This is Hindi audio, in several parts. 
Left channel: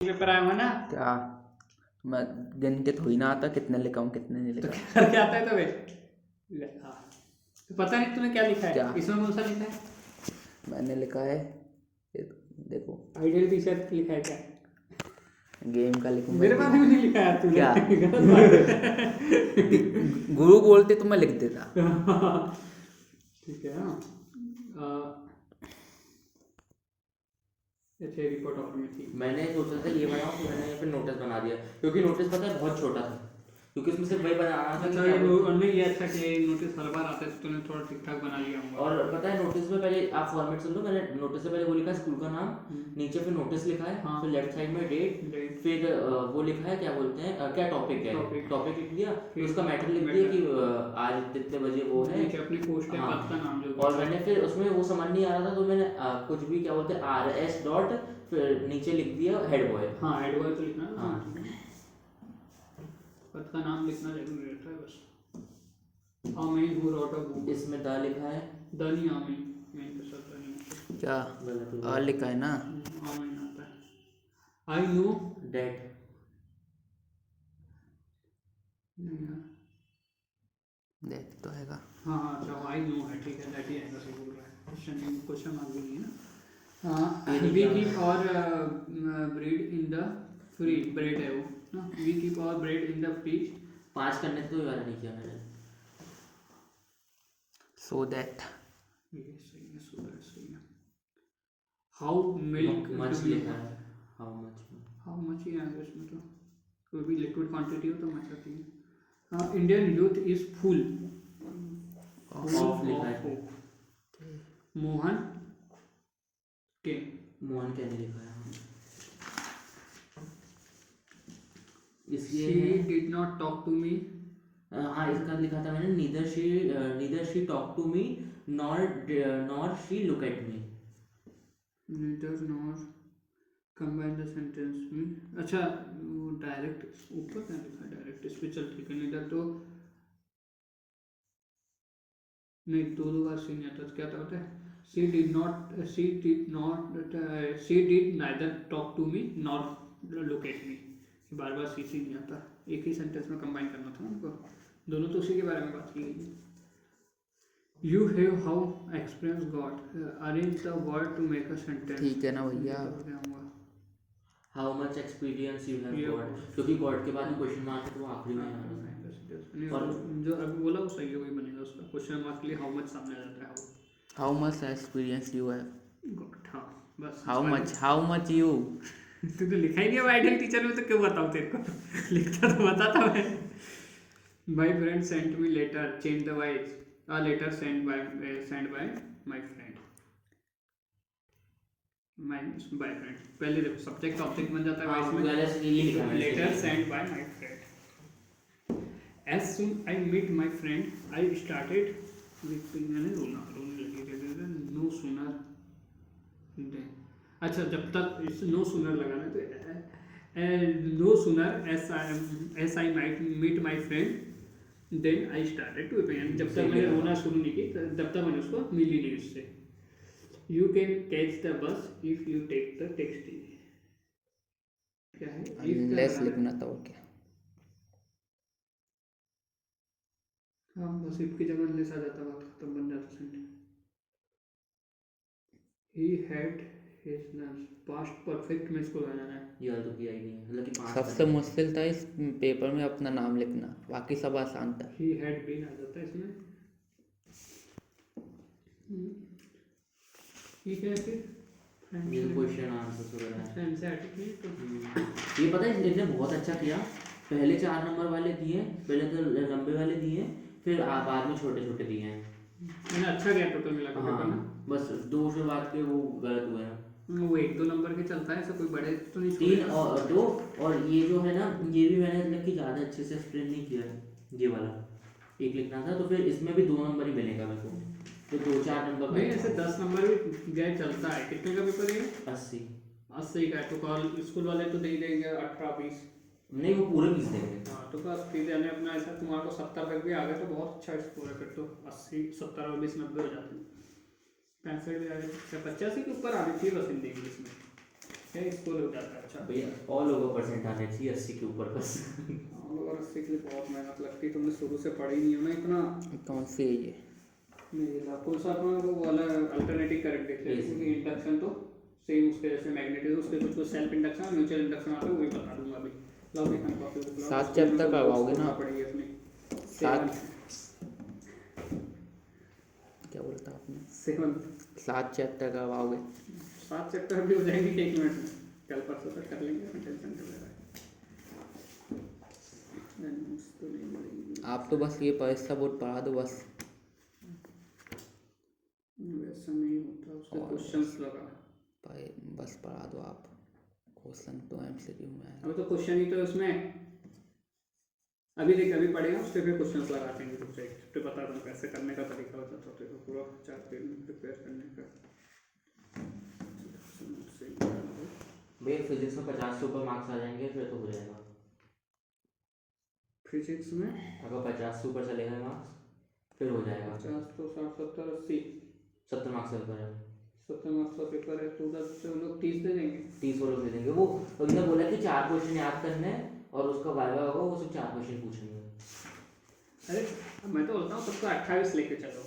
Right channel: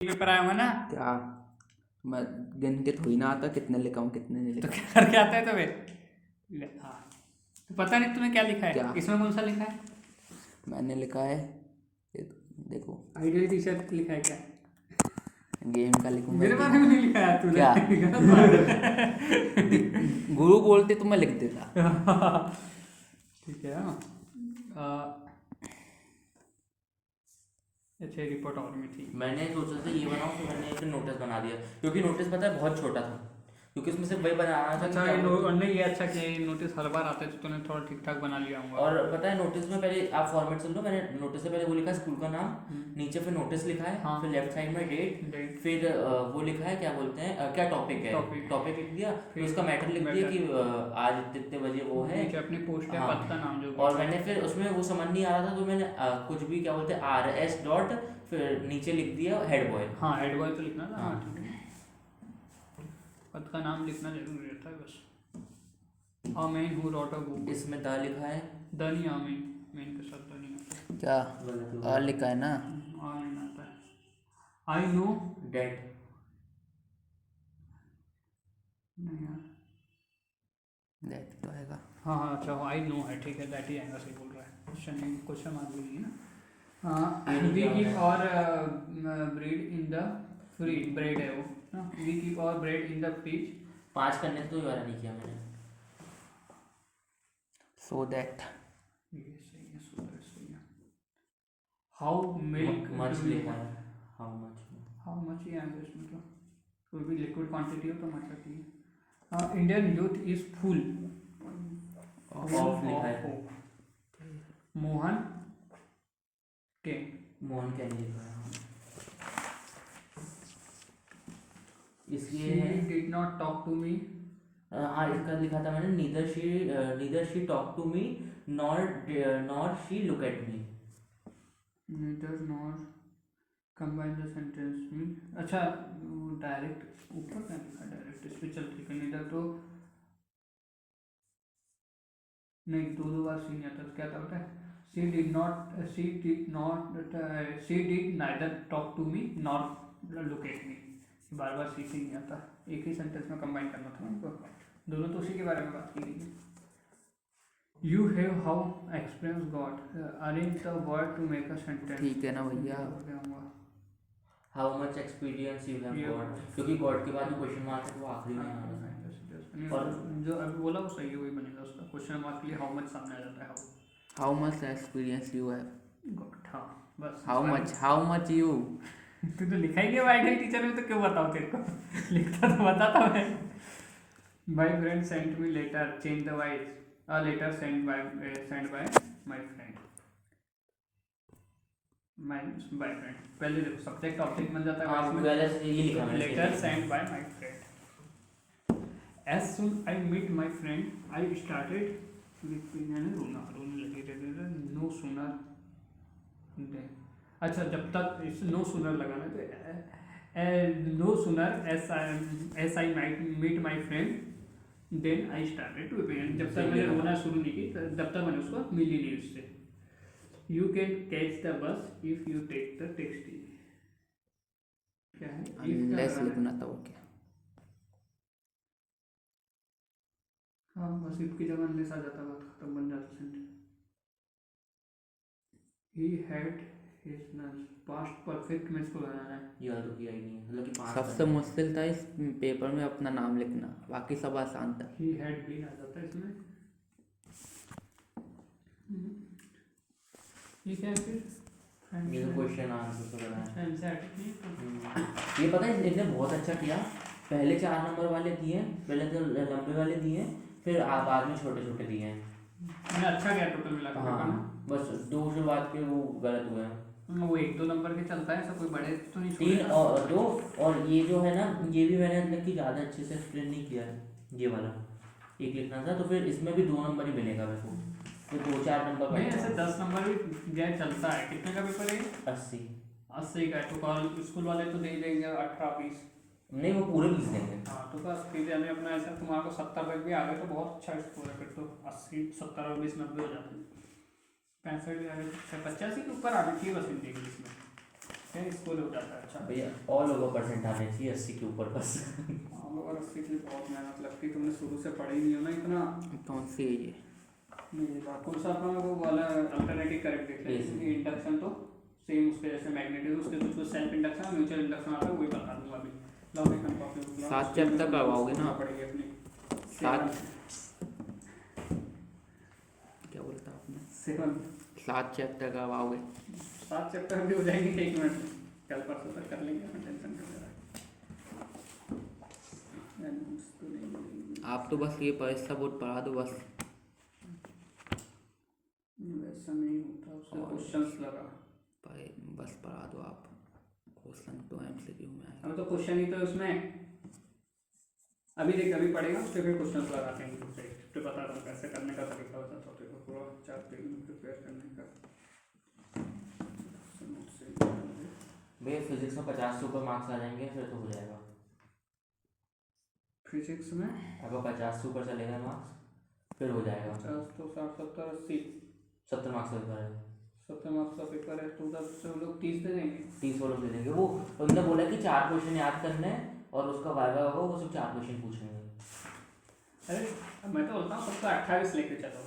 पेपर आया हुआ ना। क्या मैं गिन के थोड़ी ना आता कितने लिखा हूँ कितने नहीं तो लिखा। करके आता है तबे। हाँ, तो पता नहीं तूने क्या लिखा है। क्या? इसमें कौन सा लिखा है? मैंने लिखा है ये देखो आइडियल टी-शर्ट लिखा है क्या? गेम का लिखूंगा। मेरे बारे में नहीं लिखा है तूने। क्या? गलत बात है। गुरु बोलते तो मैं लिख देता। ठीक है। अच्छा रिपोर्ट ऑफ में थी। मैंने सोचा था ये बनाऊं, तो मैंने एक नोटिस बना दिया, क्योंकि नोटिस पता है बहुत छोटा था, क्योंकि उसमें सिर्फ वही बनाना था कि अच्छा क्या ये बोलते हैं। नहीं ये अच्छा कि नोटिस हर बार आते हैं तो तूने थोड़ा ठीक ठाक बना लिया होगा। और पता है नोटिस में पहले आप फॉर्मेट समझ लो, मैंने नोटिस से पहले वो लिखा है स्कूल का नाम, नीचे फिर नोटिस लिखा है, हाँ। फिर लेफ्ट साइड में डेट, फिर वो लिखा है क्या बोलते हैं क्या टॉपिक है, टॉपिक लिख दिया, फिर उसका मैटर लिख दिया कि आज कितने बजे वो है, अपनी पोस्ट है, पद का नाम जो भी और मैंने फिर उसमें वो समझ नहीं आ रहा था तो मैंने कुछ भी क्या बोलते हैं RS डॉट फिर नीचे लिख दिया हेड बॉय। हाँ हेड बॉय तो लिखना था। हाँ। पद का नाम लिखना जरूरी रहता है बस। आमीन हु रॉट अ बुक। इसमें द लिखा है, द नहीं आमीन, मेन के साथ द नहीं क्या आ लिखा है ना। आमीन आता है। आई नो डेट नहीं यार। देख तो आएगा। हाँ हाँ अच्छा आई नो है, ठीक है दैट ही आएगा, सही बोल रहा है। क्वेश्चन मार्क भी नहीं है ना। वी कीप और bread in the free bread है वो ना। वी कीप और ब्रेड इन द फ्रिज। 5 करने थे तो ये वाला नहीं किया मैंने। सो दैट ये सही है, सही है। हाउ मिल्क मच लिखा है, हाउ मच ही आएगा इसमें तो। कोई भी लिक्विड क्वांटिटी हो तो मच आती है। Indian youth is full of लिखा है, मोहन के मोहन क्या नहीं लिखा है। she इसलिए did not talk to me। हाँ इसका लिखा था मैंने, neither she talk to me nor she look at me. neither nor combine the sentence में। अच्छा वो डायरेक्ट ऊपर क्या लिखा है, डायरेक्ट इस पे चल ठीक है। नीदर तो नहीं, दो बार सी नहीं आता तो क्या था होता है। she did neither talk to me nor look at me। बार बार सी नहीं आता, एक ही सेंटेंस में कंबाइन करना था उनको, दोनों तो उसी के बारे में बात की गई है। You have how experience God arrange the word to make a sentence। ठीक है ना भैया। How much experience you have got, क्योंकि गॉड के बाद क्वेश्चन मार्क है तो वो आखिरी में आना है। और जो अभी बोला वो सही है, वही बनेगा उसका। क्वेश्चन मार्क के लिए हाउ मच सामने आ जाता है। हाउ मच एक्सपीरियंस यू है। गॉड हाँ बस। How much you. तू तो लिखा ही नहीं है आइडियल टीचर में, तो क्यों बताऊँ तेरे को। लिखता तो बताता मैं। My friend sent me later change the wise a letter sent by my friend my friend। पहले देखो सब्जेक्ट ऑब्जेक्ट बन जाता है हाँ, वाइस पहले से ये लिखा में। मैंने। Letter sent by my friend as soon I meet my friend I started मैंने रोने लगी थे। नो सूनर अच्छा जब तक इस नो सूनर लगाना तो no sooner as I might meet my friend then I started to pen. जब तक मैंने रोना शुरू नहीं की तब तक मैंने उसको मिली नहीं उससे। You can catch the bus if you take the taxi. क्या है लेस लिखना था और क्या। हाँ बस इफ की जगह लेस आ जाता, बात खत्म, बन जाता sentence. He had his lunch past perfect में इसको लगाना है। ये वाला तो किया ही नहीं है, मतलब कि 5 सबसे मुश्किल था इस पेपर में अपना नाम लिखना, बाकी सब आसान था। ही हैड बीन आ जाता है इसमें। ठीक है फिर ये क्वेश्चन आंसर तो रहा है। एनसीईआरटी ये पता है इसने बहुत अच्छा किया, पहले 4 नंबर वाले दिए, पहले तो लंबे वाले दिए, फिर बाद में छोटे छोटे दिए हैं। मैंने अच्छा गया टोटल मिला के। हाँ बस 2 शुरुआत के वो गलत हुए हैं। वो 1-2 नंबर के चलता है, ऐसा कोई बड़े तो नहीं। 3 और 2, और ये जो है ना ये भी मैंने मतलब कि ज़्यादा अच्छे से एक्सप्लेन नहीं किया है। ये वाला एक लिखना था तो फिर इसमें भी 2 नंबर ही मिलेगा मेरे को, तो 2-4 नंबर नहीं ऐसे 10 नंबर भी गए चलता है। कितने का पेपर है? 80 का है तो कॉल स्कूल वाले तो दे देंगे 18-20। नहीं वो पूरे 20 देंगे। हाँ तो बस फिर यानी अपना ऐसा तुम्हारे को 70 तक भी आ गए तो बहुत अच्छा स्कोर है। फिर तो 80 70 और 20 90 हो जाते हैं। 65 85 के ऊपर आनी चाहिए बस हिंदी इंग्लिश में। है, स्कूल हो जाता है। अच्छा भैया ऑल ओवर परसेंट आने चाहिए 80 के ऊपर बस। हाँ, और उसके लिए बहुत मेहनत लगती है, तुमने शुरू से पढ़ी नहीं है ना इतना। कौन सी है ये? मेरे कौन सा अपना वो वाला अल्टरनेटिव करंट देख लेते हैं, क्योंकि इंडक्शन तो सेम उसके जैसे मैग्नेटिक, उसके कुछ सेल्फ इंडक्शन और म्यूचुअल इंडक्शन आता है, वही बता दूंगा अभी। लो अभी हम कॉपी बुक लो, 7 चैप्टर करवाओगे ना? पढ़ेंगे अपनी 7 क्या बोलता आपने? 7 7 चैप्टर करवाओगे? 7 चैप्टर भी हो जाएंगे 1 मिनट में, कल परसों तक कर लेंगे, टेंशन कर लेना। आप तो बस ये परीक्षा बोर्ड पढ़ा दो बस। वैसा नहीं होता, उसके क्वेश्चंस लगा। बस पढ़ा दो आप, क्वेश्चन तो एमसीक्यू में आए। अब तो क्वेश्चन ही तो है उसमें, अभी देख अभी पढ़ेगा उसके फिर क्वेश्चंस लगाते हैं दूसरे, फिर बता दूँ कैसे करने का तरीका होता है, तो पूरा 4 पेज में प्रिपेयर करने का। भैया फिजिक्स में 50 से ऊपर मार्क्स आ जाएंगे फिर तो हो जाएगा। फिजिक्स में अगर 50 से ऊपर चले गए मार्क्स फिर हो जाएगा। 50 तो 60 70 80 70 मार्क्स का पेपर है। 70 मार्क्स का पेपर है, तो उधर से हम लोग 30 दे देंगे। 30 वो लोग दे देंगे। वो उन्होंने बोला कि 4 क्वेश्चन याद करने हैं और उसका वाइवा होगा, वो सिर्फ 4 क्वेश्चन पूछेंगे। अरे मैं तो बोलता हूँ सबको 28 लेके चलो,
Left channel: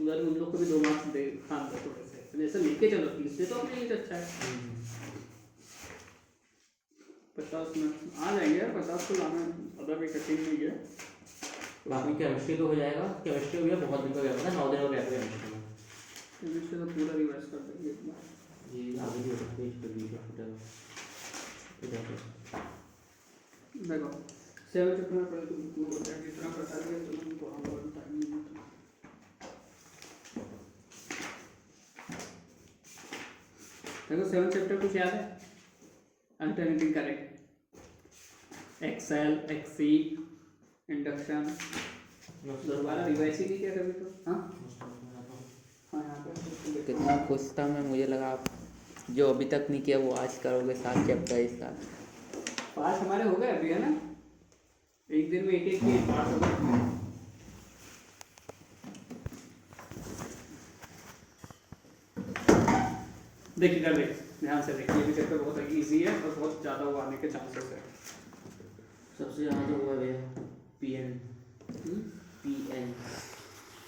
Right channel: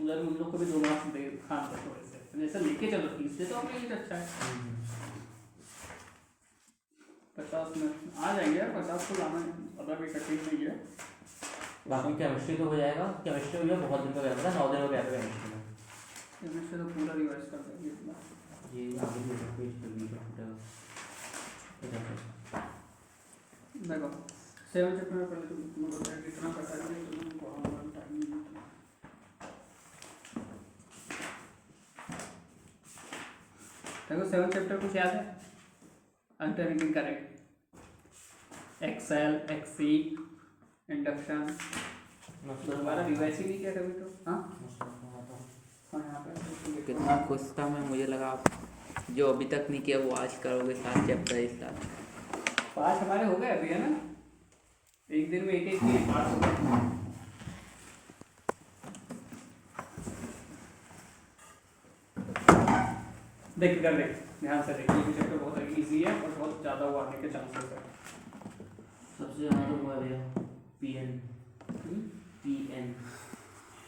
उधर उन लोग को भी 2 मार्क्स दे खान दो थोड़े से, तो जैसे लेके चलो 30 दे तो अपने लिए अच्छा है। 50 में आ जाएंगे यार, 50 को लाना ज़्यादा भी कठिन नहीं है। बाकी केमिस्ट्री तो हो जाएगा। केमिस्ट्री में बहुत दिन का गैप था, 9 दिन का गैप है केमिस्ट्री में। केमिस्ट्री तो पूरा रिवाइज कर देंगे इतना। जी आगे भी होगा, पेज पे भी होगा। देखो 7 चैप्टर में पहले तो तुमको बताया जितना पता है तो तुमको आऊँगा टाइम नहीं होता। देखो 7 चैप्टर कुछ याद है? अल्टरनेटिंग करंट, एक्सेल, एक्सी, इंडक्शन, दोबारा रिवाइज ही नहीं किया कभी तो। हाँ हाँ यहाँ पे कितना खुश था मैं, मुझे लगा आप जो अभी तक नहीं किया वो आज करोगे 7 चैप्टर इस साल। 5 हमारे हो गए अभी है ना, एक दिन में एक के 5 हो गए। देख इधर देख, ध्यान से देख, ये भी चैप्टर बहुत इजी है और बहुत ज़्यादा वो आने के चांसेस है। सबसे ज़्यादा तो हुआ भैया पीएन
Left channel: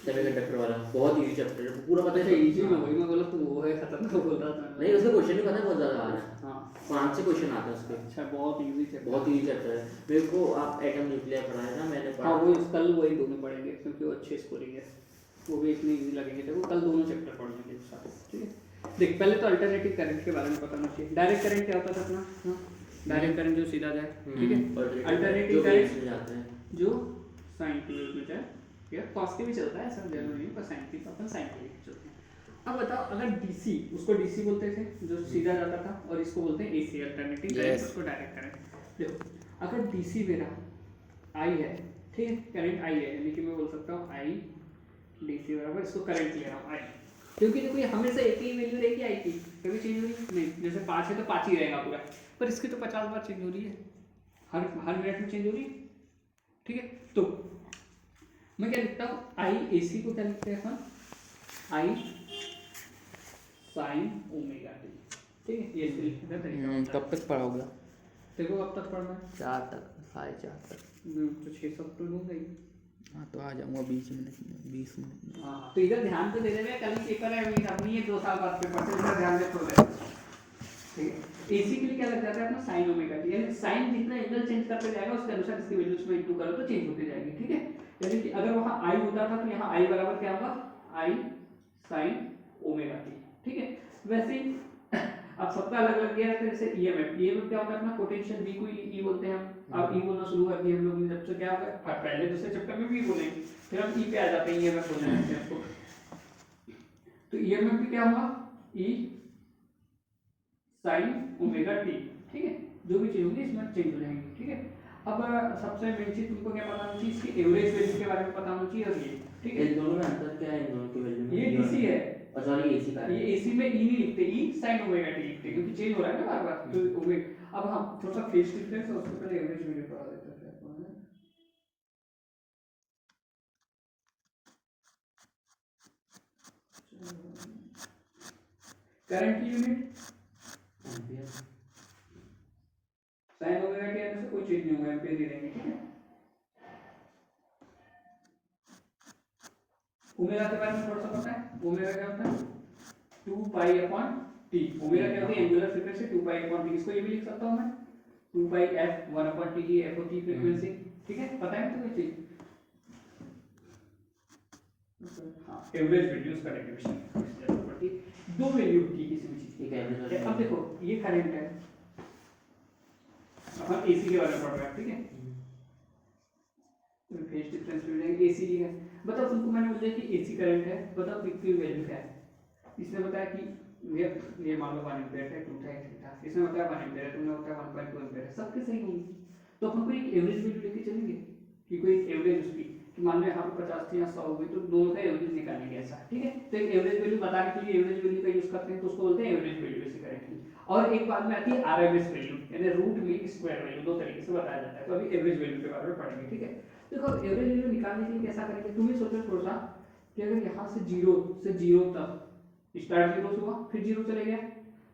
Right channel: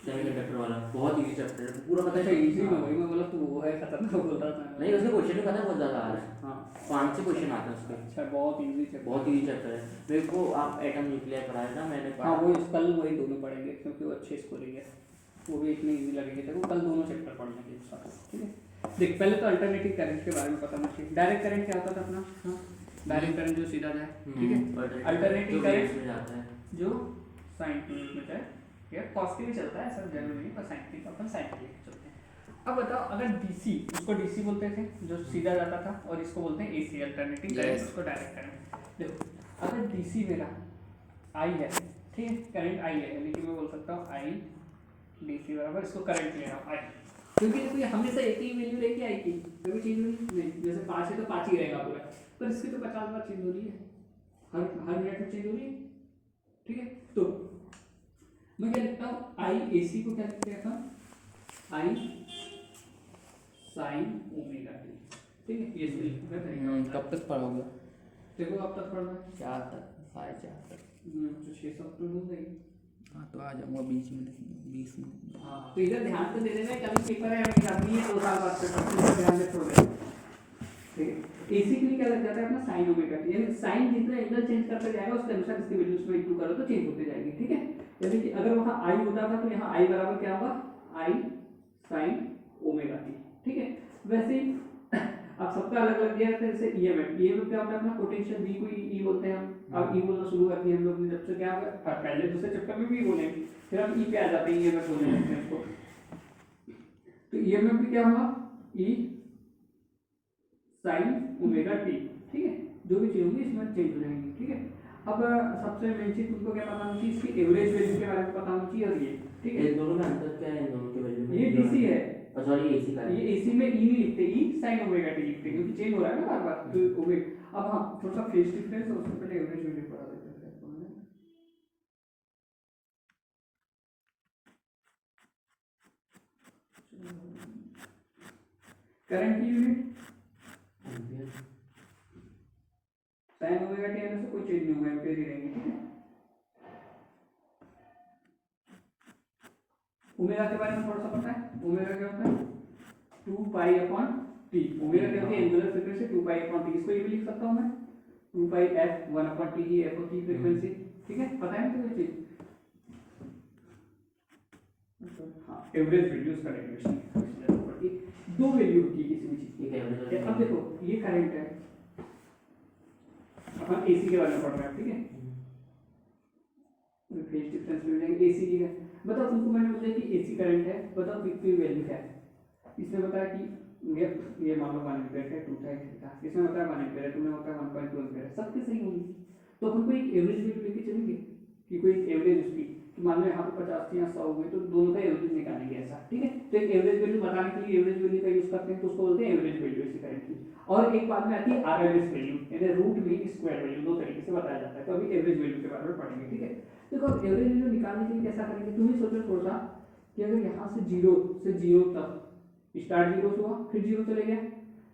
सेमीकंडक्टर वाला, बहुत इजी चैप्टर है, पूरा पता अच्छा है। इजी में वही मैं बोला तू वो है खतरनाक बोल रहा था। नहीं उसके क्वेश्चन भी पता है, बहुत ज़्यादा आ रहा है। हाँ 5 से क्वेश्चन आते हैं उसके। अच्छा बहुत इजी चैप्टर, बहुत इजी चैप्टर है। मेरे को आप एटम न्यूक्लियर पढ़ाया ना, मैंने पढ़ा। हाँ वो कल वही दोनों पढ़ेंगे क्योंकि वो अच्छे स्कोरिंग है, वो भी इतने इजी लगेंगे। देखो कल दोनों चैप्टर पढ़ लेंगे एक साथ, ठीक है। देख पहले तो अल्टरनेटिव करंट के बारे में पता होना चाहिए। डायरेक्ट करंट क्या होता था अपना? हाँ डायरेक्ट करंट जो सीधा जाए, ठीक है। अल्टरनेटिव करंट जो साइन की में जाए या कॉस के भी चलता है, सब जरूरी नहीं, पर साइन की तो अपन साइन के चलते हैं। अब बताओ अगर डीसी, उसको डीसी बोलते थे जो सीधा जाता था, और इसको बोलते हैं एसी अल्टरनेटिव करंट, उसको डायरेक्ट करंट। देखो अगर डीसी मेरा आई है, ठीक है, करंट आई है, यानी कि मैं बोल सकता हूँ आई डीसी बराबर, इसको करंट ले रहा हूँ आई, क्योंकि देखो ये हमेशा एक ही वैल्यू रहेगी आई की, कभी चेंज हो रही नहीं। जैसे 5 है तो 5 ही रहेगा पूरा, पर इसकी तो 50 बार चेंज हो रही है, हर मिनट में चेंज हो रही है, ठीक है। तो मैं क्या लिखता हूँ, आई एसी को क्या लिखते हैं अपन, आई साइन ओमेगा टी, ठीक है, ये लिखने का तरीका होता है। कब तक पढ़ोगे? देखो अब तक पढ़ना है 4 तक, 4:30 तक। तो 6 सब तो हो गई। हाँ तो आ जाऊँगा 20 मिनट में, 20 मिनट में। हाँ तो इधर ध्यान तो दे देना, कल पेपर है अभी करनी है, 2 साल बाद पेपर, तो इधर ध्यान दे थोड़ा, ठीक है। एसी के लिए क्या लग जाता है अपना साइन ओमेगा टी, यानी साइन जितना एंगल चेंज करते जाएगा उसके अनुसार इसकी वैल्यू उसमें इंटू करो तो चेंज होती जाएगी, ठीक है। यानी कि अगर वहाँ आई होता था तो यहाँ आई बराबर क्या होगा, आई साइन ओमेगा टी, ठीक है। वैसे ही अब सबका अलग अलग दिया है, तो जैसे ईएमएफ क्या होता है अपना, पोटेंशियल वी को ई बोलते हैं हम। अब ई बोलना शुरू कर दिया हम लोग ने जब से, क्या होगा पहले दूसरे चैप्टर में भी बोलेंगे, फिर हम ई पे आ जाते हैं, ईएमएफ बोलने लगते हैं इसको। तो ईएमएफ भी क्या होगा, ई साइन ओमेगा टी, ठीक है। जो भी चीज होगी इसमें चेंज हो जाएंगी, ठीक है। अब सबसे मेन चीज तुमको क्या पता होना चाहिए, इसकी एवरेज वैल्यू के बारे में पता होना चाहिए, और ये ठीक है। इन दोनों में अंतर क्या है, इन दोनों की वैल्यू में? ये डीसी है और सॉरी एसी का है। ये एसी में ई नहीं लिखते, ई साइन ओमेगा टी लिखते क्योंकि चेंज हो रहा है ना बार बार, तो ओमेगा। अब हम थोड़ा सा फेज डिफरेंस है, उससे पहले एवरेज वैल्यू पढ़ा देते हैं आपको, है। करंट की unit ampere sign omega T आने से कोई चेंज नहीं होगा, एम्पेयर ही रहेंगे, ठीक है। ओमेगा के बारे में थोड़ा सा पता है, ओमेगा क्या होता है 2 पाई अपॉन टी। ओमेगा क्या होती है angular frequency 2 pi upon T. इसको ये भी लिख सकता हूं मैं 2 पाई f 1 अपॉन टी, ये f होती है फ्रीक्वेंसी, ठीक है। पता है तो कोई चीज, हाँ एवरेज वैल्यूज का डेरिवेशन जरूरत पड़ती है। दो वैल्यू होती है किसी भी चीज ठीक है एवरेज की। अब देखो ये करंट है, अपन एसी के बारे में पढ़ रहे हैं, ठीक है। फेज डिफरेंस मिल जाएंगे एसी की है। बताओ तुमको मैंने बोला कि एसी करंट है, बताओ कितनी वैल्यू क्या है। इसने बताया कि ये मान लो 1 एम्पीयर है, 2 था, 3 था, इसने बताया 1 एम्पीयर है, तुमने बताया 1.2 एम्पीयर है, सबके सही होंगे। तो अपन को एक एवरेज वैल्यू लेके चलेंगे कि कोई एक एवरेज उसकी, कि मान लो यहाँ पे 50 थी, यहाँ 100 हो गई, तो दोनों का एवरेज निकालेंगे ऐसा, ठीक है। तो एक एवरेज वैल्यू बताने के लिए एवरेज वैल्यू का यूज करते हैं, तो उसको बोलते हैं एवरेज वैल्यू ऐसे करंट की। और एक बाद में आती है आरएमएस वैल्यू, यानी रूट मीन स्क्वायर वैल्यू, दो तरीके से बताया जाता है। तो अभी एवरेज वैल्यू के बारे में पढ़ेंगे, ठीक है। देखो एवरेज वैल्यू निकालने के लिए कैसा करेंगे, तुम ही सोचो थोड़ा सा कि अगर यहाँ से जीरो तक स्टार्ट जीरो से हुआ, फिर जीरो चले गया,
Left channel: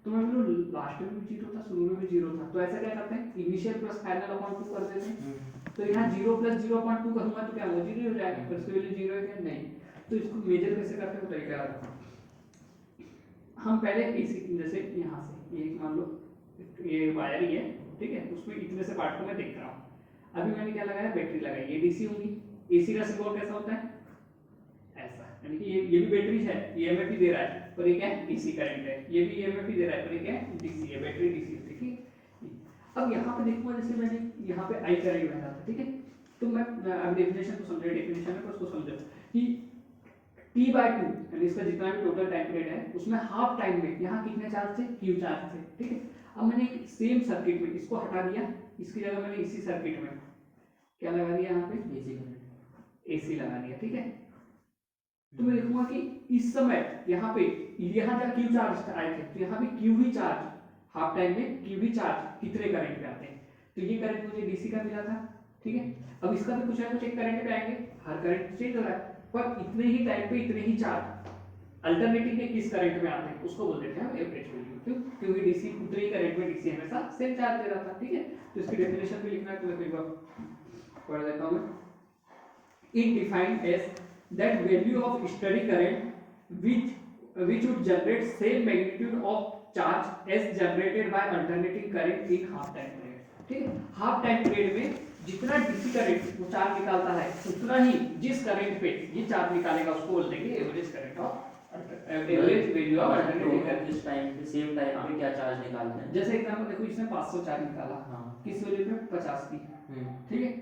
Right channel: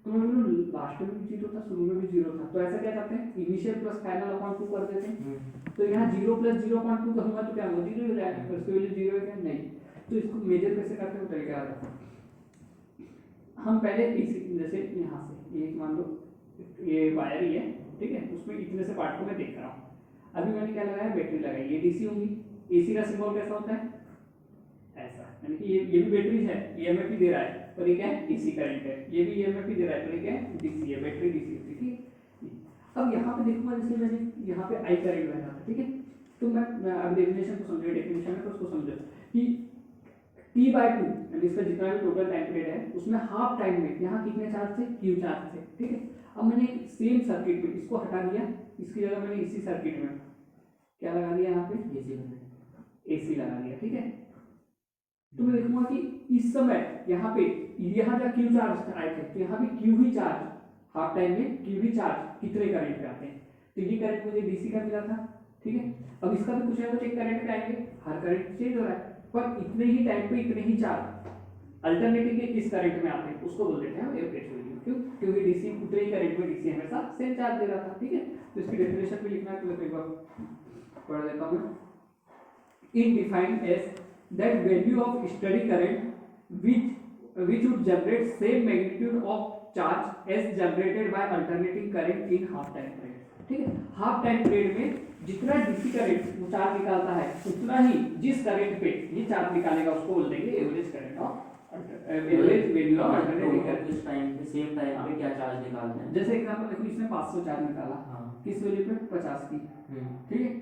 तो मैं बोलूँ लास्ट में भी जीरो था, शुरू में भी जीरो था, तो ऐसा क्या करते हैं इनिशियल प्लस फाइनल अपॉन 2 कर देते हैं। तो यहाँ 0 प्लस 0 अपॉन 2 करूँगा तो क्या होगा, जीरो हो जाएगा, पर इसके लिए जीरो है क्या नहीं। तो इसको मेजर कैसे करते हैं वो तरीका आता है। हम पहले इसी जैसे यहाँ से ये मान लो ये वायर ही है, ठीक है, उसमें इतने से पार्ट को मैं देख रहा हूँ। अभी मैंने क्या लगाया, बैटरी लगाई, ये डीसी होंगी। एसी का सिंबल कैसा होता है ऐसा, यानी कि ये भी बैटरी है, ये ईएमएफ ही दे रहा है, पर ये क्या है डीसी करंट है, ये भी ईएमएफ ही दे रहा है, पर ये क्या है डीसी है, बैटरी डीसी है, ठीक है। अब यहाँ पे देखूंगा जैसे मैंने यहाँ पे आई करंट बह रहा था, ठीक है। तो मैं अब डेफिनेशन को समझो, डेफिनेशन में उसको समझो कि T/2 यानी इसका जितना भी टोटल टाइम पीरियड है उसमें हाफ टाइम में यहाँ कितने चार्ज थे, Q चार्ज थे, ठीक है। अब मैंने सेम सर्किट में इसको हटा दिया, इसकी जगह मैंने इसी सर्किट में क्या लगा दिया, यहाँ पे एसी लगा दिया, ठीक है। तो मैं देखूंगा कि इस समय यहाँ पे यहाँ जब Q चार्ज आए थे, तो यहाँ पे Q ही चार्ज हाफ टाइम में Q ही चार्ज कितने करंट पे आते हैं, तो ये करंट मुझे डीसी का मिला था, ठीक है। अब इसका भी कुछ ना कुछ एक करंट पे आएंगे, हर करंट चेंज हो रहा है, पर इतने ही टाइम पे इतने ही चार्ज अल्टरनेटिव के किस करंट में आते हैं उसको बोल देते हैं एवरेज वैल्यू। क्यों, क्योंकि डीसी उतने ही करंट में डीसी हमेशा सेम चार्ज दे रहा था, ठीक है। तो इसकी डेफिनेशन भी लिखना है, तो मैं एक बार पढ़ देता हूं। It defined as that value of steady current which would generate same magnitude of charge as generated by alternating current in half time period, ठीक है। हाफ टाइम पीरियड में जितना डीसी करंट वो चार्ज निकालता है उतना ही जिस करंट पे ये चार्ज निकालेगा उसको बोल देंगे average current of average value of alternating current. इस टाइम पे सेम टाइम पे क्या चार्ज निकालना है, जैसे एग्जांपल देखो इसने 500 चार्ज निकाला, हाँ किस वैल्यू पे 50 की, ठीक है,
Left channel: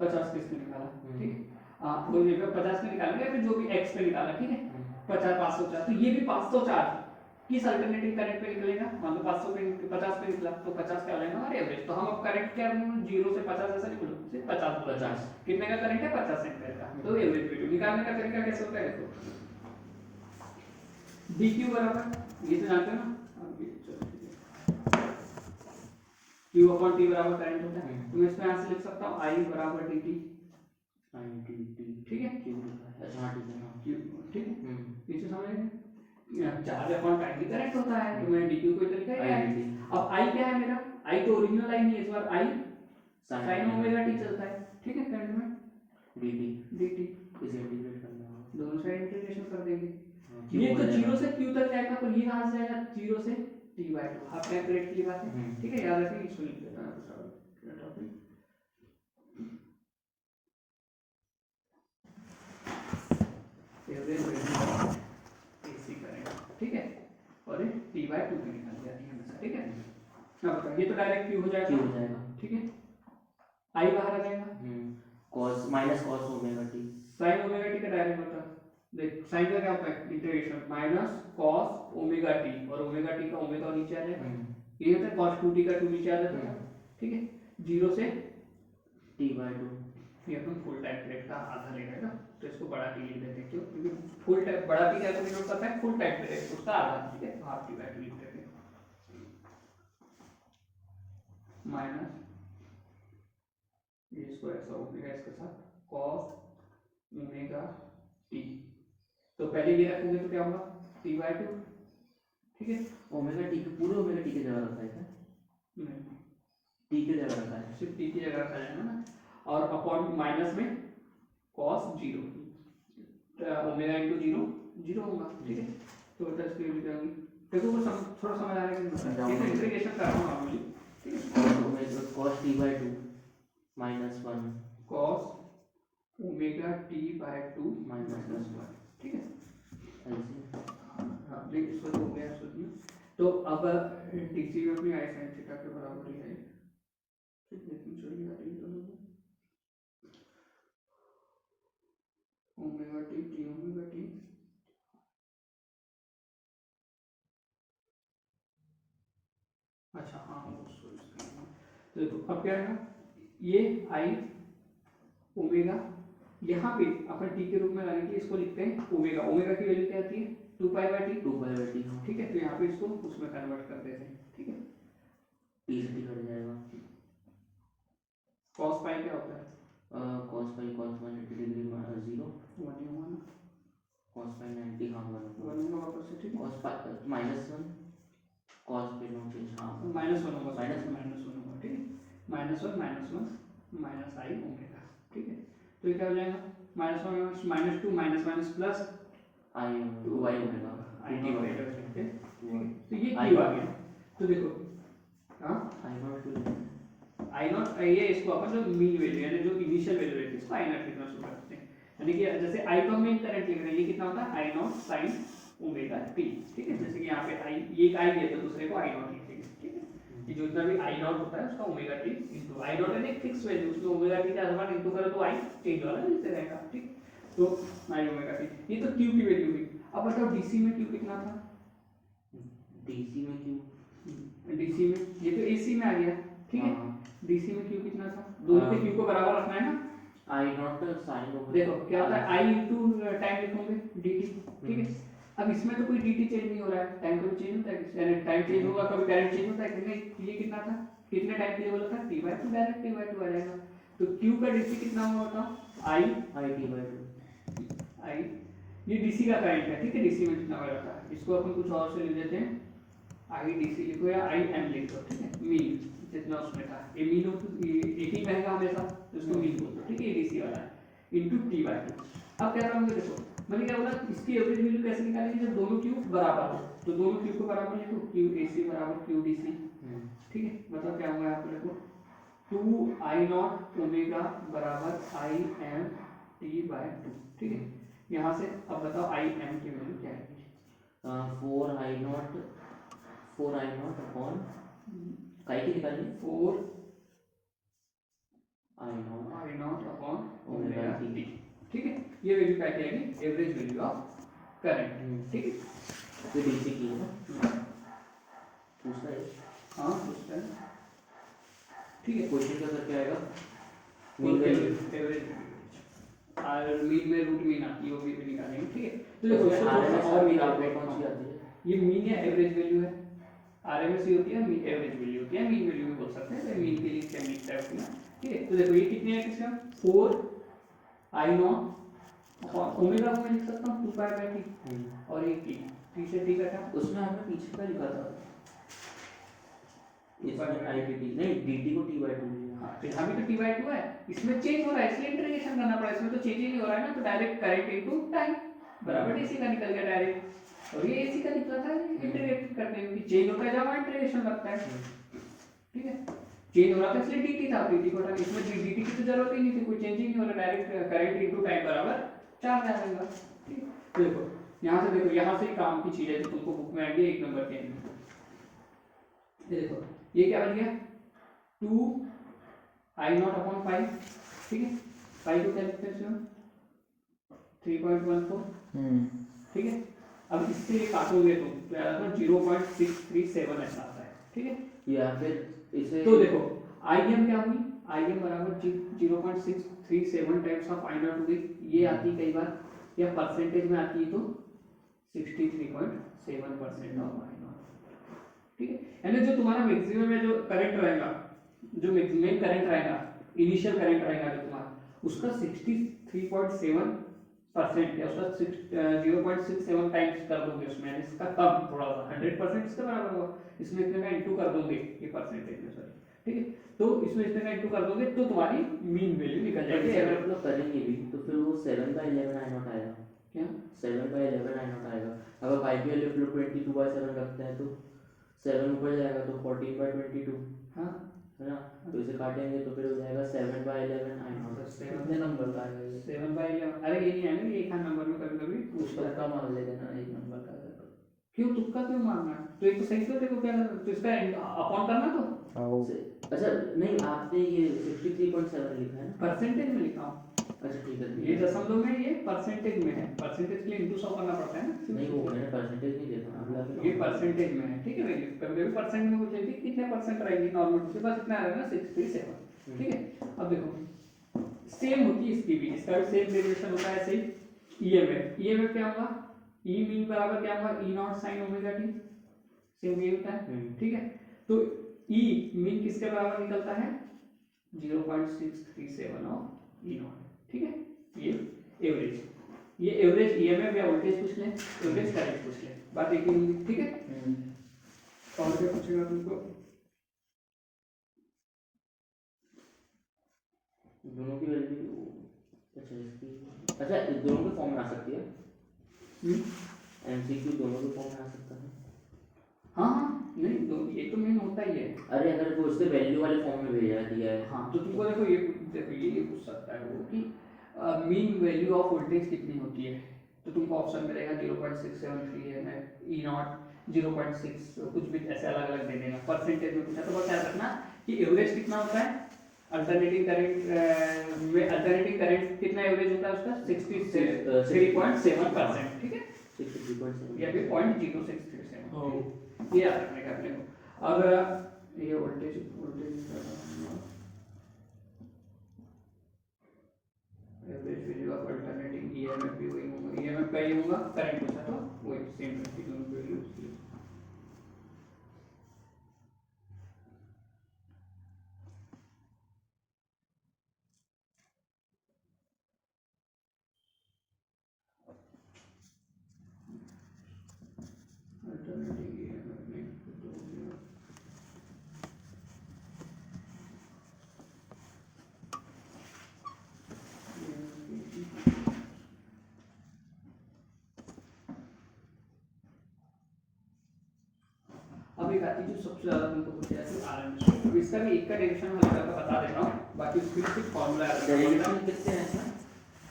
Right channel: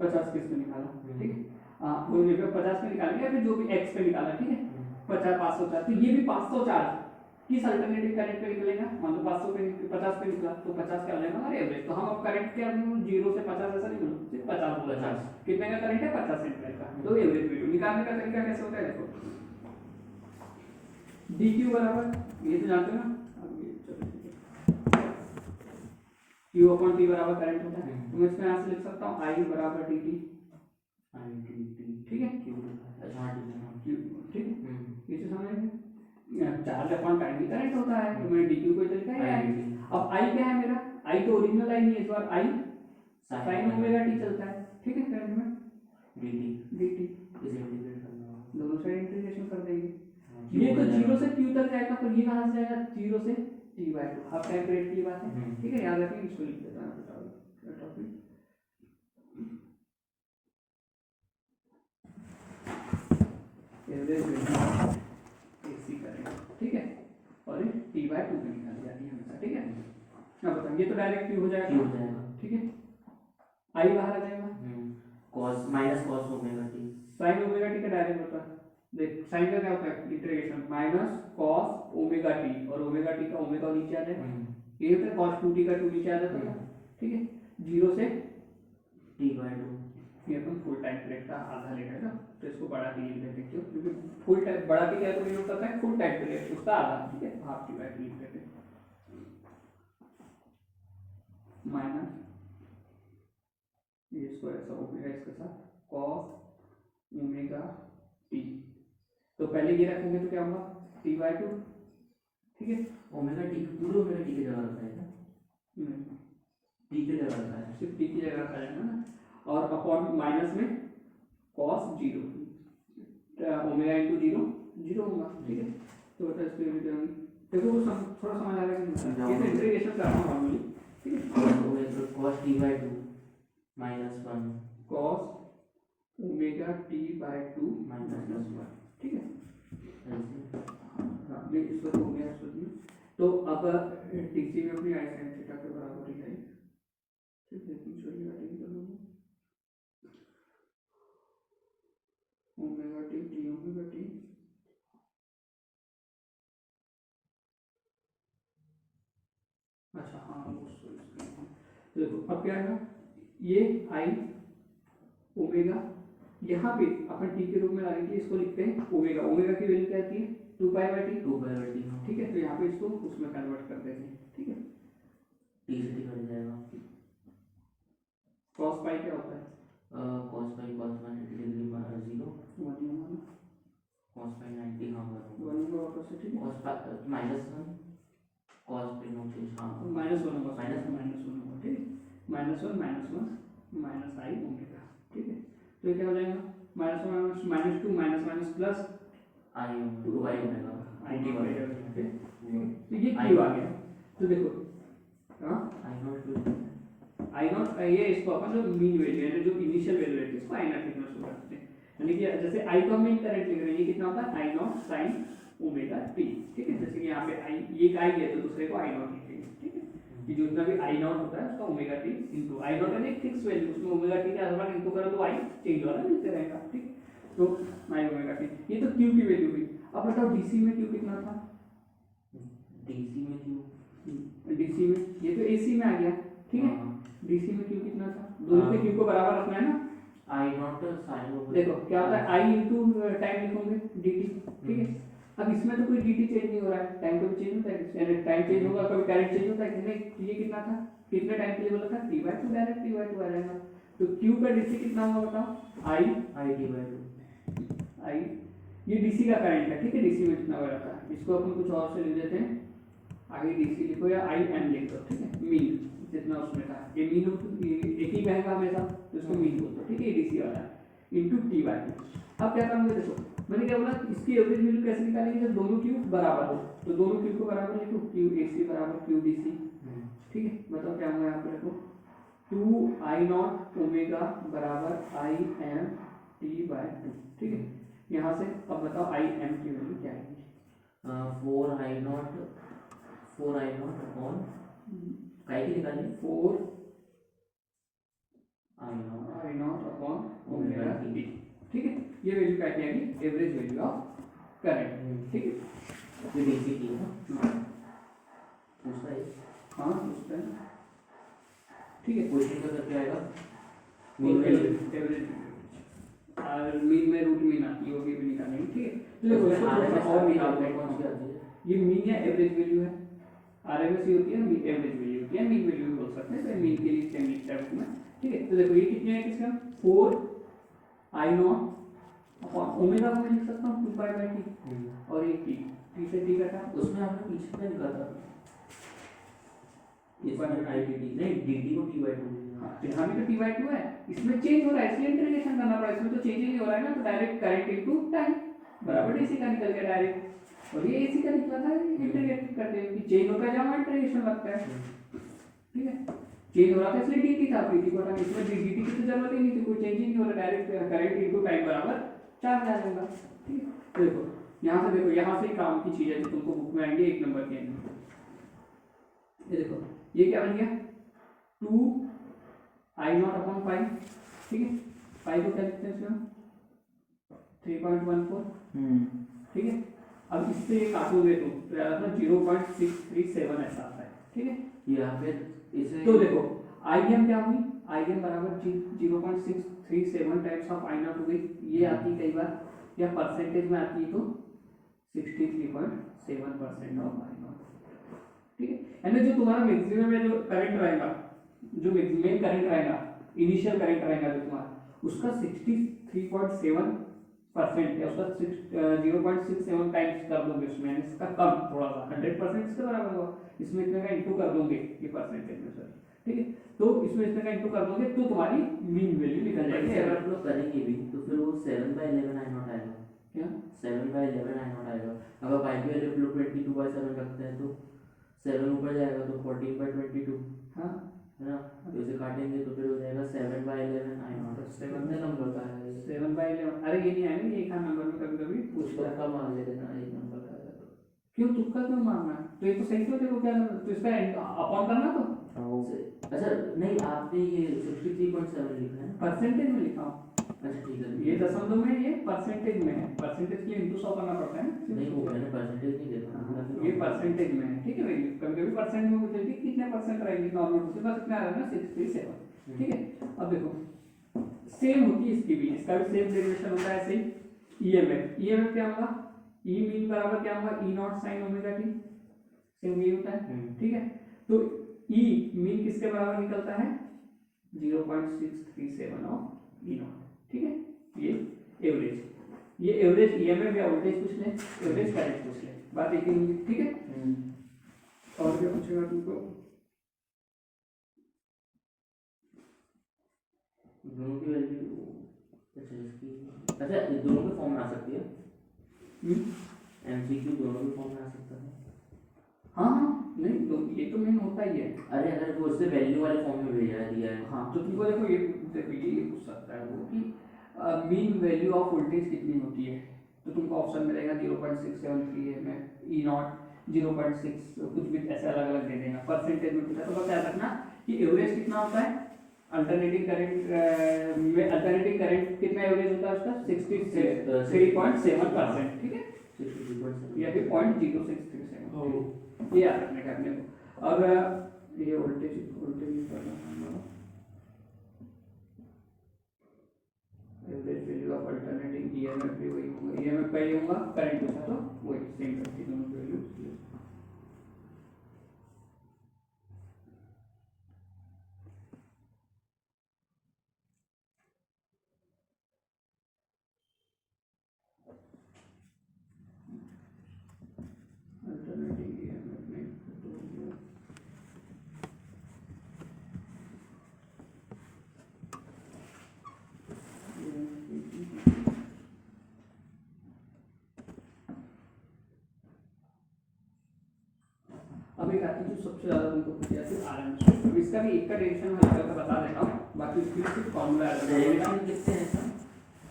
50 किस पे निकाला, ठीक है। वो 50 पे निकालेंगे, फिर जो भी एक्स पे निकाला, ठीक है, 50 500 चार्ज, तो ये भी 500 चार्ज किस अल्टरनेटिव करंट पे निकलेगा, मान लो 500 पे 50 पे निकला, तो 50 का लेना हमारे एवरेज। तो हम अब करंट क्या 0 से 50 ऐसा नहीं बोलो, सिर्फ 50 बोला, 50 कितने का करंट है 50 एम्पीयर का। तो एवरेज वैल्यू निकालने का तरीका कैसे होता है, देखो dq बराबर ये तो जानते हो ना, अब ये चलो q अपॉन t बराबर करंट होता है, तो मैं इसमें यहां से लिख सकता हूं i बराबर dt, ठीक है, क्यों अच्छा हाँ ठीक है हाँ ठीक है। ये तो समझ गए, चार्ज अपॉन टाइम भी करंट होता है, तो मैं dq को इधर लिखा है। अब i क्या है मेरा, i तो ओरिजिनल i नहीं है, इस बार i sin ओमेगा t चलता है, ठीक है। करंट में dt इसे इंटीग्रेट करना होगा, दोनों साइड इंटीग्रेशन कर देंगे। Q ये तो हो जाएगा। 0 से q तक जाएगा, पर ये कहां से जाएगा 0 से t/2, हाफ टाइम पीरियड की बात है, ठीक है। याद रखें, इसको लिख देता हूं topic average value AC current, ठीक है। और ये t/2 पे निकाली जाती है हमेशा, ठीक है। अब बताओ ये तो डायरेक्ट q हो जाएगा, Q हो जाएगा, ठीक है। i बाहर आ जाएगा, cos minus cos omega t, sin omega t का डायरेक्ट होता है, देख sin का क्या होता है integration minus cos omega t, और ओमेगा t का ओमेगा नीचे आ जाएगा, ये होता है cos 2t का 2 नीचे आ जाता है, ठीक है। 0 से t/2 ये अपन फुल टाइम पीरियड का आधा ले रहे हैं ना, तो इसको बड़ा टी लिख देते हैं, क्यों, क्योंकि फुल टाइम बड़ा टी क्या तो मीन होता है फुल टाइम पीरियड उसका आधा, ठीक है। हाफ टी बाय 2 लिख देते हैं, माइनस ये इसको ऐसा हो गया इसके साथ cos ओमेगा t, तो पहले ये रखेंगे तो क्या होगा t/2, ठीक है। ओमेगा t पूरे ओमेगा t के जगह रखा है क्या, टी की जगह रखा है, सिर्फ टी की जगह रखा जाएगा ना, और अपॉन माइनस में cos zero, omega into zero zero होगा, ठीक है। तो बता इसके लिए करेंगे, देखो वो थोड़ा समझ आ रहा है कि कैसे इंटीग्रेशन कर रहा हूँ नॉर्मली, ठीक है। Cos T by two minus one cos omega T by two minus one, ठीक है। ऐसे हाँ ये इसको तो हो गया, इसको तो तो अब टीसी में अपनी आई साइन थीटा के बराबर ही है, ठीक है। लेकिन चलिए आ रही है दोनों में omega t T omega T, अच्छा हाँ उसको तो देखो अब क्या है, ये आई ओमेगा, यहाँ पे अपन टी के रूप में लाने के लिए इसको लिखते हैं ओमेगा, ओमेगा की वैल्यू क्या आती है 2 pi by T, 2 pi by T, ठीक है। तो यहाँ पे इसको उसमें कन्वर्ट कर देते हैं, ठीक है। टी से टी कट जाएगा, कॉस पाई क्या होता है, cos pi cos 180 degree minus zero, one cos pi 90 हाँ बराबर, होगा वापस से, ठीक है। Cos pi minus one cos पे नो चेंज, हाँ माइनस वन होगा, माइनस माइनस वन होगा, ठीक है। माइनस वन माइनस आई ओमेगा, ठीक है। तो ये क्या हो जाएगा, minus one minus two minus minus plus I two by omega I T by omega, तो ये आई क्यों आ गया, तो देखो हाँ आई नॉट टू आई नॉट, ये इसको अपन जो मीन वैल्यू यानी जो इनिशियल वैल्यू रहती है इसको आई नॉट लिखना शुरू करते हैं, यानी कि जैसे आई तो हम मीन करंट लिख रहे हैं, ये कितना होता है I naught sine omega T, ठीक है। जैसे कि यहाँ पे आई ये आई है तो दूसरे को आई नॉट लिखेंगे, ठीक है। कि जो इतना भी आई नॉट होता है उसका omega T into I not है एक फिक्स वैल्यू, उसमें ओमेगा टी का आसमान इनटू करो तो आई चेंज वाला मिलते रहेगा, ठीक। तो आई ओमेगा टी, ये तो क्यू की वैल्यू हुई। अब बताओ डीसी में क्यू कितना था, डीसी में क्यू, डीसी में ये तो एसी में आ गया, ठीक है। डीसी में क्यू कितना था, दोनों के क्यू को बराबर रखना है ना, आई नॉट साइन ओमेगा, देखो क्या होता है आई इनटू टाइम लिखोगे dt, ठीक है। अब इसमें तो कोई dt चेंज नहीं हो रहा है, टाइम कभी चेंज होता है, यानी टाइम चेंज होगा कभी करंट चेंज होता है कि नहीं, ये कितना था, कितने टाइम के लिए बोला था t/2, डायरेक्ट t/2 आ जाएगा। तो q का dt कितना होगा बताओ, i I T by two, i ये dc का करंट है, ठीक है। dc में कितना हो जाता है, इसको अपन कुछ और से लिख देते हैं, i dc लिखो या i m लिख दो, ठीक है। मीन जितना उसमें था, ये मीन हो तो ये एक ही रहेगा हमेशा, तो इसको मीन बोलते हैं, ठीक है। ये dc वाला है इनटू t/2। अब क्या करूंगे, देखो मैंने क्या बोला, इसकी एवरेज वैल्यू कैसे निकालेंगे, जब दोनों क्यू बराबर हो, तो दोनों क्यू को बराबर लिखो, क्यू एसी बराबर क्यू डीसी, ठीक है। बताओ क्या होगा यहाँ पे, देखो 2 आई नॉट ओमेगा बराबर I am T by two, ठीक है। यहाँ से अब बताओ आई एम की वैल्यू क्या आएगी, 4 आई नॉट अपॉन काय की निकालनी, 4 I I naught upon omega omega t, t, ठीक है। ये वैल्यू क्या आएगी, एवरेज वैल्यू ऑफ करंट, ठीक है। ये डीसी की है ना, पूछता है हाँ पूछते हैं, ठीक है। क्वेश्चन का करके आएगा मीन मीन वैल्यू, एवरेज और मीन में रूट मीन आती है, वो भी निकालेंगे, ठीक है। तो देखो तो इसको थोड़ा आरएमएस सा और और मीन कौन आते सी हैं, आती है, ये मीन या एवरेज वैल्यू है, आरएमएस ही होती है, एवरेज वैल्यू होती है, मीन वैल्यू भी बोल सकते हैं, तो मीन के लिए क्या लिखता है उसमें, ठीक है। तो देखो ये कितने है किसका, 4 आई नॉट अपॉन ओमेगा को मैं लिख सकता हूँ 2 पाई बाई टी, और ये टी से टी कटा, उसमें हमने पीछे का लिखा था, इसमें आई टी टी नहीं डीटी को टी बाई टू, हाँ यहाँ भी तो t/2 है, इसमें चेंज हो रहा है इसलिए इंटीग्रेशन करना पड़ा, इसमें तो चेंज ही नहीं हो रहा है ना, तो डायरेक्ट करंट इनटू टाइम बराबर डीसी का निकल गया डायरेक्ट, और ये एसी का निकला था इंटीग्रेट करते हुए, चेंज होता है जब इंटीग्रेशन लगता है, ठीक है। चेंज हो रहा था इसलिए dt था, dt को हटाने, इसमें dt की तो जरूरत ही नहीं थी, कोई चेंज ही नहीं हो रहा, डायरेक्ट करंट इनटू टाइम बराबर 4 आ जाएगा, ठीक है। तो देखो यहाँ से, देखो यहाँ से ही काम की चीज है जो तुमको बुक में आएंगे 1 नंबर के अंदर, ये देखो ये क्या बन गया 2 आई नॉट अपॉन 5, ठीक है। 5 को क्या लिखते हैं इसमें 3.14, ठीक है। अब इससे काटोगे तो 0.637 ऐसा आता है, ठीक है। या फिर इसे तो देखो आई एम क्या हुई, आई एम बराबर 0.637 टाइम्स ऑफ आई नॉट हो गई, ये आती कई बार या परसेंटेज में आती है तो 63.7% ऑफ आई नॉट, ठीक है। यानी जो तुम्हारा मैक्सिमम में जो करंट रहेगा, जो मैक्सिमम करंट रहेगा, इनिशियल करंट रहेगा जो तुम्हारा, उसका 63.7% है, उसका 0.67 टाइम्स कर दोगे उसमें, यानी इसका कम थोड़ा सा 100% इसके बराबर होगा, इसमें इतने का इंटू कर दोगे ये परसेंटेज में, सॉरी, ठीक है। तो इसमें इतने का इंटू कर दोगे तो तुम्हारी मीन वैल्यू निकल जाएगी। अगर आप लोग करेंगे भी तो फिर वो 7/11 आई नॉट आएगा। क्या 7/11 आई नॉट आएगा। अगर y की वैल्यू 22/7 रखते हैं तो 7 ऊपर जाएगा तो 14/22 हाँ है ना। तो इसे काटेंगे तो फिर हो जाएगा 7/11 आई नॉट। कितने नंबर का आएगा ये? 7/11 अरे ये नहीं आएगा, ये एक नंबर में कभी कभी पूछता है। तुक्का मार लेना एक नंबर का आएगा। क्यों तुक्का क्यों मारना है? तो ये तो सही तो देखो क्या करना, तो इसका अपॉन करना तो अच्छा नहीं, आपने ये 63.7 लिखा है ना? परसेंटेज में लिखा हूँ। अच्छा ठीक है। ये दशमलव में, ये परसेंटेज में है, परसेंटेज के लिए इंटू 100 करना पड़ता है ना। नहीं वो मैंने परसेंटेज नहीं देखा ना, ये परसेंटेज में है, ठीक है वैल्यू। कभी कभी परसेंट में पूछेगी कितने परसेंट रहेगी नॉर्मल टू से, बस इतना आ रहा है ना 67, ठीक है। अब देखो सेम होती है इसकी भी, इसका भी सेम डेरिवेशन होता है ऐसे ही। ईएमएफ क्या होगा, ई मीन बराबर क्या होगा, E naught sine omega t, same ये होता है, ठीक है। तो ई मीन किसके बराबर निकलता है, 0.637 ऑफ ई नॉट, ठीक है। ये एवरेज, ये एवरेज ईएमएफ या वोल्टेज पूछ लें, एवरेज करंट पूछ लें, बात एक ही होगी, ठीक है। और क्या पूछेगा तुमको, दोनों की वैल्यू, अच्छा इसकी, अच्छा इस दोनों के फॉर्म में आ सकती है। एमसीक्यू दोनों के फॉर्म में आ सकता है। हाँ हाँ नहीं तो ये तो मेन होता ही है। अरे अगर वो उससे वैल्यू वाले फॉर्म में भेजा दिया है, हाँ तो तुमको देखो ये पूछ सकता है वो कि मीन वैल्यू ऑफ वोल्टेज कितनी होती है, तो तुमको ऑप्शन मिलेगा 0.673 है, मैं ई नॉट 0.6 कुछ भी ऐसे अलग अलग दे देगा। परसेंटेज में पूछा तो बस याद रखना कि एवरेज कितना होता है, अल्टरनेटिंग करंट में अल्टरनेटिंग करंट कितना एवरेज होता है उसका 63.7%, ठीक है, 63.7 या फिर 0.0637, ये याद रखने का अपने को। अब ये voltage average value of alternating EMF भी वही होगा, ईएमएफ का ही होगा, करंट पूछा तो वही सेम रहती है दोनों वैल्यू। अल्टरनेटिंग ईएमएफ में तो हो गया अब एक आती है जो सबसे ज्यादा तुमको पूछा जाती है आरएमएस। तो इसका भी एक का डेरिवेशन हल करके बता देता हूँ, बाकी उसके लिए सिर्फ फॉर्मूला डेरिवेशन कितने हैं सर?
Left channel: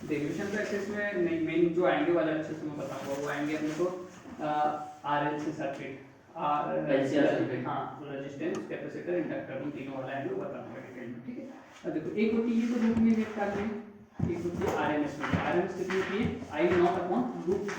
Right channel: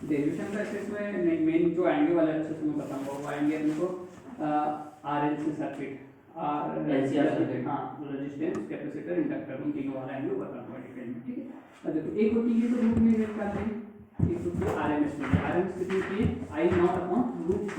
डेरिवेशन का ऐसे इसमें नहीं, मेन जो आएंगे वाले अच्छे से मैं बताऊंगा, वो आएंगे अपने को आरएलसी सर्किट, हाँ रेजिस्टेंस कैपेसिटर इंडक्टर, उन तीनों वाला है जो बताऊंगा डिटेल में, ठीक है। अब देखो एक होती है तो रूट में वेट करते हैं, एक होती है आरएमएस वैल्यू। आरएमएस कितनी होती है, आई नॉट अपॉन रूट 2,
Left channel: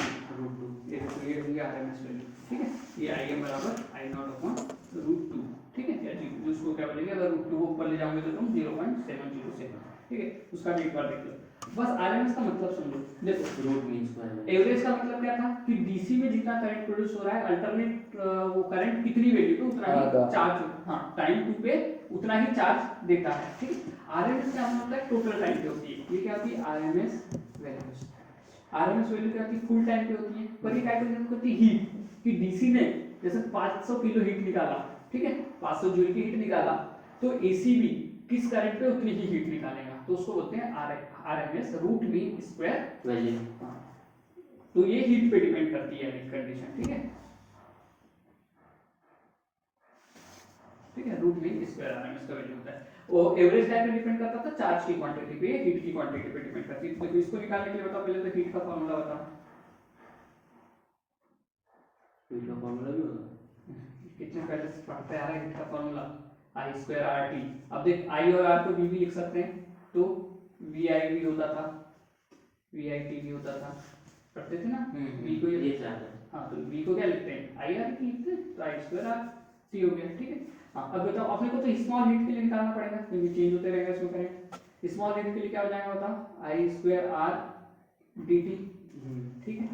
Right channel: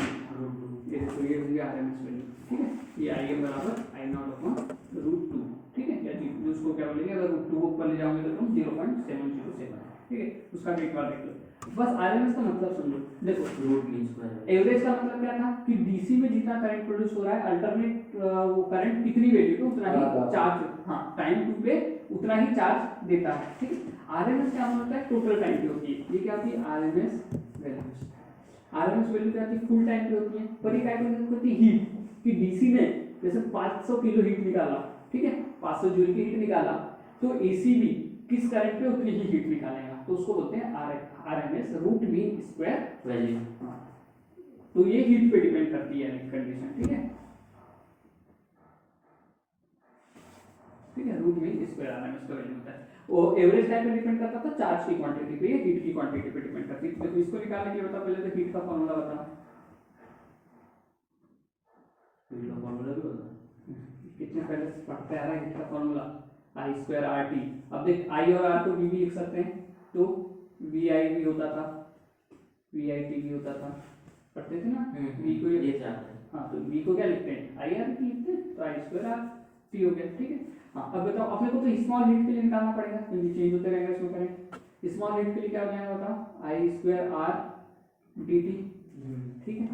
ये देखो ये होगी आरएमएस वैल्यू, ठीक है। ये आई एम बराबर आई नॉट अपॉन रूट 2, ठीक है। या जी उसको क्या बोलेंगे, अगर रूट 2 को ऊपर ले जाओगे तो तुम 0.707, ठीक है। उसका भी एक बार देख लो, बस आरएमएस का मतलब समझो। देखो रूट मीन स्क्वायर, एवरेज का मतलब क्या था कि डीसी में जितना करंट प्रोड्यूस हो रहा है, अल्टरनेट वो करंट कितनी वैल्यू पे उतना ही चार्ज, हाँ टाइम टू पे उतना ही चार्ज देता है, ठीक है। आरएमएस क्या मतलब है, टोटल टाइम पे होती है। ये क्या होती है आरएमएस वैल्यूज, आरएमएस वैल्यू क्या होती है, फुल टाइम पे होती है। पर ये क्या होती है हीट, कि डीसी ने जैसे 500 किलो हीट निकाला, ठीक है, 500 जूल की हीट निकाला, तो एसी भी किस करंट पे उतनी ही हीट निकालेगा, तो उसको बोलते हैं RMS root mean square value. हाँ तो ये हीट पे डिपेंड करती है कंडीशन, ठीक है, ठीक है। रूट मीन स्क्वायर आरएमएस का वैल्यू होता है। वो एवरेज टाइम पे डिपेंड करता था, चार्ज की क्वांटिटी पे, हीट की क्वांटिटी पे डिपेंड करती है। तो इसको निकालने के लिए बताओ, पहले तो हीट का फॉर्मूला बताओ। हीट का फॉर्मूला भी होता है, कितने पहले से पढ़ते आ रहे हैं हीट का फॉर्मूला, आई स्क्वायर आर टी। अब देख आई और आर को वी भी लिख सकते हैं, तो वी आई भी होता था, वी आई टी भी होता था, पढ़ते थे ना। वी को ये क्या है, हाँ तो वी को क्या लिखते हैं, आई आर टी लिखते हैं, तो आई स्क्वायर आर टी हो गया, ठीक है। हाँ अब बताओ अपने को तो स्मॉल हीट के लिए निकालना पड़ेगा, क्योंकि चेंज होते रहेगा इसमें करंट। स्मॉल हीट के लिए क्या हो जाएगा बताओ, आई स्क्वायर आर डी टी, ठीक है।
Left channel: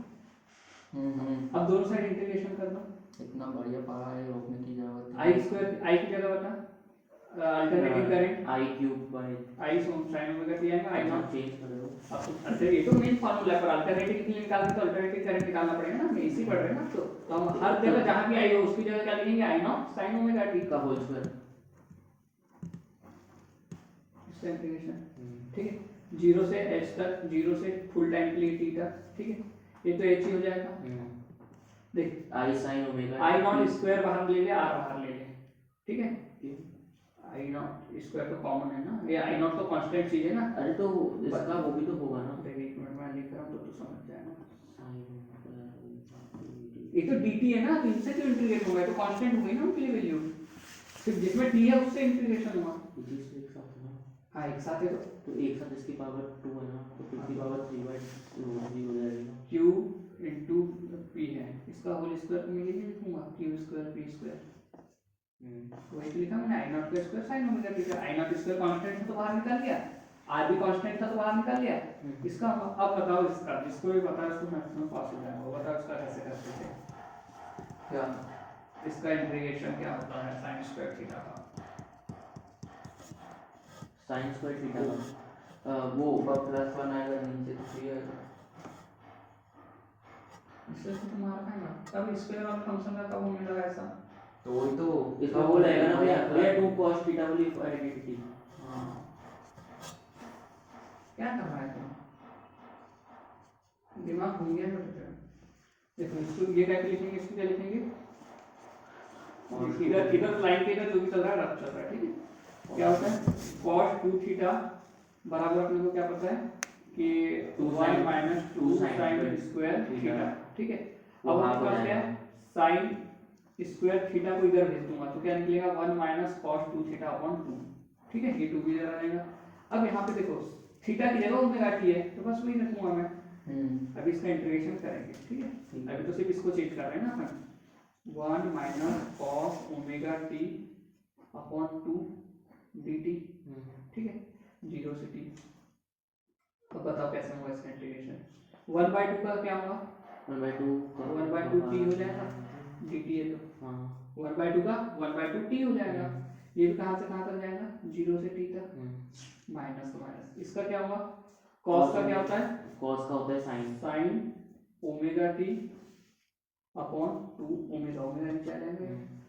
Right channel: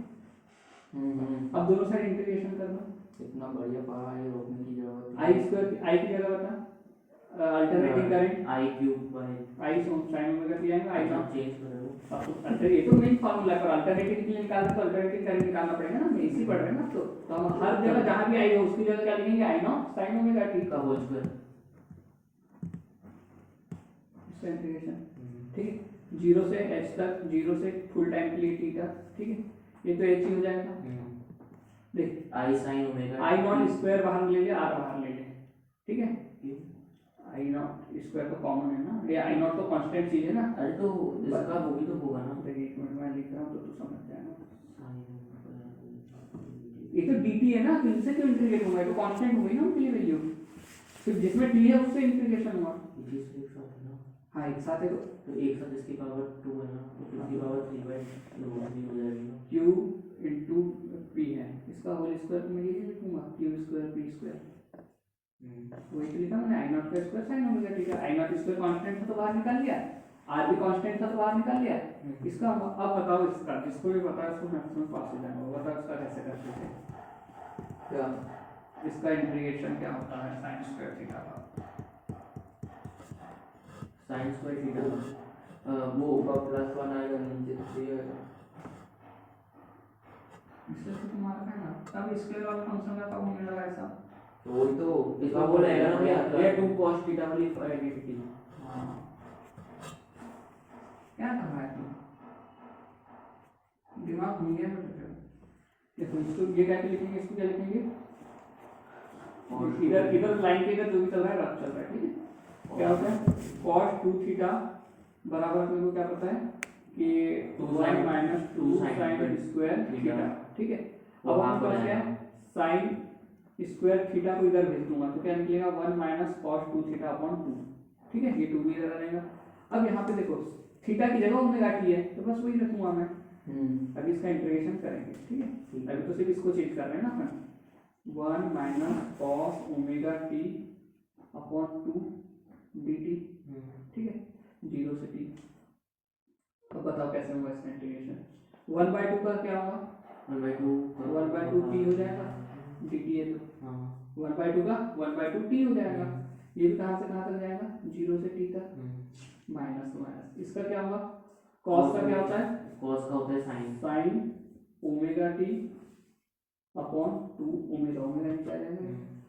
अब दोनों साइड इंटीग्रेशन कर दो, इतना बढ़िया पढ़ा है, रोकने की जरूरत है। आई स्क्वायर, आई की जगह बता alternating current I cube by I sine omega T आएगा, आई नॉट चेंज करो। अब तो अच्छा ये तो मेन फार्मूला है, पर अल्टरनेटिव के लिए निकालना तो अल्टरनेटिव करंट निकालना पड़ेगा ना, मैं इसी पढ़ रहे हैं ना। तो हम हर जगह जहां भी आई हो उसकी जगह क्या लिखेंगे, आई नॉट साइन ओमेगा टी का होल स्क्वायर, इसका इंटीग्रेशन, ठीक है। 0 से h तक, 0 से फुल टाइम के लिए थीटा, ठीक है, ये तो h ही हो जाएगा। देख I sine omega I naught square बाहर ले ले, आर बाहर ले ले, ठीक है। आई नॉट स्क्वायर तो कॉमन है ना, ये आई नॉट तो कांस्टेंट चीज है ना। अरे तो इसका वो भी तो होगा ना। देख एक मिनट में लिख रहा हूँ तो तू समझ जाएगा। साइन ये तो dt है ना, तो इनसे क्यों इंटीग्रेट होगा, ये तो कांस्टेंट हो गई ना उनकी वैल्यू, सिर्फ जिसमें t है उससे इंटीग्रेशन हुआ। ये एक साथ है ना। हाँ एक साथ है तो एक साथ इसकी पावर 2 है ना, तो इसकी पावर 3/2 हो जाएगी। q इंटू p है, इसका होल स्क्वायर तो मैं ये नहीं लिखूंगा, q स्क्वायर p स्क्वायर, वही तो लिखा मैंने, आई नॉट का स्क्वायर साइन ओमेगा टी का। आई नॉट स्क्वायर कांस्टेंट था तो बाहर निकाल लिया, आर भी कांस्टेंट था तो बाहर निकाल लिया। इसका अब बताओ, इसका जिसको भी पता है उसको मैथ्स में पास हो जाएगा, बताओ इसका कैसे करते थे। क्या इसका इंटीग्रेशन क्या होता है साइन स्क्वायर थीटा का। साइन स्क्वायर थीटा का वो ऊपर +1 आएगा, नीचे 3 आएगा। इसलिए तो तुम्हारा है ना, कब स्क्वायर और फंक्शन का कब होने लगा ऐसा। तो वही तो इसका वो रहेगा ना भैया 2 cos थीटा वाली आइडेंटिटी। हाँ क्या कर रहा है तुम, दिमाग घूम गया मेरे। देखो इसको ये क्या लिखेंगे, इसको क्या लिखेंगे, इधर इधर लाइन के इधर जो भी चल रहा है रफ चल रहा है, ठीक है। क्या होता है cos 2 थीटा बराबर अपने को क्या पता है कि 1 माइनस 2 साइन स्क्वायर थीटा, ठीक है। अब हमारे पास क्या है, साइन स्क्वायर थीटा को इधर भेज दूंगा तो क्या निकलेगा 1 माइनस cos 2 थीटा अपॉन 2, ठीक है, ये 2 भी इधर रहेगा। अब यहाँ पे देखो थीटा की जगह ओमेगा टी है तो बस वही रखूंगा मैं। अभी इसका इंटीग्रेशन करेंगे, ठीक है। अभी तो सिर्फ इसको चेक कर रहे हैं ना अपन, 1 minus cos omega T upon 2 dt, ठीक है, 0 से t। अब बताओ कैसे होगा इसका इंटीग्रेशन। 1/2 का क्या होगा, 1/2 t हो जाएगा, dt है तो 1/2 का 1/2 t हो जाएगा। ये भी कहाँ से कहाँ तक जाएगा, 0 से t तक, माइनस तो माइनस। इसका क्या होगा, cos का क्या होता है, cos का होता है sign omega T upon 2 omega, omega नीचे आ जाएगा,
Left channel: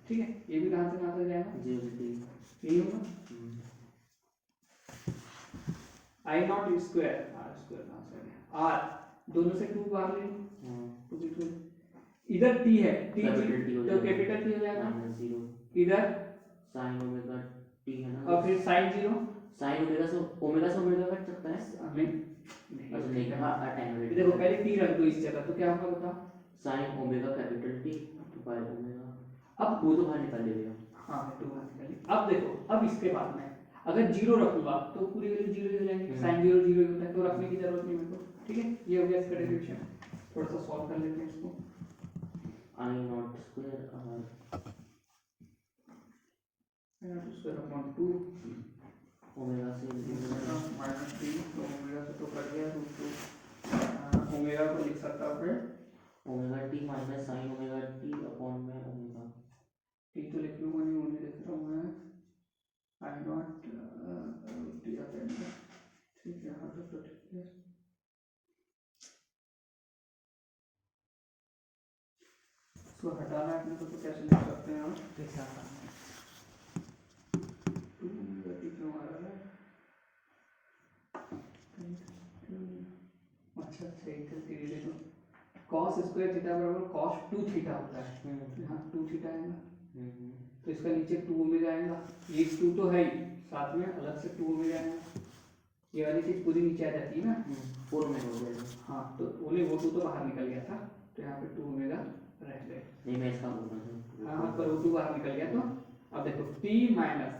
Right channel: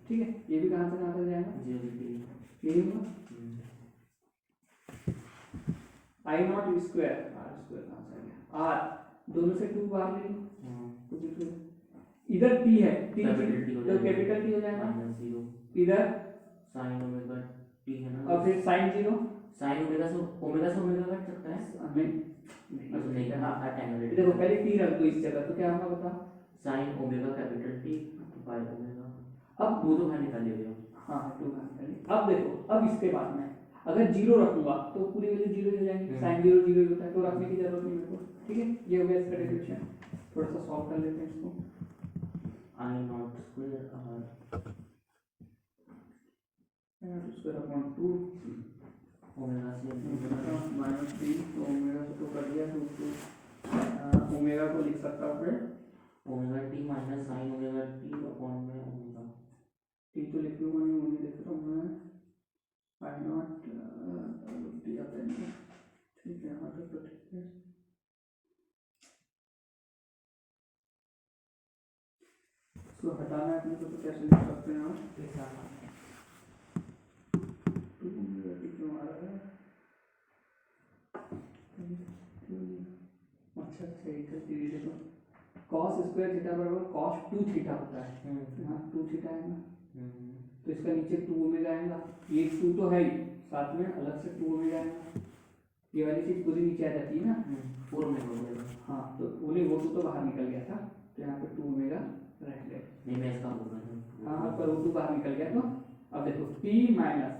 ठीक है। ये भी कहाँ से कहाँ तक जाएगा, 0 से t। यही होगा आई नॉट स्क्वायर, आर स्क्वायर कहाँ से आ गया, आर दोनों से 2 बाहर ले लो, इधर t है, t तो कैपिटल t हो जाएगा, इधर साइन ओमेगा t है ना, और फिर साइन 0, साइन ओमेगा से ओमेगा कट सकता है। हमें अच्छा नहीं करना अटेन्यूएट। देखो पहले t रख दो इस जगह तो क्या होगा बता, साइन ओमेगा कैपिटल T तो पाई ओमेगा, अब वो तो बाहर निकाल लिया। हाँ 2 बाहर निकालिए। अब देखो, अब इसके बाद में अगर 0 रखूंगा तो पूरी वैल्यू 0 हो जाएगी, साइन 0 0 ही होता है, तो रखने की जरूरत नहीं मेरे को, ठीक है। ये हो गया इसका डेरिवेशन। थोड़ा सा सॉल्व कर लेते हैं इसको। I naught square square upon 2 omega से माइनस 3, तो ओमेगा से तो कर दिया, तो ओमेगा को लिख सकता हूँ फिर omega T minus sign omega T upon में ओमेगा टी तो लिख लूँगा नहीं, ओनली लिख रहा हूँ मैं आई नॉट टी आता है, ठीक है। यहाँ तक तो ठीक है। इसको हटाना है अपने को तो कैसे लिख सकते हैं हम, क्यों आ रहा है, अच्छा सही था, धीरे देखो cos स्क्वायर थीटा बराबर cos 2 थीटा होता है, यहाँ 2 थीटा आएगा, तो इसका नीचे 2 ओमेगा आएगा, ये 2 तो है ही, साथ में अलग से 2 ओमेगा आएगा, ये वाली चीज पूरी नीचे आ जाती है ना, 4 ओमेगा हो जाएगा। हाँ तो बोले वो 2 तो बाहर निकल गया था, तो यहाँ पे 2 ओमेगा रह गए, नहीं मैं इसका बोल रहा था। हाँ पर वो 2 बाहर निकल गया। तो अब देखो t माइनस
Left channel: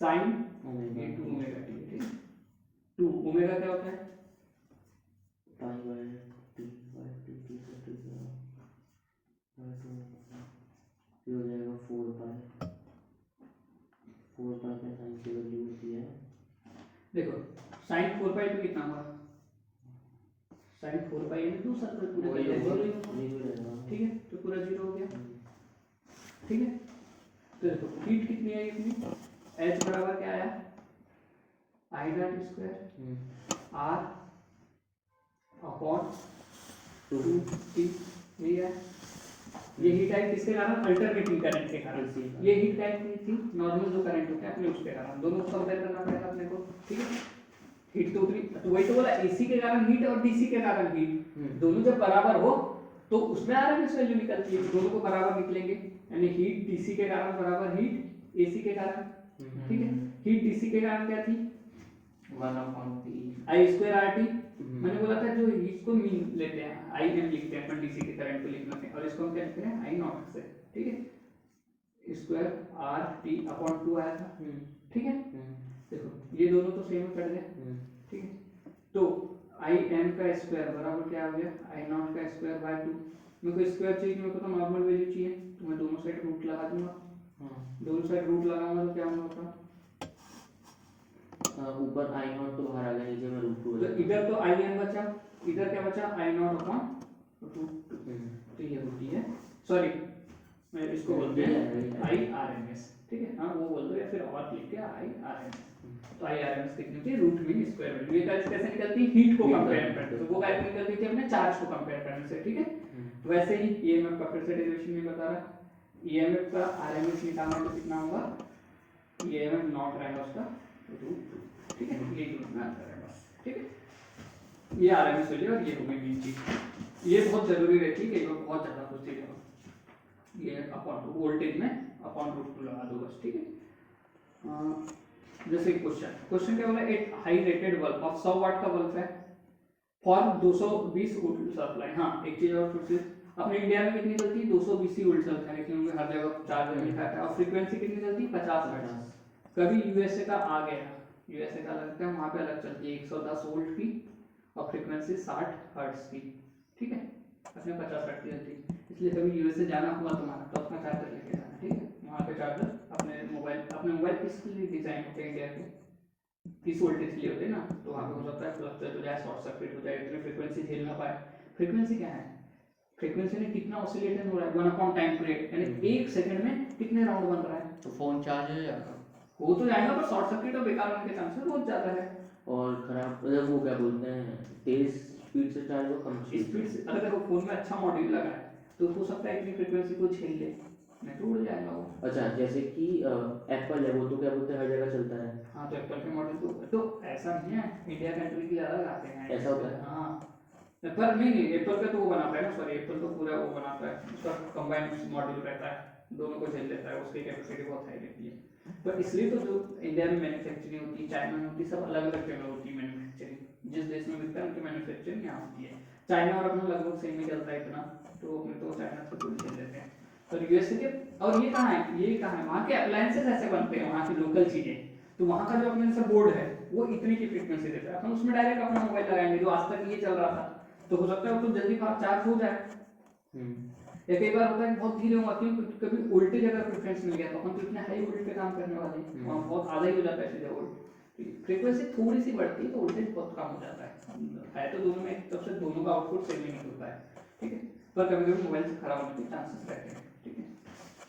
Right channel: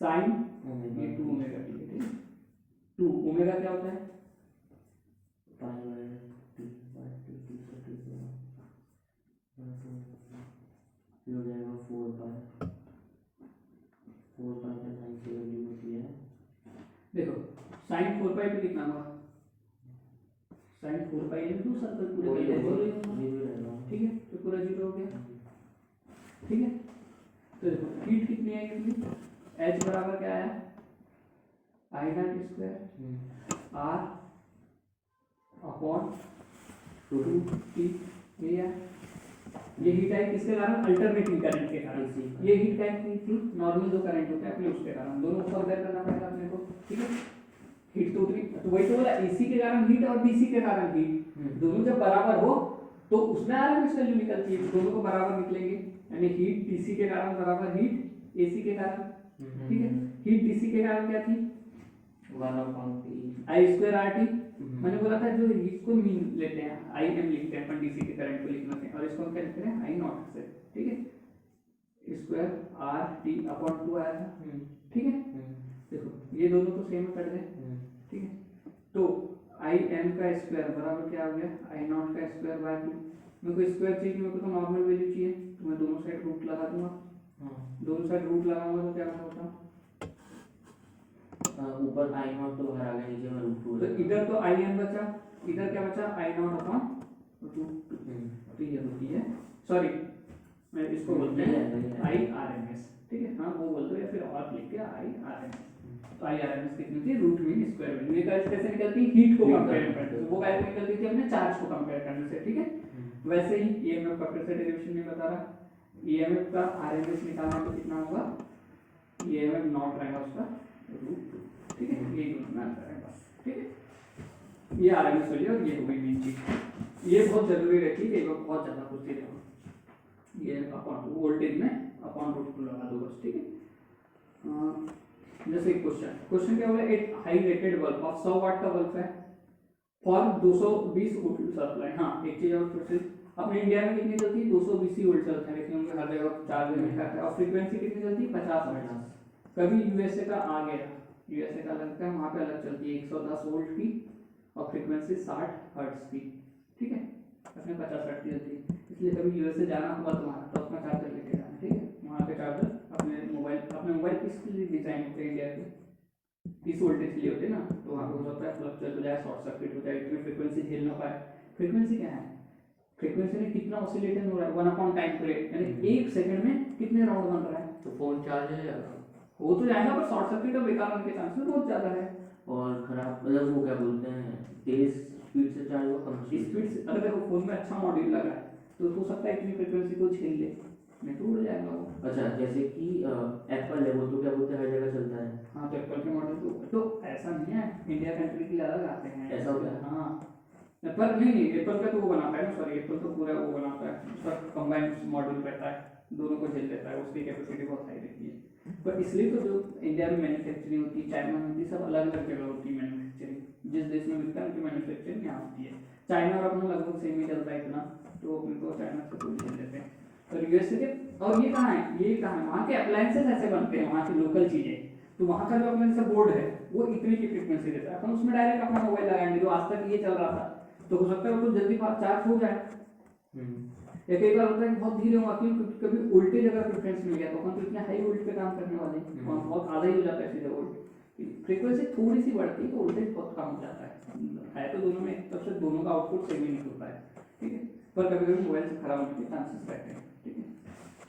साइन ओमेगा ये 2 ओमेगा टी, ठीक है। 2 ओमेगा क्या होता है, पाई बाय टी टी से टी से ये हो जाएगा 4 पाई का साइन की वैल्यू होती है, देखो साइन 4 पाई तो कितना हुआ, साइन 4 पाई यानी 2 सर्कल पूरे ये का रहेगा, ठीक है, तो पूरा 0 हो गया, ठीक है। तो देखो हीट कितनी आई अपनी, h बराबर क्या आया, I naught square R upon 2t, ये है। ये हीट आई किसके कारण, अल्टरनेटिंग करंट के कारण। ये हीट आई नहीं थी, नॉर्मल जो करंट होता है अपने उसके कारण, दोनों को कंपेयर करना पड़ेगा अपने को, ठीक है। वही तो बोला, एसी के कारण हीट और डीसी के कारण हीट दोनों जब बराबर हो तो उसमें आरएमएस वैल्यू निकलती है, दोनों को बराबर निकलेंगे, यानी हीट डीसी के कारण बराबर हीट एसी के कारण। ठीक है, हीट डीसी के कारण क्या थी, 1/P आई स्क्वायर आर टी। मैंने बोला था जो इसको मीन लेते हैं आई एम लिखते हैं अपन डीसी के करंट को लिखने के, और इसको हम क्या लिखते हैं आई नॉट से। ठीक है, स्क्वायर आर टी अपॉन 2 आया था। ठीक है, देखो ये दोनों तो सेम कट गए। ठीक है, तो आई एम का स्क्वायर बराबर क्या हो गया, आई नॉट का स्क्वायर बाय 2। मेरे को स्क्वायर चाहिए, मेरे को तो नॉर्मल वैल्यू चाहिए, तो मैं दोनों साइड रूट लगा दूंगा। दोनों साइड रूट लगाऊंगा तो क्या होगा, ऊपर आई नॉट तो बाहर आ गया, नीचे में रूट 2 तो इधर तो आई एम बचा, इधर क्या बचा आई नॉट अपॉन रूट 2। तो ये होती है, सॉरी मैं इसको बोलते हैं आई आर एम एस। ठीक है, हाँ वो बोल दो या फिर और लिख के आई आर एम एस। तो आई आर एम एस कितनी थी, रूट मीन स्क्वायर वैल्यू। ये कैसे निकलती है, हीट को कंपेयर करते हैं, तो वो कैसे निकलती थी अपने चार्ज को कंपेयर करने से। ठीक है, वैसे ही ईएमएफ का फिर से डेरिवेशन में बता रहा, ईएमएफ का आरएमएस निकालना है तो कितना होगा, ईएमएफ नॉट रहेगा उसका रूट 2। ठीक है, ये दोनों में आता है बस। ठीक है, ये आरएमएस वैल्यू और ये हो गई मेन चीज। ये बहुत जरूरी रहती है, कई बार बहुत ज्यादा पूछते हैं, ये अपॉन वोल्टेज में अपॉन रूट 2 लगा दो बस। ठीक है, जैसे क्वेश्चन क्या बोला, एक हाई रेटेड बल्ब ऑफ 100 वाट का बल्ब है फॉर 220 वोल्ट सप्लाई। हाँ एक चीज और प्रोसेस, अपने इंडिया में कितनी चलती है, 220 वोल्ट चलता है, लेकिन उनके हर जगह चार्ज में लिखा है। और फ्रीक्वेंसी कितनी चलती है, 50 हर्ट्ज। कभी यूएसए का आ गया, यूएसए का लगता है वहाँ पे अलग चलती है 110 वोल्ट की और फ्रीक्वेंसी 60 हर्ट्ज की। ठीक है, अपने 50 हर्ट्ज की चलती है, इसलिए कभी यूएसए जाना होगा तुम्हारा तो अपना चार्जर लेके जाना। ठीक है, वहाँ पे चार्जर अपने मोबाइल किस लिए डिजाइन होते हैं इंडिया के, 30 वोल्टेज के लिए होते हैं ना, तो वहाँ पे हो सकता है फ्लक्चुएट हो जाए, शॉर्ट सर्किट हो जाए, इतनी फ्रीक्वेंसी झेल ना पाए। फ्रीक्वेंसी क्या है, फ्रीक्वेंसी में कितना ऑसिलेशन हो रहा है, 1 अपॉन टाइम पीरियड, यानी 1 सेकंड में कितने राउंड बन रहा है। तो फोन चार्ज है हो तो जाएगा पर शॉर्ट सर्किट और बेकार होने के चांसेस बहुत ज़्यादा है। और खराब मतलब वो क्या बोलते हैं, तेज स्पीड से चार्ज हो कम स्पीड से, अगर देखो फोन में अच्छा मॉड्यूल लगा है तो हो सकता है इतनी फ्रीक्वेंसी को झेल ले, नहीं तो उड़ जाएगा वो। अच्छा, जैसे कि एप्पल है, वो तो क्या बोलते हैं हर जगह चलता है। हाँ, तो एप्पल के मॉडल तो ऐसा नहीं है, इंडिया कंट्री के अलग आते हैं, ऐसा होता है। हाँ, पर नहीं एप्पल का तो वो बनाता है ना, सॉरी एप्पल तो पूरा वो बनाता है, उसका कंबाइंड मॉड्यूल रहता है, दोनों को झेल लेता है, उसकी कैपेसिटी बहुत हाई रहती है। पर इसलिए तो जो इंडिया में मैन्युफैक्चरिंग होती है, चाइना में होती है, सब अलग अलग जगह होती है मैन्युफैक्चरिंग। जिस देश में बिकता है उनकी मैन्युफैक्चरिंग यहाँ होती है। चाइना और अपना लगभग सेम ही चलता है इतना, तो अपने तो चाइना से कोई झेल लेते हैं। और यूएसए के, और ये कहाँ है, ये कहाँ है, वहाँ के अप्लायंसेस ऐसे बनते हैं, वहाँ की लोकल चीज़ें, तो वहाँ का जो अपने जैसे बोर्ड है वो इतनी की फ्रीक्वेंसी देता है, हम उसमें डायरेक्ट अपना मोबाइल लगाएंगे, जो आज तक ये चल रहा था, तो हो सकता है वो तो जल्दी चार्ज हो जाए। या कई बार होता है बहुत धीरे हुआ, क्योंकि कभी वोल्टेज अगर प्रेफरेंस मिल गया तो अपन तो इतने हाई वोल्ट पे काम करने वाले हैं, और बहुत आधा ही हो जाता है सीधे वोल्ट। फ्रीक्वेंसी थोड़ी सी बढ़ती है तो वोल्टेज बहुत कम हो जाता है तो दोनों में एक तरफ से दोनों का आउटपुट सेम ही निकलता है। ठीक है, पर कभी कभी मोबाइल से खराब होने के चांसेस रहते हैं। ठीक है,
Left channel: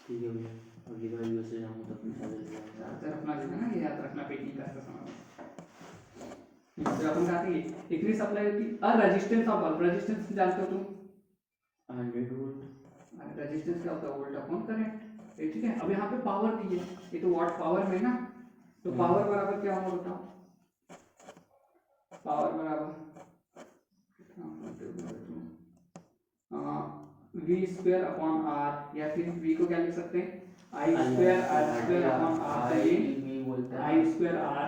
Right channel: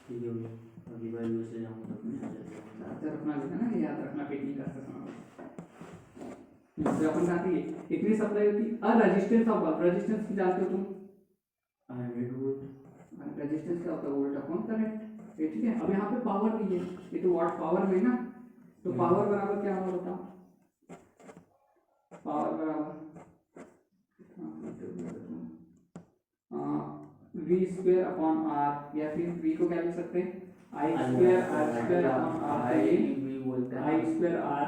ठीक है भैया, अगली बार यूएसए जाऊंगा तो अपने चार्जर चार्जर अपना लेना ना, ये याद रखना पैकिंग करते समय। अपन कहा कि इतनी सप्लाई होती है। और रेजिस्टेंस ऑफ बल्ब, रेजिस्टेंस जानते हो तुम, 100 वोल्ट। रेजिस्टेंस क्या होता है, वोल्ट अपॉन करंट। ठीक है, अब यहाँ पे पावर दी है, ये तो वाट पावर में ना, तो पावर बराबर क्या होगा बताओ, पावर बराबर वी स्क्वायर अपॉन आर, या फिर वी को क्या लिख सकते हैं, I square R square upon R, तो ये आई स्क्वायर आर।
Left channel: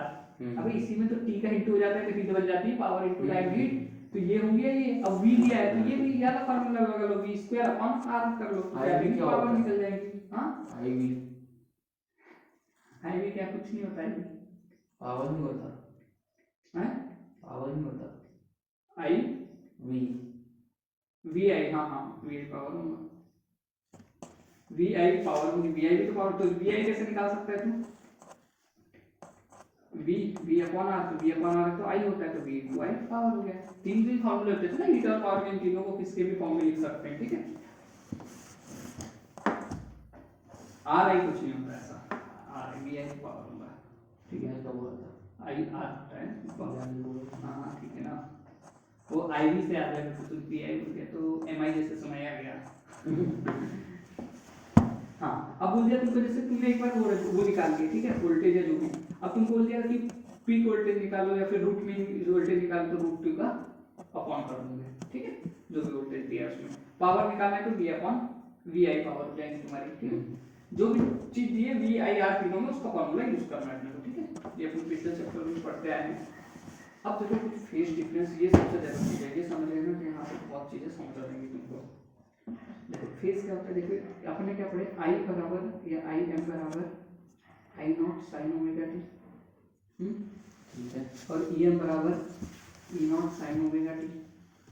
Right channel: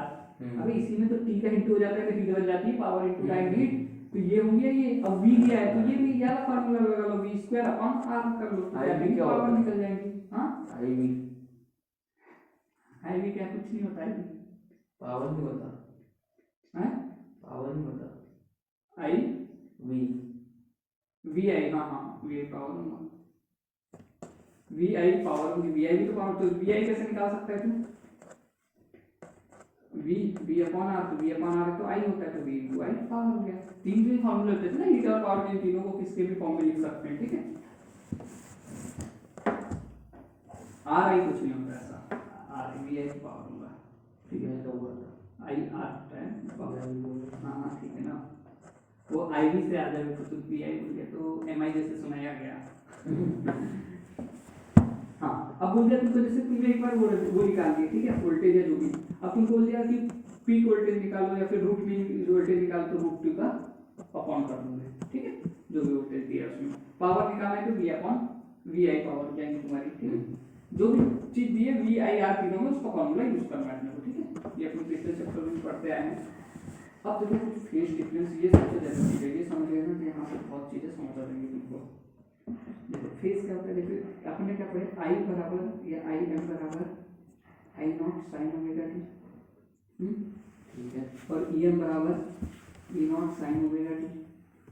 अभी इसी में तो टी का इंटू हो जाता है तो टी बन जाती है पावर इंटू टाइम हीट, तो ये होंगे ये, अब वी दिया है तो ये भी याद फार्मूला लगा लो, वी स्क्वायर अपॉन आर कर लो, तो पावर निकल जाएगी। हां, आई वी क्या कुछ नहीं होता है, पावर नहीं होता हैं, पावर नहीं होता, आई वी वी आई, हाँ वी आई पावर होगा, वी आई पावर होगी, वी आई भी तो पावर, तो वी आई कैसे निकाल सकता है तू, वी अपॉन आर, तो वी अपॉन आर तो आई होता है, तो वी इंटू आई पावर हो गया। तीन तीन फॉर्मूले होते हैं ना हीट और पावर के, इन तीनों को किसके भी फॉर्म में लिख सकते हैं। ठीक है, आर आई कुछ नहीं होता ऐसा, आर वी आई पावर होगा। ठीक है, तो वो आई आर होता है, हाँ ठीक है ना, वो आई वी से आ गया तो तुम पी आई बोल गया तो एम आई जैसे सुनाया गया। हाँ, अब बोल दिया तुमको, जैसे तुमने एक बार वो निकाल दिया, ठीक है, वोल्टेज है जो भी, अब तुम बोल दिया कि पीक वोल्टेज निकालो या फिर रूट मीन वोल्टेज निकालो तो रूट 2 का अपॉन कर दोगे, ठीक है, जो भी वोल्टेज दिया उसमें। पावर निकालना है तो v अपॉन vi पावर हो जाएगी तुम्हारी, ठीक है। जो भी चीज दी है vi r तीनों में उसका फॉर्मूला यूज करना है अपने को, ठीक है। ये अपने पिछले चैप्टर में पढ़ते आए हैं। अब देखो कुछ फेज डिफरेंस, ये सबसे जरूरी है, ये समझ लेना कि यहाँ से बहुत चीजें समझ आ जाएंगी तुमको। देखो फेज क्या होता है, देखिए अपने क्या पढ़े, आई बराबर या आई एम बराबर आई नॉट साइन ओमेगा टी, ठीक है, और ई एम बराबर ई नॉट साइन ओमेगा टी,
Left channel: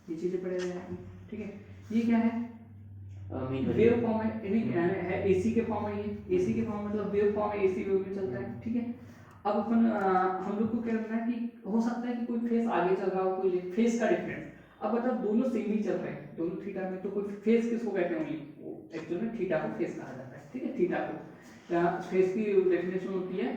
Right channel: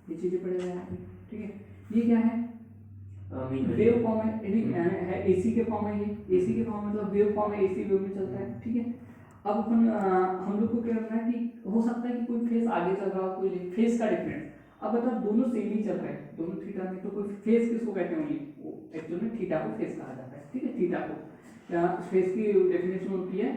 ये चीजें पढ़े हुए हैं, ठीक है। ये क्या है, वेव फॉर्म है एसी के फॉर्म है, ये एसी के फॉर्म मतलब वेव फॉर्म है, एसी वेव में चलता है, ठीक है। अब अपन हम लोग को क्या करना है कि हो सकता है कि कोई फेज आगे चल रहा हो, कोई फेज का डिफरेंस। अब बता दोनों सेम ही चल रहे हैं, दोनों थीटा में, तो कोई फेज किसको कहते हैं, ओनली एक्चुअली में थीटा को फेज कहा जाता है, ठीक है। थीटा को फेज की डेफिनेशन होती है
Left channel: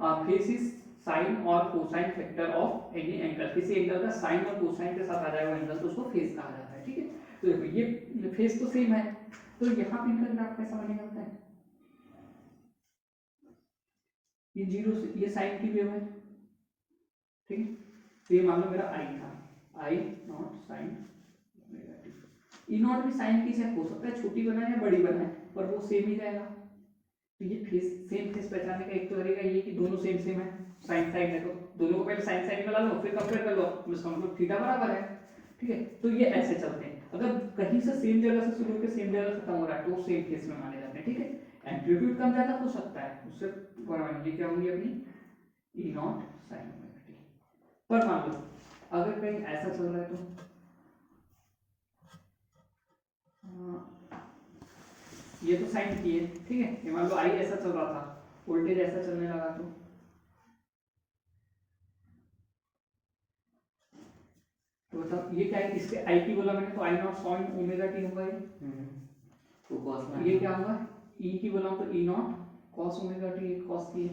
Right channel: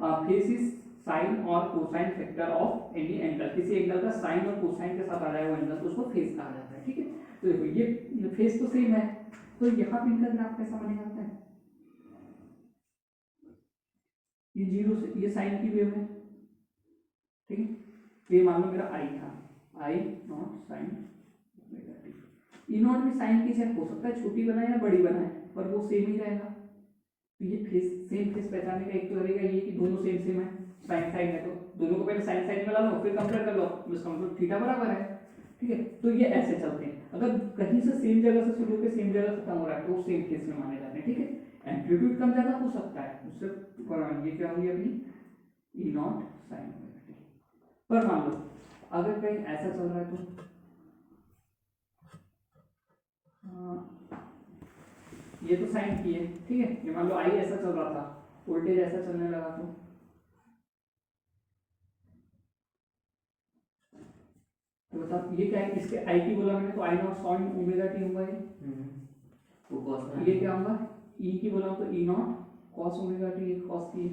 फेज इज साइन और cosine factor of any angle, किसी एंगल का साइन और कोसाइन के साथ आ जाएगा एंगल तो उसको फेज कहा जाता है, ठीक है। तो देखो ये फेज तो सेम है, तो यहाँ पे इनका ग्राफ कैसा बनेगा पता है, ये जीरो से, ये साइन की वेव है, ठीक है। तो ये मान लो मेरा आई था, I naught sine omega t, E naught भी साइन की शेप हो सकता है छोटी बनाए या बड़ी बनाए, पर वो सेम ही रहेगा। तो ये फेस सेम फेस पहचानने का एक तो तरीका ये कि दोनों सेम सेम है, साइन साइन है तो दोनों को पहले साइन साइन में ला लो, फिर कंपेयर कर लो, इसका मतलब थीटा बराबर है, ठीक है। तो ये ऐसे चलते हैं, अगर कहीं से सेम जगह से शुरू होकर सेम जगह खत्म हो रहा है तो सेम केस में माने जाते हैं, ठीक है। एम्पलीट्यूड कम ज्यादा हो सकता है, उससे ये क्या होंगी अपनी ई नॉट साइन ओमेगा टी। पर मान लो अगर कहीं ऐसा चल रहा है तो ये तो साइन की है, ठीक है। ये मान लो आई ऐसा चल रहा था, वोल्टेज ऐसा चलने लगा तो बताओ ये क्या है, इसके आई की बोला मैंने तो आई नॉट साइन ओमेगा टी होगा ये, तो cos ये क्या होगा, ई की बोला तो E not cos omega T, एक कॉस की,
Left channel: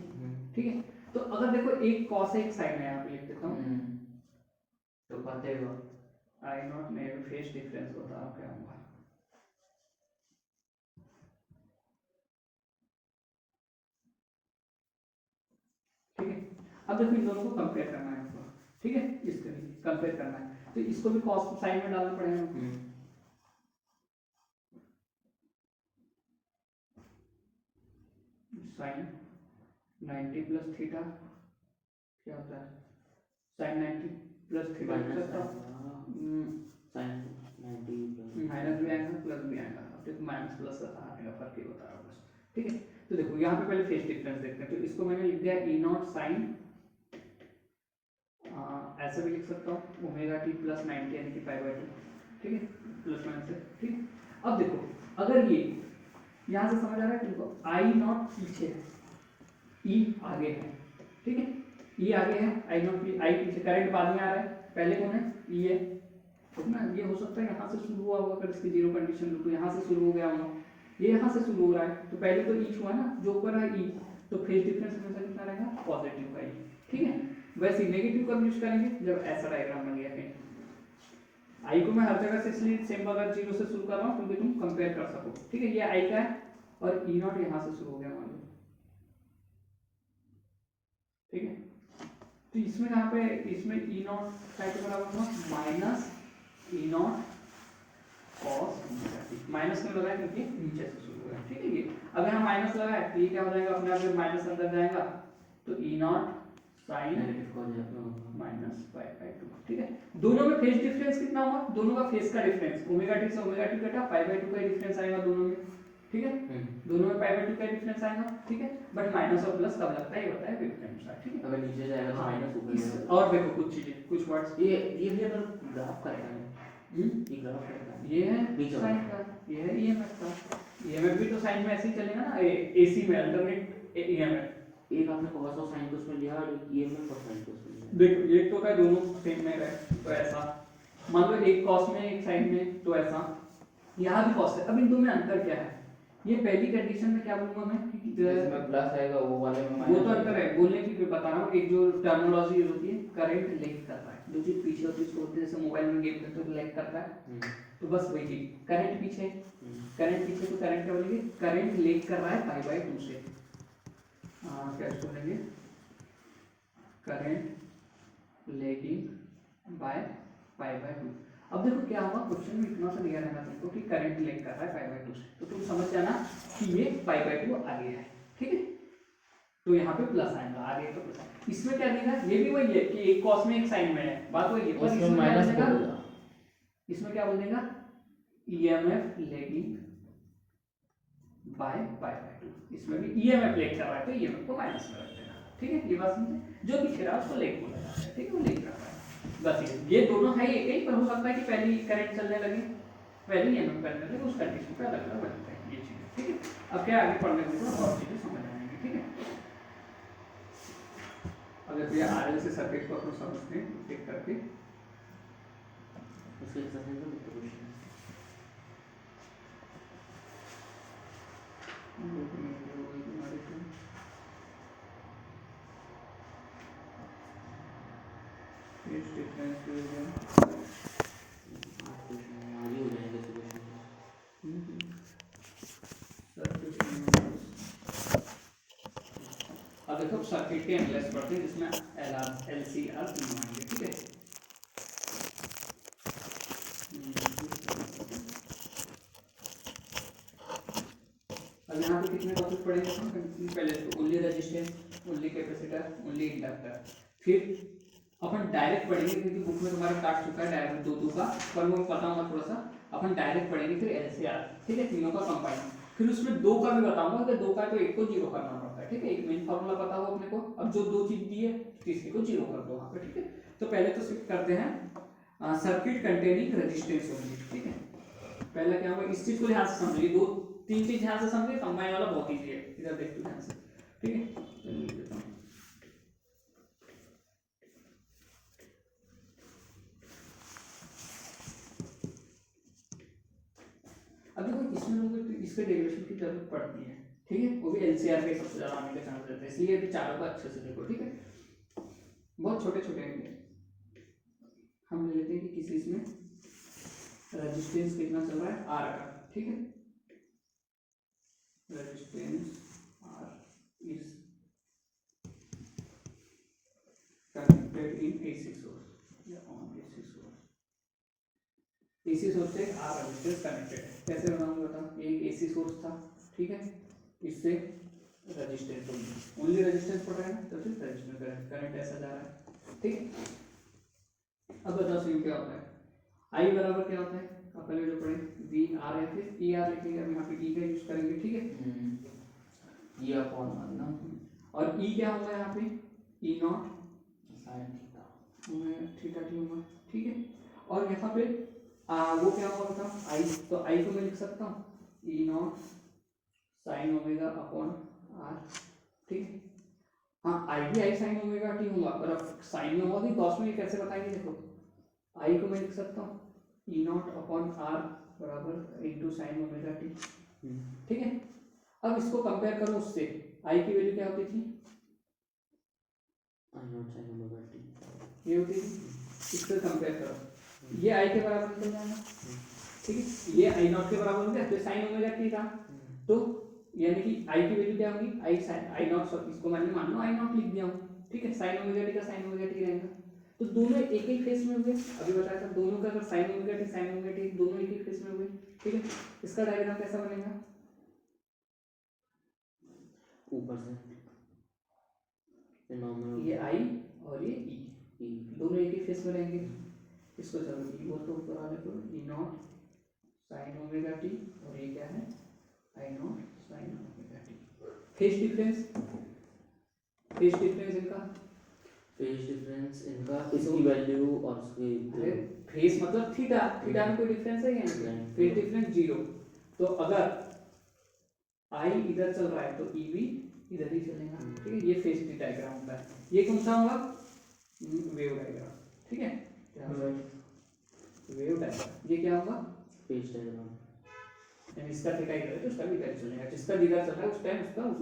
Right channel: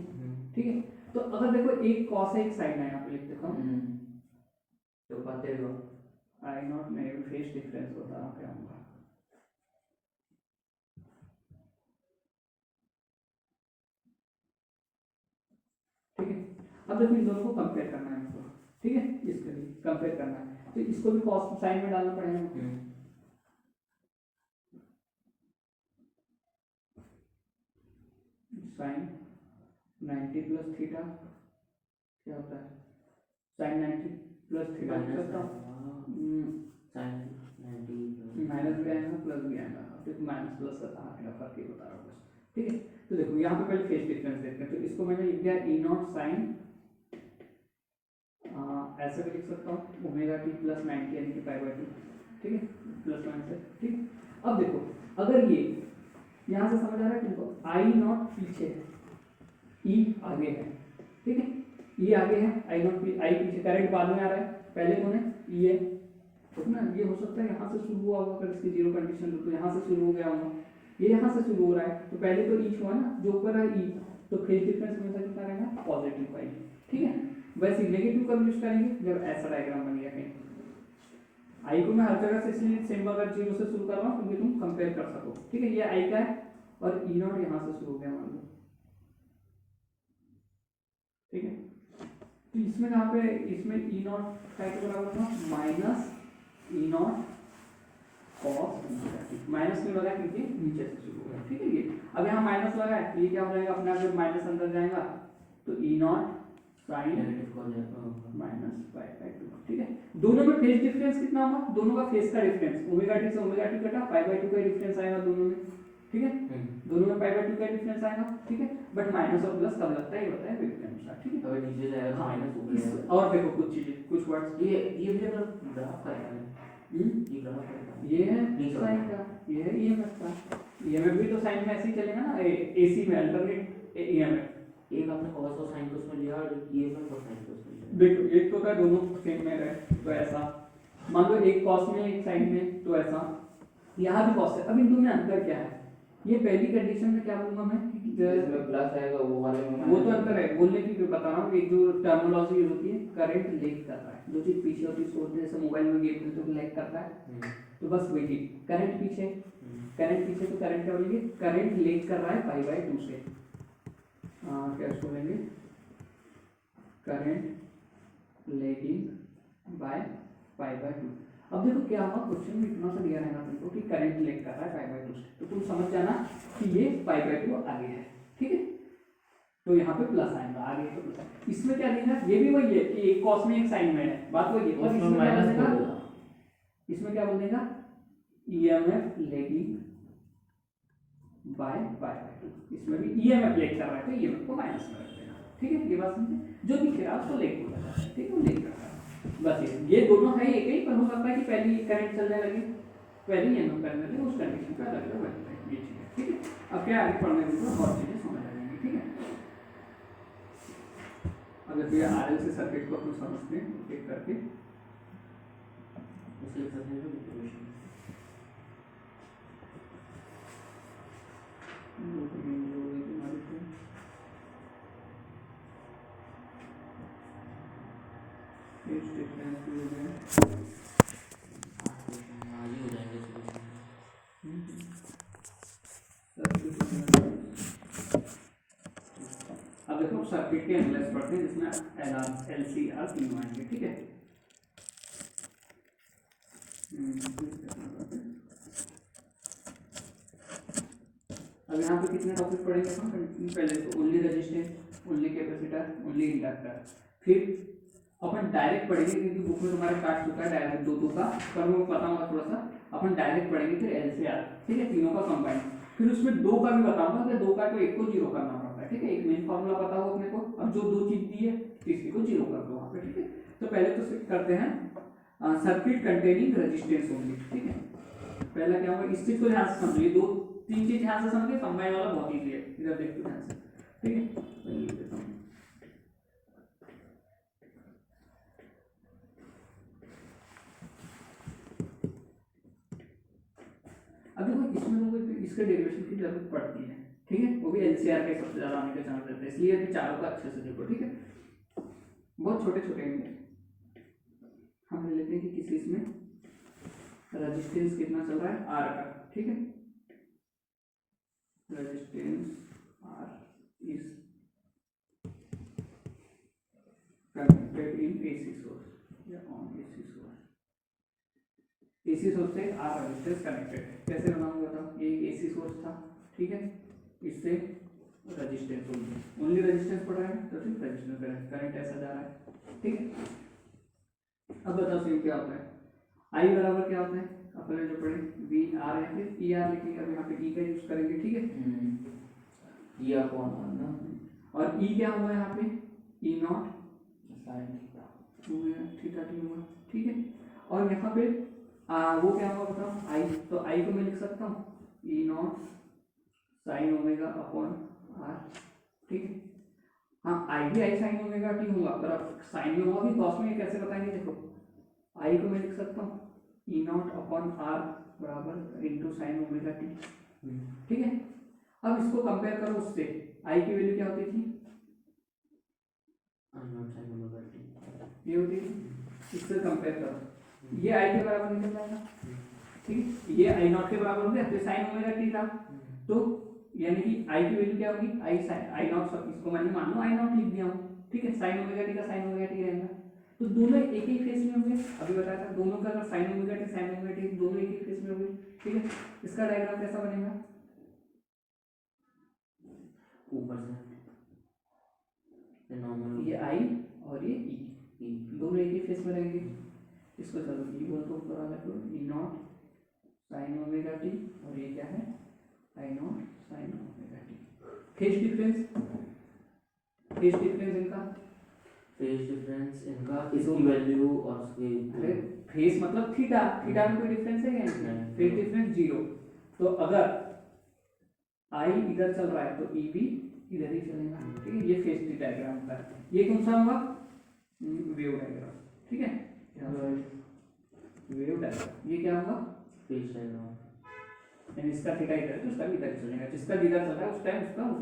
ठीक है। तो अगर देखो एक कॉस है एक साइन है, यहाँ पे लिख देता हूँ, तो कहते हो आई नॉट में फेज डिफरेंस बता रहा क्या होगा, ठीक है। अब देखो इन दोनों को कंपेयर करना है हमको, ठीक है, इसके लिए कंपेयर करना है तो इसको भी कॉस साइन में डालना पड़ेगा हमको। साइन 90 प्लस थीटा क्या होता है, साइन 90 प्लस थीटा करता माइनस भी आएगा प्लस भी आएगा, अब माइनस प्लस का कहाँ आएगा, फर्क ही बता रहा हूँ बस, ठीक है। तो देखो यहाँ पे पहले फेज डिफरेंस देखते हैं, तो इसको मैंने लिख दिया ई नॉट साइन, ऐसे भी लिख सकता हूँ ओमेगा टी प्लस 90 यानी कि पाई बाय 2, ठीक है, प्लस वन से, ठीक है। अब देखो अगर ये यहाँ से समझ आ रहा है तुमको, आई नॉट पीछे है, ई आगे है, ठीक है, ई आगे है, आई नॉट आई पीछे, करंट बाद में आ रहा है, पहले कौन है, ई है, ठीक ना। ये हो सकता है यहाँ से शुरू हुआ होगा, अगर इसकी जीरो कंडीशन तो यहाँ से शुरू हो गया होगा, ये यहाँ से शुरू हो रहा है, तो पहले तो ई हुआ ना, जो ऊपर है ई, तो फेज डिफरेंस हमेशा कितना रहेगा, पॉजिटिव का ई, ठीक है। वैसे नेगेटिव कब यूज करेंगे, जब ऐसा डायग्राम बन गया कहीं, आई को मैं हर जगह से इसलिए सेम अगर जीरो से शुरू कर रहा हूँ क्योंकि तुम कंपेयर कर सको, ठीक है। ये आई का है और ई नॉट यहाँ से शुरू हो गया मान लो, ठीक है। तो इसमें कहाँ पे, इसमें ई नॉट क्या के बराबर होगा, minus E not cos, minus क्यों लगा क्योंकि नीचे से शुरू हो गया, ठीक है। ये अब यहाँ माइनस लगा है तो ये क्या हो जाएगा अपने आप, माइनस अंदर जाएगा तो E naught sine minus pi by 2, ठीक है। दोनों में फेज डिफरेंस कितना होगा, दोनों का फेज का डिफरेंस ओमेगा टी से ओमेगा टी कटा, पाई बाय 2 का डिफरेंस आएगा दोनों में, ठीक है। दोनों में पाई बाय 2 का डिफरेंस आएगा, ठीक है। बट माइनस और प्लस कब लगता है ये होता है वेव के अनुसार, ठीक है। अगर नीचे जाएगा तो माइनस ऊपर, और देखो कुछ चीजें, कुछ वर्ड्स, ये भी अगर ग्राफ करेगा, ये ग्राफ करेगा, ये है साइन का, ये है ईएमएफ का, ईएमएफ भी तो साइन में ऐसे ही चलेगा ना, एसी में अल्टरनेट ईएमएफ, एक आपने cos और sin को उसमें लिया और ये में cosine को उसमें लिया, देखो एक तो क्या दोनों सेम में है तो ऐसा, मान लो एक कॉस में एक साइन में तो ऐसा, यहाँ भी कॉस है। अब इन दोनों में अंतर क्या है, ये पहली कंडीशन में क्या बोलूंगा मैं, इसमें प्लस आएगा वो वाले में वो तो अंतर है, बोलने की बता रहा हूँ, एक जो टर्मिनोलॉजी यूज होती है, करंट लीक कर रहा है, जो चीज पीछे होती है उसको बोलते हैं, जैसे मोबाइल में गेम खेलते तो लीक करता है, तो बस वही चीज, करंट पीछे, करंट पीछे तो करंट क्या बोलेंगे, करंट लीक कर रहा है पाई बाय 2 से, क्या इसको बोलेंगे, current lagging by pi by 2। अब देखो क्या होगा, क्वेश्चन में इतना सा दिया रहेगा तुमको कि करंट लेग कर रहा है पाई बाय 2 से, तो तुम समझ जाना कि ये पाई बाय 2 आगे है, ठीक है। तो यहाँ पे प्लस आएगा, आगे तो प्लस आएगा। इसमें क्या देना है, ये भी वही है कि एक कॉस में एक साइन में है, बात वही है, बस इसमें इसमें क्या माइनस बोलेगा, कर दो। इसमें क्या बोल देगा, EMF lagging by pi by 2। इसमें भी ईएमएफ लेग कर रहा है तो ईएमएफ को माइनस में रख देना, ठीक है। ये बात समझे, जो पीछे रहा उसको लेग बोला जाता है, ठीक है, वो लेग करता है। बस ये दोनों है एक ही, पर हो सकता है कि पहले करंट चलने लगे, पहले ईएमएफ करने लगे, उस कंडीशन पे अलग अलग बनते हैं ये चीजें, ठीक है। अब क्या आगे पढ़ने में और चीजें समझ आ जाएंगी, ठीक है। अगर भैया आरएल से सर्किट को अपन समझते हैं टिक करके, उसके एक्सरसाइज में क्वेश्चन आज ही हो जाएंगे solution। अब देखो सर्किट के एनालाइज करते हैं जिसमें एलआर एलसीआर तीनों आएंगे, ठीक है। अब यहाँ पे कितने टॉपिक पढ़ेंगे हम, पहले तो only resistance, only capacitor, only inductor, फिर अपन डायरेक्ट पढ़ेंगे क्योंकि बुक में तुम्हारे काट चुका है डायरेक्ट दो का, पर मुझे पता होगा थोड़ा सा, अपन डायरेक्ट पढ़ेंगे फिर एलसीआर, ठीक है, तीनों का कंबाइन, फिर उसमें दो का भी बताऊंगा कि दो का तो एक को जीरो करना पड़ता है, ठीक है, एक मेन फॉर्मूला पता हो अपने को, अब जो दो चीज दी है तीसरी को जीरो कर दो वहाँ पे, ठीक है। तो पहले तो सिर्फ करते हैं सर्किट कंटेनिंग रेजिस्टेंस ओनली, ठीक है। पहला क्या होगा, इस चीज को ध्यान से समझिए, दो तीन चीज ध्यान से समझिए, कंबाइन वाला बहुत ईजी है, इधर देखो ध्यान से, ठीक है। तो लिख देता हूँ, अभी कोई इसमें मुझे इसके डेरिवेशन की जरूरत पड़ती है, ठीक है, वो भी एलसीआर के सबसे ज्यादा आने के चांस रहते हैं, इसलिए अभी चारों का अच्छे से देखो, ठीक है। बहुत छोटे छोटे हैं, हम ले लेते हैं कि किसी इसमें रेजिस्टेंस कितना चल रहा है आर का, ठीक है, resistance R is connected in AC source या on AC source, AC source से आर रेजिस्टेंस कनेक्टेड है, कैसे बनाऊंगा बताओ, एक एसी सोर्स था, ठीक है, इससे रेजिस्टेंस ओनली रेजिस्टेंस पड़ रहा है तो फिर रेजिस्टेंस करंट ऐसा जा रहा है, ठीक है। अब बताओ सी क्या होता है, आई बराबर क्या होता है, अपन ने जो पढ़े वी आर या फिर ई आर लिखेंगे, अब यहाँ पे ई का यूज करेंगे, ठीक है, ये अपॉन आर ना, और ई क्या होगा यहाँ पे, ई नॉट साइन थीटा टी होगा, ठीक है। और यहाँ पे वो क्या होगा बताओ, आई, तो आई को मैं लिख सकता हूँ E naught sine omega upon R, ठीक है। हाँ आई भी आई साइन ओमेगा टी होगा, पर अब साइन में होगा भी कॉस में, कैसे बताएंगे, देखो आई को मैं लिख सकता हूँ ई नॉट अपॉन आर बराबर इंटू साइन ओमेगा टी, ठीक है। अब इसको कंपेयर करो उससे, आई की वैल्यू क्या होती थी, आई नॉट साइन ओमेगा टी, ये होती थी, इससे कंपेयर करो, ये आई के बराबर निकल जाएगा, ठीक है, ये आई नॉट के बराबर हो गया, तो साइन ओमेगा टी था, तो यानी कि आई की वैल्यू क्या होगी, आई साइन आई नॉट, इसको मैंने मान लो आई नॉट लिख दिया हूँ, ठीक है, साइन ओमेगा टी का साइन ओमेगा टी रहेगा, तो दोनों एक ही फेस में होंगे, अभी बताया था दोनों का अगर साइन ओमेगा टी दोनों एक ही फेस में होंगे, ठीक है। इसका डायग्राम कैसा बनेगा, ऊपर से नॉर्मल, ये आई और ये ई दोनों एक ही फेस में रहेंगे, इसको चलो ई बोल दो ऊपर वाले को, E naught sine omega T, और ये क्या है I naught sine omega T, phase difference इनका, फेज डिफरेंस इनका, इसकी वैल्यू और उसकी, अरे फेस मतलब थीटा, थीटा में कोई डिफरेंस है क्या, फेस डिफरेंस जीरो, तो अगर आई इधर चल रहा है तो ई भी इधर ही चलेगा, ठीक है। ये फेस डायग्राम होता है, ये कौन सा होगा, वेव डायग्राम, ठीक है, वेव डायग्राम, ये क्या होगा फेज डायग्राम, यानी इसका थीटा इधर है तो इसका भी इधर चलेगा, जिसका जिधर चल रहा है उस टाइम उसका उस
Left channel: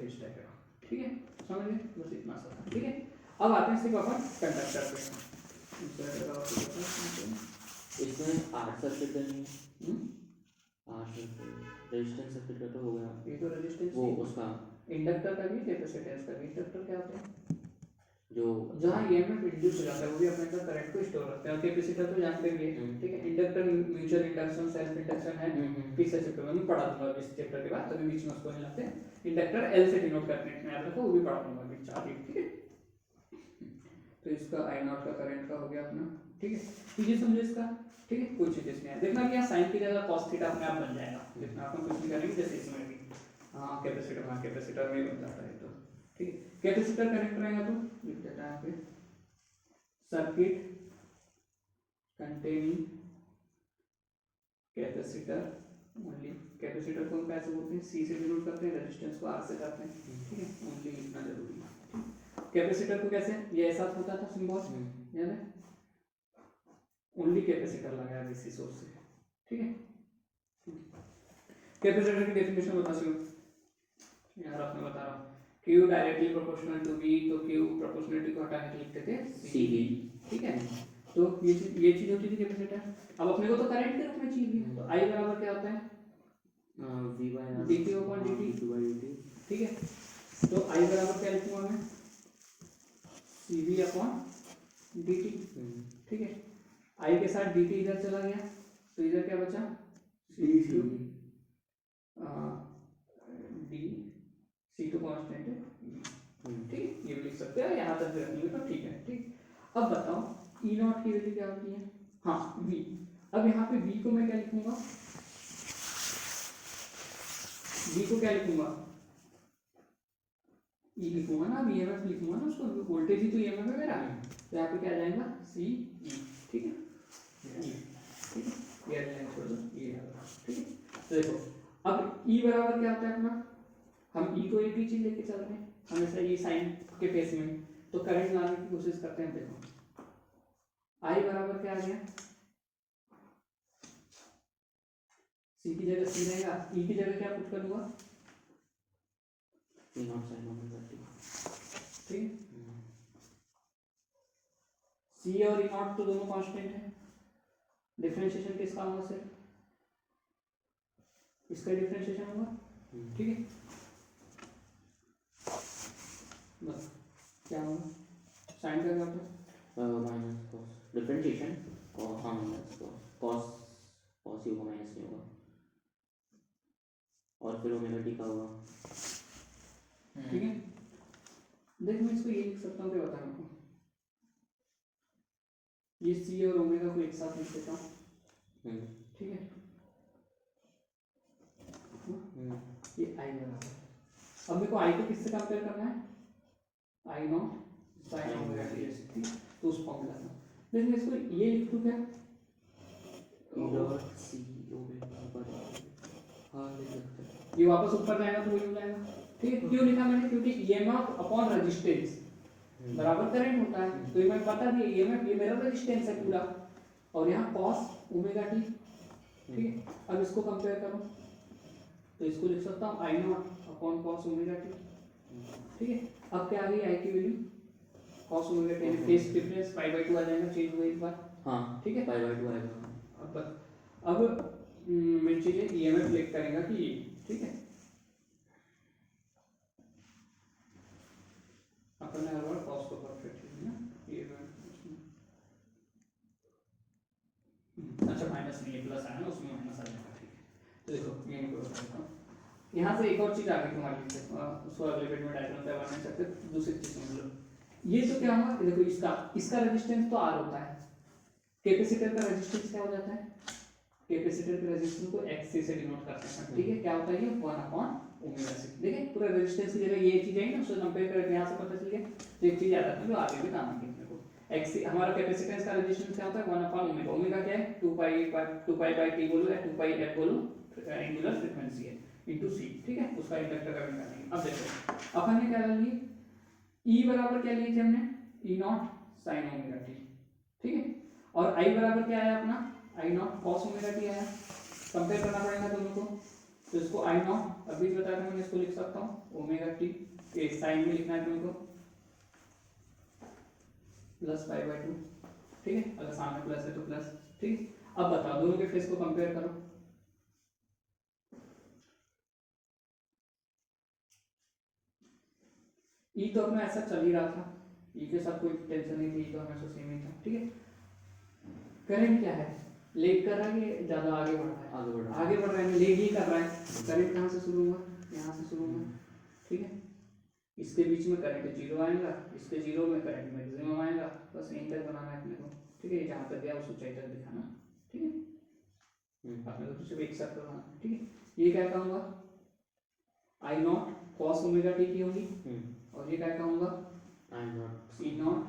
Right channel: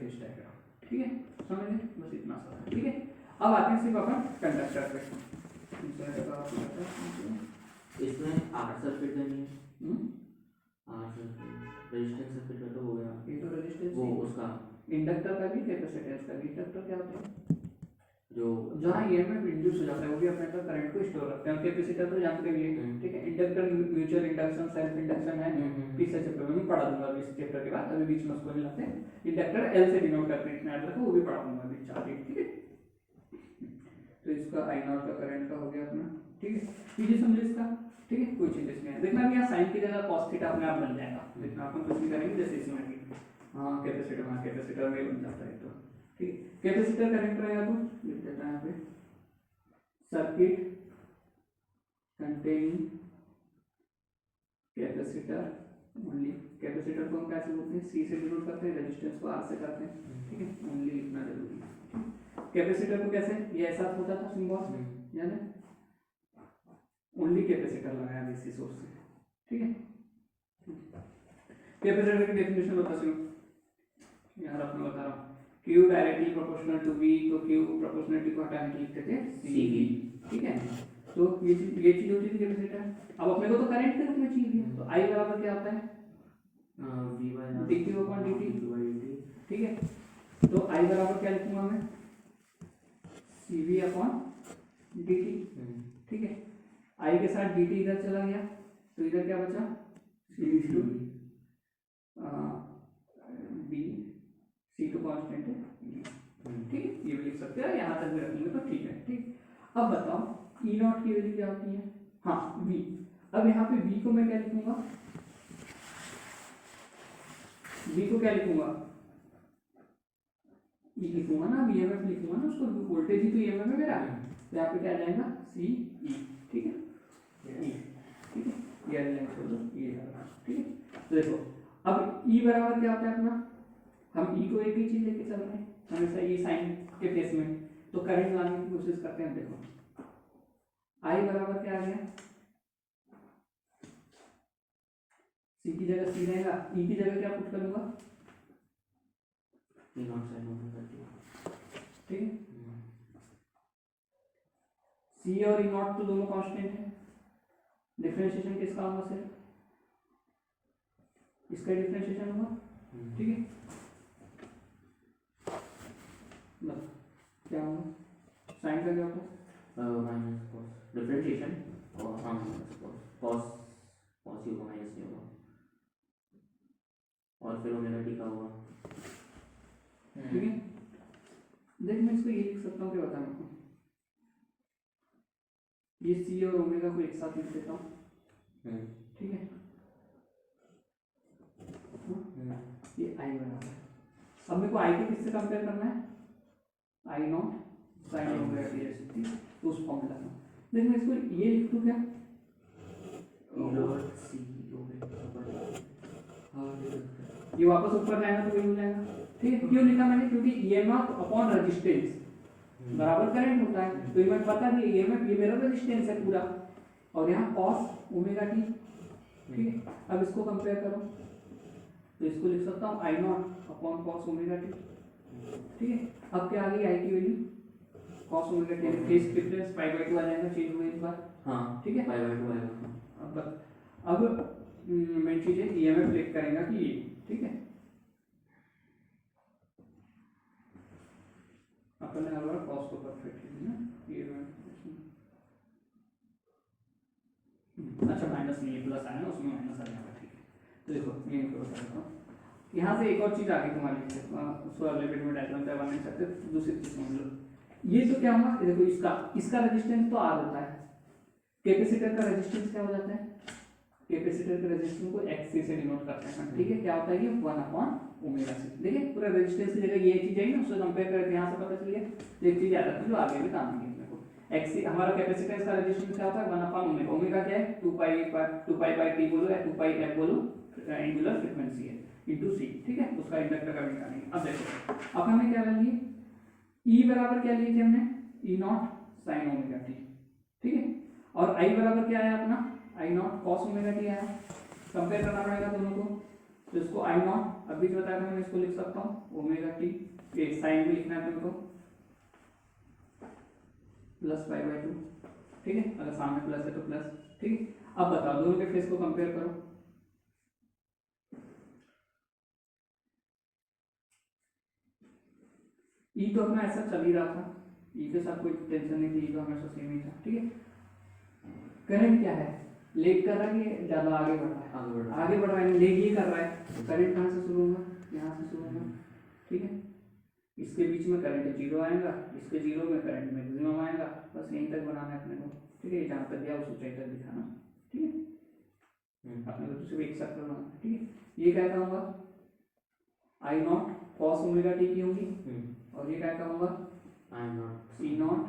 फेस डायग्राम, ठीक है, समझ गए, बस इतना सा है, ठीक है। अब आते हैं सिर्फ अपन कंडक्टर पे, इसमें आर सर्किट करनी है, आर सर्किट रेजिस्टेंस सर्किट तो हो गया, ये तो रेजिस्टेंस वो उसका इंडक्टर का भी कैपेसिटेंस का भी, इंडक्टर क्या होता है, जो जहाँ ईएमएफ इंड्यूस हो जाता है वो भी अपने अंदर करंट को स्टोर रखते हैं। और कैपेसिटर तो जानते भी है, ठीक है। Inductor mutual induction, self induction है, तीसरे चैप्टर में पढ़ा दूंगा इस चैप्टर के बाद, तभी बीच में उसको नहीं लाते। इंडक्टर एल से डिनोट करते हैं, याद रखो, वो भी पढ़ा दूंगा बीच आगे, ठीक है। तो इसका आई नॉट का करंट का हो गया अपना, ठीक है। पीछे समझो इसका, ठीक है। कोई चीज इसमें देखना कि यहाँ साइन की जगह cos थीटा अपने आप बन जाएगा, देखना अपन कुछ भी करेंगे जैसे इसमें भी, हाँ कैपेसिटर में बन जाता है, तो ठीक है। कैपेसिटर कनेक्ट रहेगा तो लिख देता है यहाँ पे circuit containing capacitor only. Capacitor को हम कैसे बोलते हैं, सी से डिनोट करते हैं, रेजिस्टेंस को आर से करते हैं, ठीक है। ओनली लिखना जरूरी है। कैपेसिटर को कैसे, ये ऐसा होता था सिंबल, याद है, ओनली कैपेसिटर लगाया डीसी सोर्स से, ठीक है। कैपेसिटर की डेफिनेशन बता सुनो यार, अपना बता रहा हूँ। Q directly proportional to V, तो Q प्रोपोर्शनलिटी को हटा के लिखते थे CV, ठीक है। तो ये चीज होती थी कैपेसिटर। अब अपने को तो करंट के रूप में चाहिए, तो I बराबर क्या होता है, dQ/dt, ठीक है। तो I बराबर क्या लिखूंगा मैं, CV/dt, ठीक है। I के साथ dt इधर चला गया, तो इधर क्या बचा, CV d, C तो कांस्टेंट है, ठीक है। ये भी लिख सकते हैं, यहाँ तक भी रखेंगे तो ठीक है, ठीक। अब बताओ E नॉट की वैल्यू क्या होती है, हाँ V। अब यहाँ पे V को मैं क्या लिखूंगा, V को क्या लिखूंगा, E लिखूंगा ना, EMF लिखूंगा ना उसको, वोल्टेज ही तो EMF है मेरा, तो यहाँ पे क्या आ जाएगा CE, ठीक है, ठीक है। ये लाइन छोड़ दो, ये ठीक है। तो देखो अब E बराबर क्या होता है अपना, हम E को एक ही चीज लेके चल रहे हैं हमेशा, ये साइन के केस में, तो करंट लाने की कोशिश करते हैं। देखो I बराबर क्या आ गया, C की जगह C रहेगा, E की जगह क्या पुट करूंगा, ठीक है। C और E नॉट तो दोनों कांस्टेंट है, डिफरेंशिएशन किसका होगा सर, इसका डिफरेंशिएशन होगा, ठीक है। बस क्या होगा, साइन का क्या होता है, माइनस कॉस डिफरेंशिएशन, और हाँ माइनस कॉस, कॉस ही होगा, माइनस नहीं होगा, और फिर ओमेगा टी का होगा, ठीक है। देख मैं इसको ये लिख सकता हूँ, क्या बता रहा हूँ, ये C और ओमेगा को एक साथ लिख देता हूँ, ठीक है। ये I बराबर है, अब मेरे को I को किससे कंपेयर करना है, I not sine omega T ऐसे, ठीक, तो उस फॉर्मूला में देख मैं इसको ये लिख दूँ क्या, ये वापस ऊपर जाएगा तो वही हो जाएगा, ठीक है। क्यों लिखा मैंने, क्योंकि EMF अपॉन रेजिस्टेंस बराबर करंट होता है, तो ये मैं पता नहीं EMF ये मेरा रेजिस्टेंस है पूरा, और यहाँ cos ओमेगा टी, ठीक है। अब इसको कंपेयर करो तो इसको लिख सकता हूँ I naught upon cos omega T, ठीक है। अब क्या आ गई I की value, cos omega T phase difference π/2 आ जाएगा, चेंज हुए एक बार, हाँ ठीक है। π/2 आएगा। अब मेन चीजें EMF लिख करेगा कि, ठीक है। अपन ने हर बार cos को परफेक्ट है ना, ये अच्छा माइनस नहीं, ये प्लस आया ना, उसमें माइनस आ जाएगा, ठीक है। तो देखो ये देखो यहाँ से एक और चीज आ गई तुम्हारे लिए, उसको अगले वीडियो में डायग्राम तैयार नहीं सकते, दूसरी चीज समझ लो। ये तो क्या हुआ, ये देखो इसका रेजिस्टेंस तो R होता है, कैपेसिटर का रेजिस्टेंस क्या हो जाता है, कैपेसिटर के रेजिस्टेंस को XC से डिनोट करते हैं, ठीक है। क्या होता है ये 1/ओमेगा c, देखिए पूरा रेजिस्टेंस की जगह ये चीज है ना, उससे कंपेयर करके यहाँ से पता चल गया। तो एक चीज याद रखना जो आगे भी काम आएगी अपने को, XC हमारा कैपेसिटेंस का रेजिस्टेंस क्या होता है 1/ओमेगा, ओमेगा क्या है 2π/t बोलो या 2πf बोलो, एंगुलर फ्रीक्वेंसी है इनटू c, ठीक है। उसका इंडक्टर का भी जानेंगे। अब देखो अपन ने क्या लिए, E बराबर क्या लिए थे हमने, E naught sine omega T, ठीक है। और I बराबर क्या आया अपना, I not cos omega T आया, कंपेयर करना पड़ेगा दोनों को, तो इसको I नॉट अभी जो बताया था मैं इसको लिख सकता हूँ ओमेगा टी, ये साइन भी लिखना है तुमको, प्लस π/2, ठीक है। अगर सामने प्लस है तो प्लस, ठीक है। अब बताओ दोनों के फेस को कंपेयर करो, E तो अपना ऐसा चल ही रहा था, ई के साथ कोई टेंशन नहीं थी, तो हमेशा सेम ही था, ठीक है। करंट क्या है, लेग कर रहा है कि ज़्यादा आगे बढ़ रहा है, आगे बढ़ रहा है, लेग ही कर रहा है। करंट कहाँ से शुरू हुआ, यहाँ से शुरू हुआ, ठीक है। इसके बीच में करंट जीरो आएगा, इसके जीरो में करंट मैक्सिमम आएगा, बस यहीं तक बनाना है अपने को, ठीक है। जहाँ तक गया उस ऊंचाई तक दिखाना, ठीक है। अपने को सिर्फ एक सर्कल बनाना, ठीक है। ये क्या कहूँगा, I naught cos omega T की होगी, और ये क्या कहूँगा, I naught C naught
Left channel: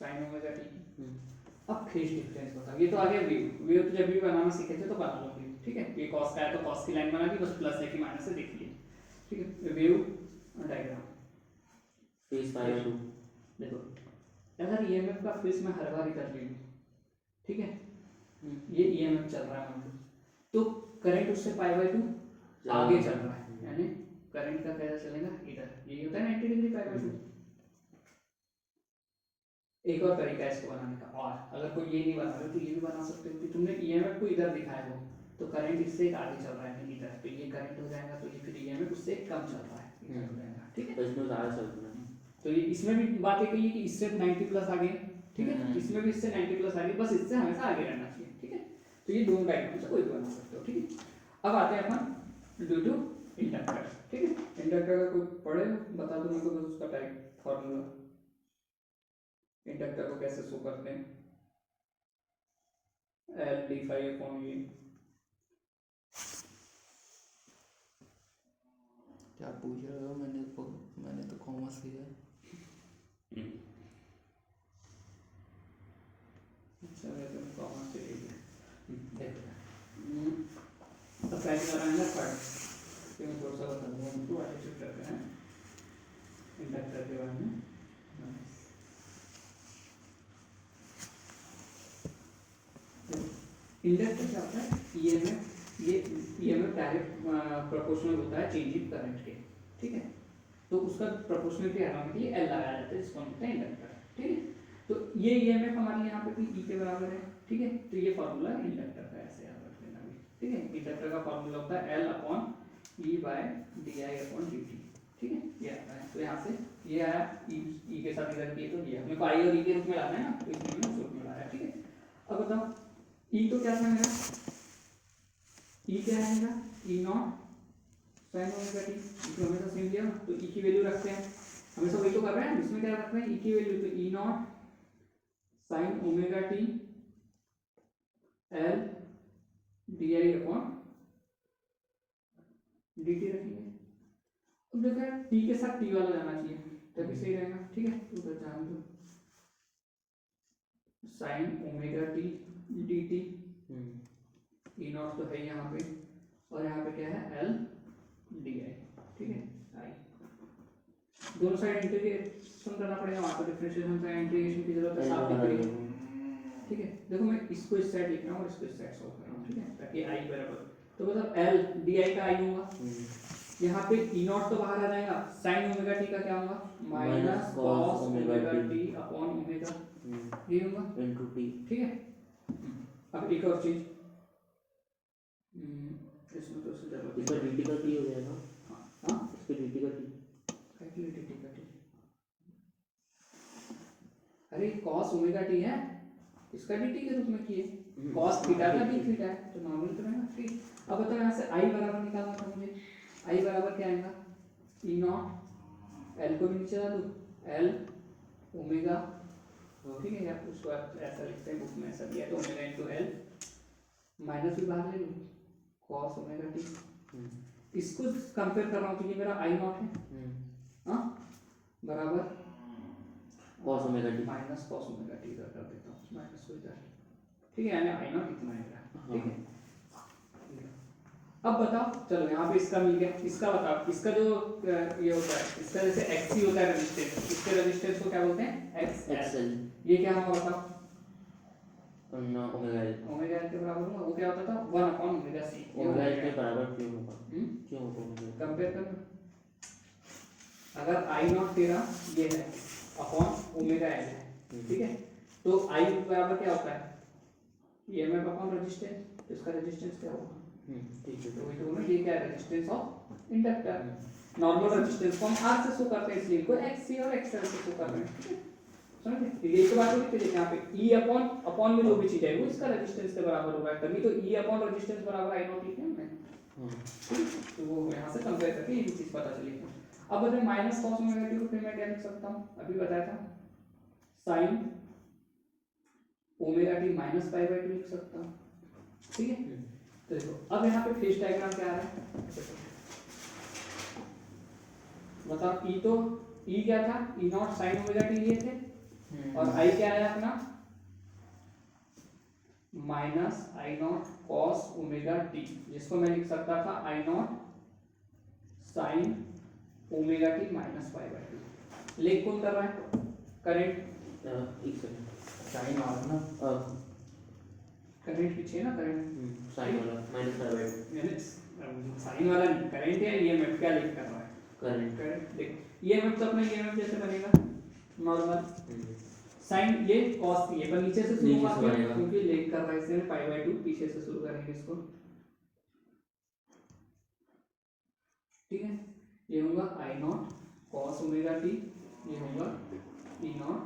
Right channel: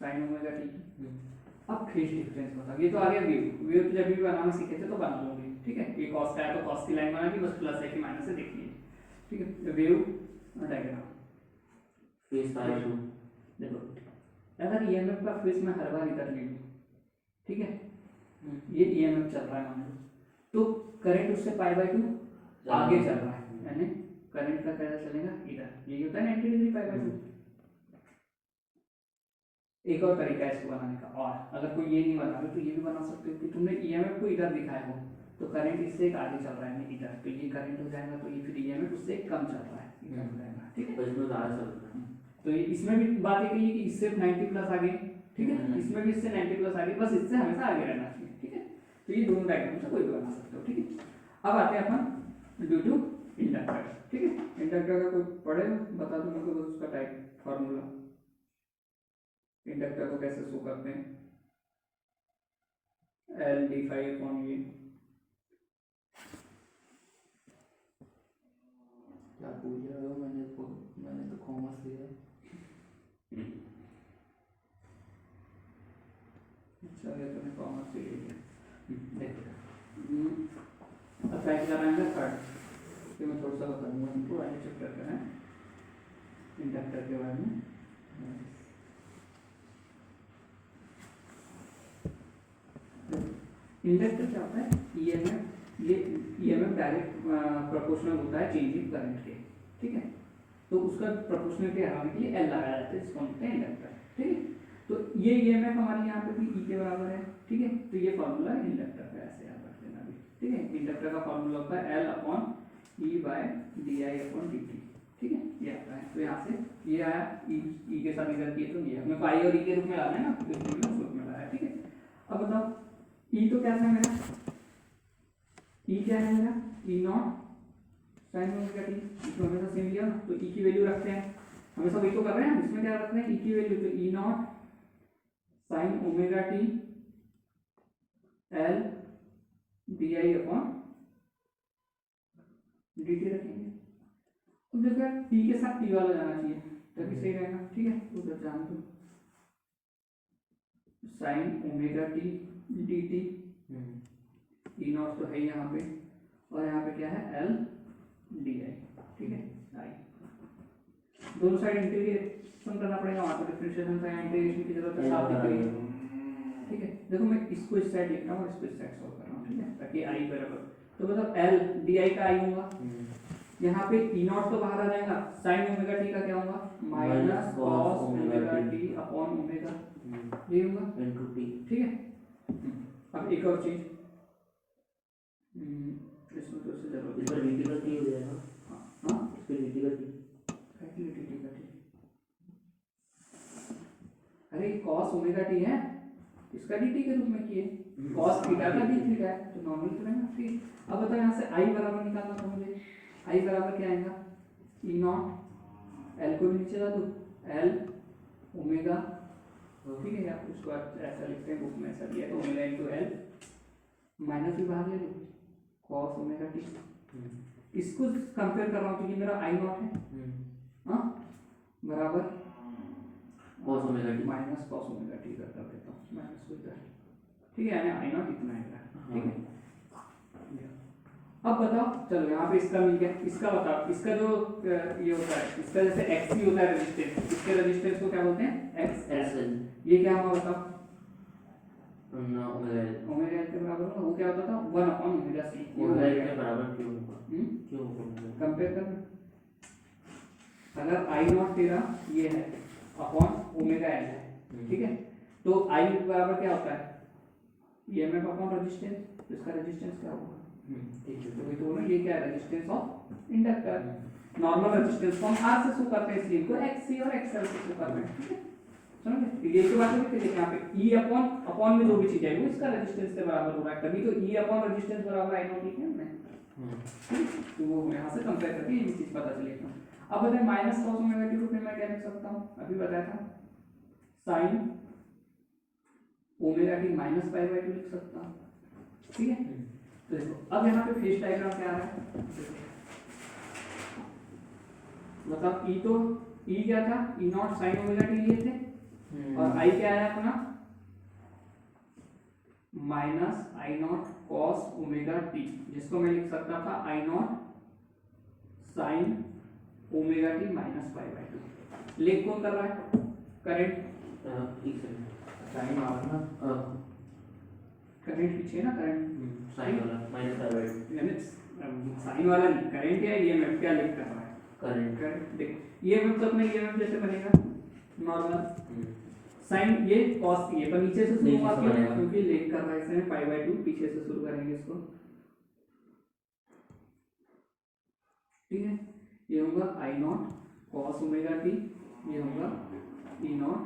sine omega T की। अब फेज डिफरेंस बता, ये तो आ गया वेव। वेव तो जब भी बनाना सीखे थे तो बना लोगे, ठीक है। ये कॉस का है तो कॉस की लाइन बना दी, बस प्लस है कि माइनस है देख लीजिए, ठीक है। वेव डायग्राम फेज पाई 2। देखो, अगर ईएमएफ का फेज मैं हर बार इधर ले लूँ, ठीक है, ये ईएमएफ चल रहा है मान लो, तो करंट उससे पाई बाय 2 आगे चल रहा है, यानी करंट का कैसा चलेगा इधर, यही होता है 90 डिग्री पाई बाय 2। एक और तरीका है इसको बनाने का, और अगर कोई ये नहीं बना रहे तो ये भी बना सकते हो कि तुमने ईएमएफ को इधर दिखाया हो, तो करंट इससे एक आगे चल रहा है यानी इधर, तो ये करंट हो जाएगा, तो ये फिर ईएमएफ उससे कम चल रहा है, इधर हो जाएगा, ठीक है। इसमें ज़्यादा चल रहा है, तो ये इसमें भी बात एक है कि इससे 90 प्लस आगे, ठीक है, इसमें भी इससे 90 प्लस आगे, बस इससे हमेशा आगे रहना चाहिए, ठीक है। तो ये दोनों डायग्राम से कोई भी बना सकते हो, ठीक है। अब आते हैं अपन ड्यू टू इंडक्टर, ठीक है। इंडक्टर का कोई पढ़े बता दो मेरे को बस उसका टाइप फार्मूला, इंडक्टर को कैसे शो करते हैं, एल डी फाई अपॉन ए। क्या पूछ रहे हो, मैंने तो कॉमर्स लिया है। अच्छा देखो मैं कॉमर्स से लिया, अब टाइप कराएंगे थर्ड, तो मैं थोड़ा सा बता दूंगा उनको वाले चैप्टर पे है इंडक्टर के बारे में। इंडक्टर क्या होता है, ईएमएफ, ये ईएमएफ डायरेक्ट प्रोपोर्शनल होता है चेंज इन करंट के, ठीक है। तो उसका प्रोपोर्शनलिटी हटाने के लिए एल लगाया जाता है, जिसको हम कहते हैं इंडक्टर, ठीक है। तो ये ईएमएफ हमारे यहाँ पे भी ई के बराबर है, ठीक है। तो ये फार्मूला है इंडक्टर का, ऐसे याद रख लेना भी, ठीक है। इंडक्टर का फार्मूला होता है L upon E bye D I upon D T, ठीक है, ये आता है। तो यहाँ से ये आया, ई के साथ इधर किए तो ये अपने को आई और ई के रूप में लाना है ना, तो इसलिए मैंने उस रूप में लाया, ठीक है। अब बताओ ई तो क्या था मेरा, ई क्या है मेरा, ई नॉट साइन ओमेगा टी, इसको हमेशा सेम लिया, तो ई की वैल्यू रखते हैं, हमेशा वही तो कर रहे हैं, इसमें क्या रखते हैं ई की वैल्यू, तो E naught sine omega T L D I upon D T रखेंगे। अब देखो यार टी के साथ टी वाला जाना चाहिए तभी सही रहेगा, ठीक है। तो उधर जान दो, sign omega T D T, E not तो है यहाँ पे, और यहाँ पे क्या है एल डी आई, ठीक है। आई दोनों साइड इंटीग्रेशन करना पड़ेगा, वहाँ पर डिफरेंशिएशन से इंटीग्रेशन की जरूरत है, साफ दिख रही है, ठीक है। देखो मैं इसको इस साइड लिख रहा हूँ और इसको इस साइड सॉल्व कर रहा हूँ, ठीक है, ताकि आई बराबर, तो मतलब एल डी आई का आई होगा, यहाँ पे ई नॉट तो बाहर आ जाएगा, साइन ओमेगा टी का क्या होगा, minus cos omega T upon omega, ये होगा इनटू टी, ठीक है। अब एक और चीज, इसमें तो इससे जरूरत इसका dt का t हो जाएगा, हाँ इसका dt का t, dt का t, अरे cos ओमेगा टी है, इसका dt के रूप में किए, cos थीटा का d थीटा है, तो नॉर्मल करेंगे, ठीक। अब बताओ यहाँ से i बराबर निकालना था मुझे, i बराबर क्या आएगा, ई नॉट, l को भी नीचे ला दो, l ओमेगा, ठीक है, या उसको ऐसा लिखते हैं बुक में, ऐसा दिया है तो ओमेगा इनटू l, माइनस भी बाहर ले लो, cos ओमेगा टी, इसको कंपेयर कर रहा हूँ तो ये मेरा आई नॉट है, हाँ, बराबर cos omega T minus cos omega T कर देता हूँ, माइनस को इधर, ठीक है, यानी आई नॉट इतना आएगा, ठीक है। अब बताओ, चलो यहाँ पे इसका मिल गया, इसका बताओ, इसका जो ये होता है, इसका जैसे XC होता है रेजिस्टेंस, इसके रेजिस्टेंस को क्या बोलते हैं, XL, ये क्या होगा बताओ, ओमेगा एल, ओमेगा एल के बराबर होगा, वो क्या होता था 1 upon omega C, omega L के बराबर क्यों होगा, क्यों होगा, कंपेयर कर, अगर आई नॉट तेरा ये है अपॉन ओमेगा एल है, ठीक है, तो आई बराबर क्या होता है, ईएमएफ अपॉन रेजिस्टेंस, तो इसका रेजिस्टेंस क्या होगा, ठीक है, तो ये दोनों ये क्या है, resistance of inductor, normal resistance को हम आर से शो करते हैं, इसलिए इनको एक्सी और एक्सएल से शो करते हैं, ठीक है। समझे? ये तो बात नहीं थी यहाँ पे E अपॉन अपॉन में जो भी चीज है वो इसका रेजिस्टेंस के बराबर होगा, तभी तो E अपॉन रेजिस्टेंस बराबर I नॉट लिखे हमने। तो वो यहाँ से कंपेयर करके ये भी चीज पता चली। अब बताएं माइनस कॉस ओमेगा टी को फिर मैं क्या लिख सकता हूँ, अभी बताया था sign omega T minus pi by 2 लिख सकता हूँ, ठीक है। तो देखो अब यहाँ पे फेज डायग्राम क्या आ रहा है, मतलब E तो E क्या था, E naught sine omega T लिए थे, और I क्या आया अपना minus I naught cos omega T, जिसको मैं लिख सकता था I naught sine omega T minus pi by 2। लेख कौन कर रहा है, करंट, साइन वाला ना करंट पीछे है ना, करंट साइन वाला माइनस पाई बाई 2 यानी साइन वाला नहीं, करंट या ईएमएफ क्या लिख कर रहा है, करंट करंट। देख ईएमएफ तो अपने ईएमएफ जैसे बनेगा नॉर्मल, साइन ये कॉस ये पर नीचे से शुरू हुआ क्योंकि लेख कर रहा है इसमें पाई बाई 2, पीछे से शुरू करेंगे इसको, ठीक है। ये होगा आई नॉट कॉस ओमेगा टी, ये होगा E naught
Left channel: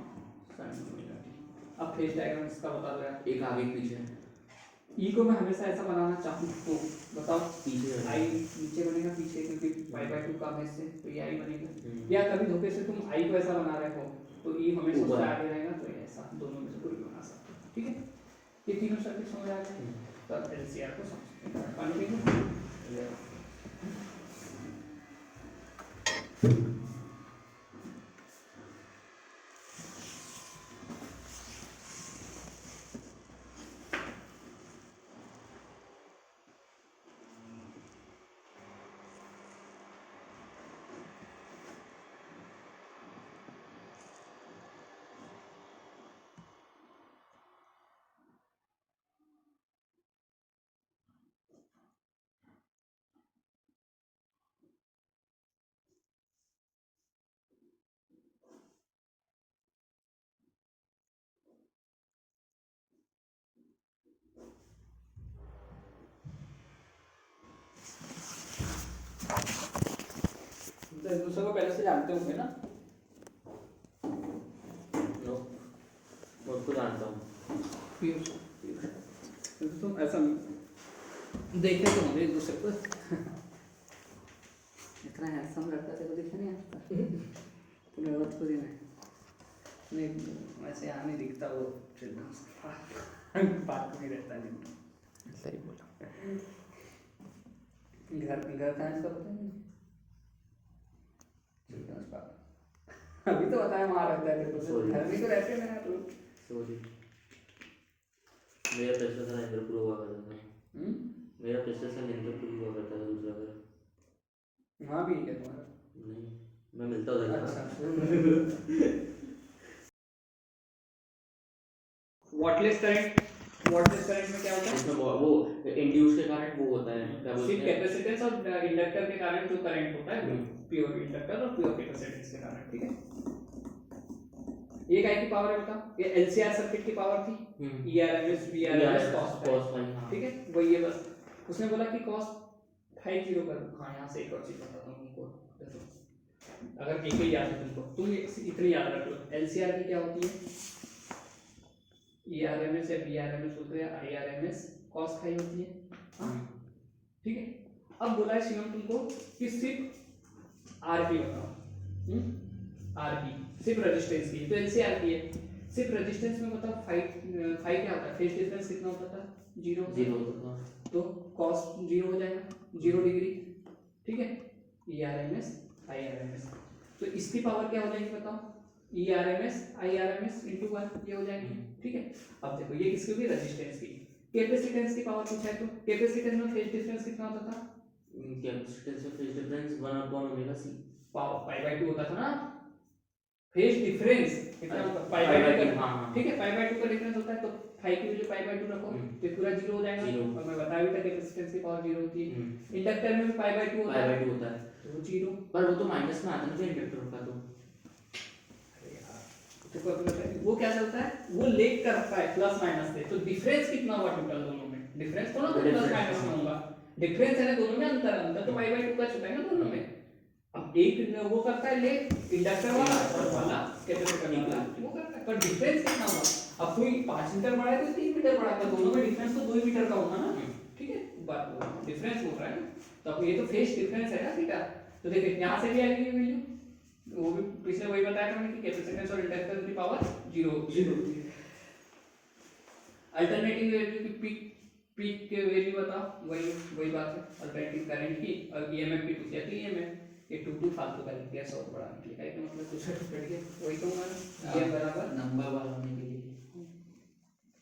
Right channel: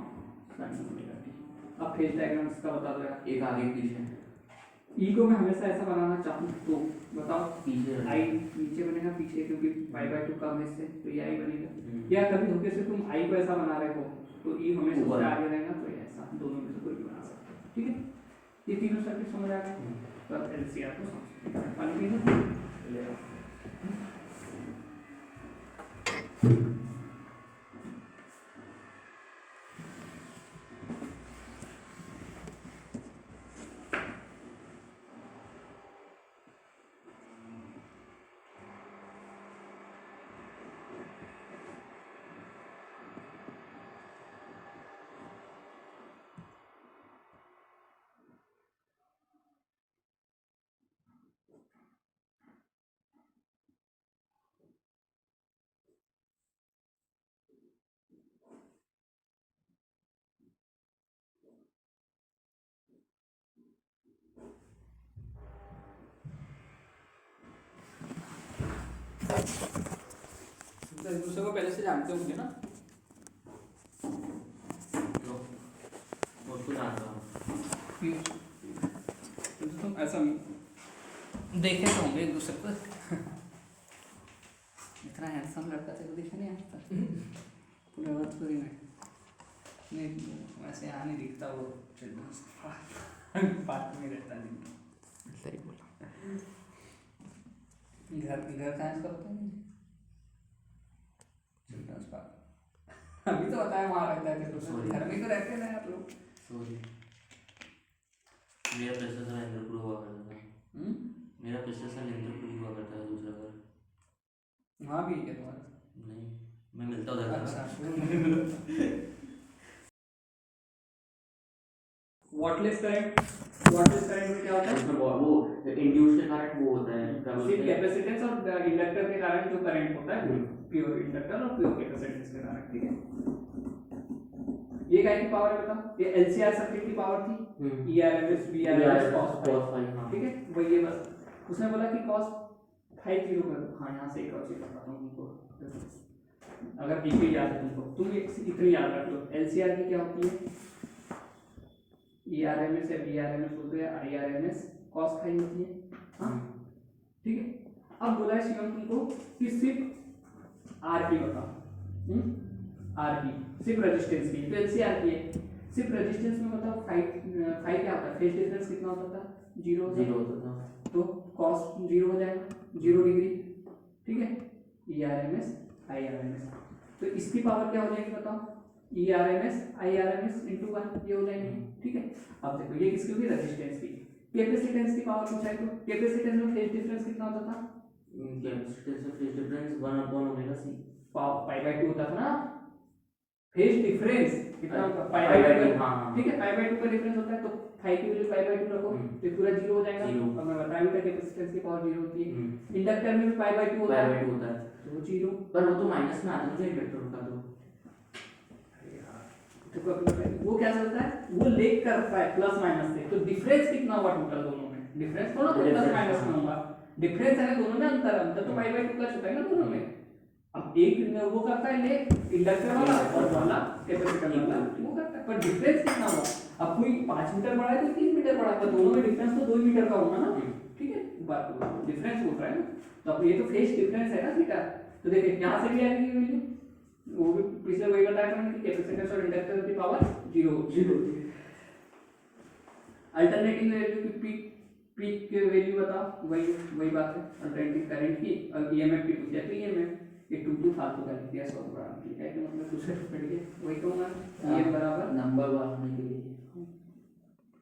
sine omega T. अब फेज डायग्राम इसका बता दो यार, एक आगे एक पीछे ई को मैं हमेशा ऐसा बनाना चाहूँ तो बताओ, पीछे आई नीचे बनेगा पीछे, क्योंकि पाई बाई 2 कम है इससे तो ये आई बनेगा, या कभी धोखे से तुम आई को ऐसा बना रहे हो तो ई हमेशा उससे आगे रहेगा, तो ये ऐसा दोनों में से कोई भी बना सकते हो, ठीक है। ये तीनों सर्किट समझ आ गए, तब एलसीआर को समझते हैं। पानी पीना एक दूसरे को पहले से जानते होंगे ना, उसको जानता हूँ तुम ऐसा देखे तो होंगे एक दूसरे को, इतना हैंडसम लड़का तेरे को दिख नहीं आता पूरे भोजपुरी में, नहीं वैसे यहाँ नहीं दिखता वो चिल्ड्रंस पार्क में रहता है, सही बोला। घर कहाँ से होते हैं चिल्ड्रंस पार्क, अभी तो बताया वहाँ रहता है तो घर में तो रहते हैं यार लोग। सॉरी मेरा पिछला साल इंद्रपुर हुआ करता था, मेरा पिछले साल इंद्रपुर हुआ करता था दूसरा घर, वहाँ भी है तुम्हारा? नहीं मैं मिलता था वॉटलेस करंट, वॉटलेस करंट में क्या होता है, इसमें वो इंड्यूस के कारण वो होता है क्या बोलते हैं, कैपेसिटेंस और इंडक्टर के कारण जो करंट होता है, प्योर इंडक्टर और प्योर कैपेसिटेंस के कारण, ठीक है। एक आई की पावर है बता, ये एलसीआर सर्किट की पावर थी ईआरएमएस बीआरएमएस cos फाई, ठीक है वो ये बस उसने बोला कि cos फाई 0 कर, हाँ यहाँ से एक और चीज बताता हूँ तुमको, अगर एक ही याद है तुमको, तुम इतनी याद रख लो, एलसीआर की क्या होती है, ईआरएमएस या बीआरएमएस बोलते हैं, आईआरएमएस cos फाई होती है, हाँ ठीक है। अब बोला है शिवम तुमको कि सिर्फ आरपी बताओ, आरपी सिर्फ रेजिस्टेंस की, तो एलसीआर की है, सिर्फ रेजिस्टेंस में बताओ फाई क्या होता है, फेज डिफरेंस कितना होता था, 0 होता था, तो cos 0 हो जाएगा 0 डिग्री, ठीक है। ईआरएमएस आईआरएमएस, तो इसकी पावर क्या हो जाएगी बताओ, ईआरएमएस आईआरएमएस * 1 ये हो जाएगी, ठीक है। अब देखो ये किसकी होगी, रेजिस्टेंस की। कैपेसिटेंस की पावर पूछा है तो कैपेसिटेंस में फेज डिफरेंस कितना होता था, कैपेसिटेंस में फेज डिफरेंस 1/ओमेगा c पाई बाई 2 होता था ना, फेज डिफरेंस कितना होता है, पाई बाई 2, हाँ ठीक है, पाई बाई 2 का डिफरेंस होता है, तो फाई की वैल्यू पाई बाई 2 रखो तो पूरा 0 हो जाएगा, और मैं बताया भी था कैपेसिटेंस की पावर 0 होती है, इंडक्टर में भी पाई बाई 2 होता है, तो 0, पर वो तो माइनस में आता है इंडक्टर का, तो अरे यार देखो वो क्या करता है, वो लेग करता है प्लस माइनस से, तो डिफरेंस कितना हुआ टोटल दोनों में, डिफरेंस थोड़ा तो प्लस माइनस में होगा, डिफरेंस है ना दोनों में, अंतर तो पाई बाई 2 का छूटा है ना दोनों में, अब एक वो करता है ले इंडक्टर वाला और वाला कैपेसिटर वाला वो करता है, पर डिफरेंस कितना हुआ? अब कोई 5 मीटर बड़ा है तो 3 मीटर बड़ा है, तो दोनों में डिफरेंस तो 2 मीटर का होगा ना, ठीक है, डिफरेंस हो रहा है ना, तो अब ये तो फेज डिफरेंस है ना थीटा। तो देखिए यहाँ से भी आएगी वैल्यू, वो भी पिछले वही बताया था मैंने कि कैपेसिटेंस और इंडक्टर की पावर 0 होती है। अल्टरनेटिंग वैल्यू की पीक के वैल्यू बताओ, वही बात है, अल्टरनेटिंग करंट की और ईएमएफ की पूछ लिया, तो ईएमएफ ये 2 फालतू का लिख दिया 100 बड़ा निकल है कि मतलब कुछ पढ़ के वही कहूंगा ये बराबर नंबर बढ़ाने के लिए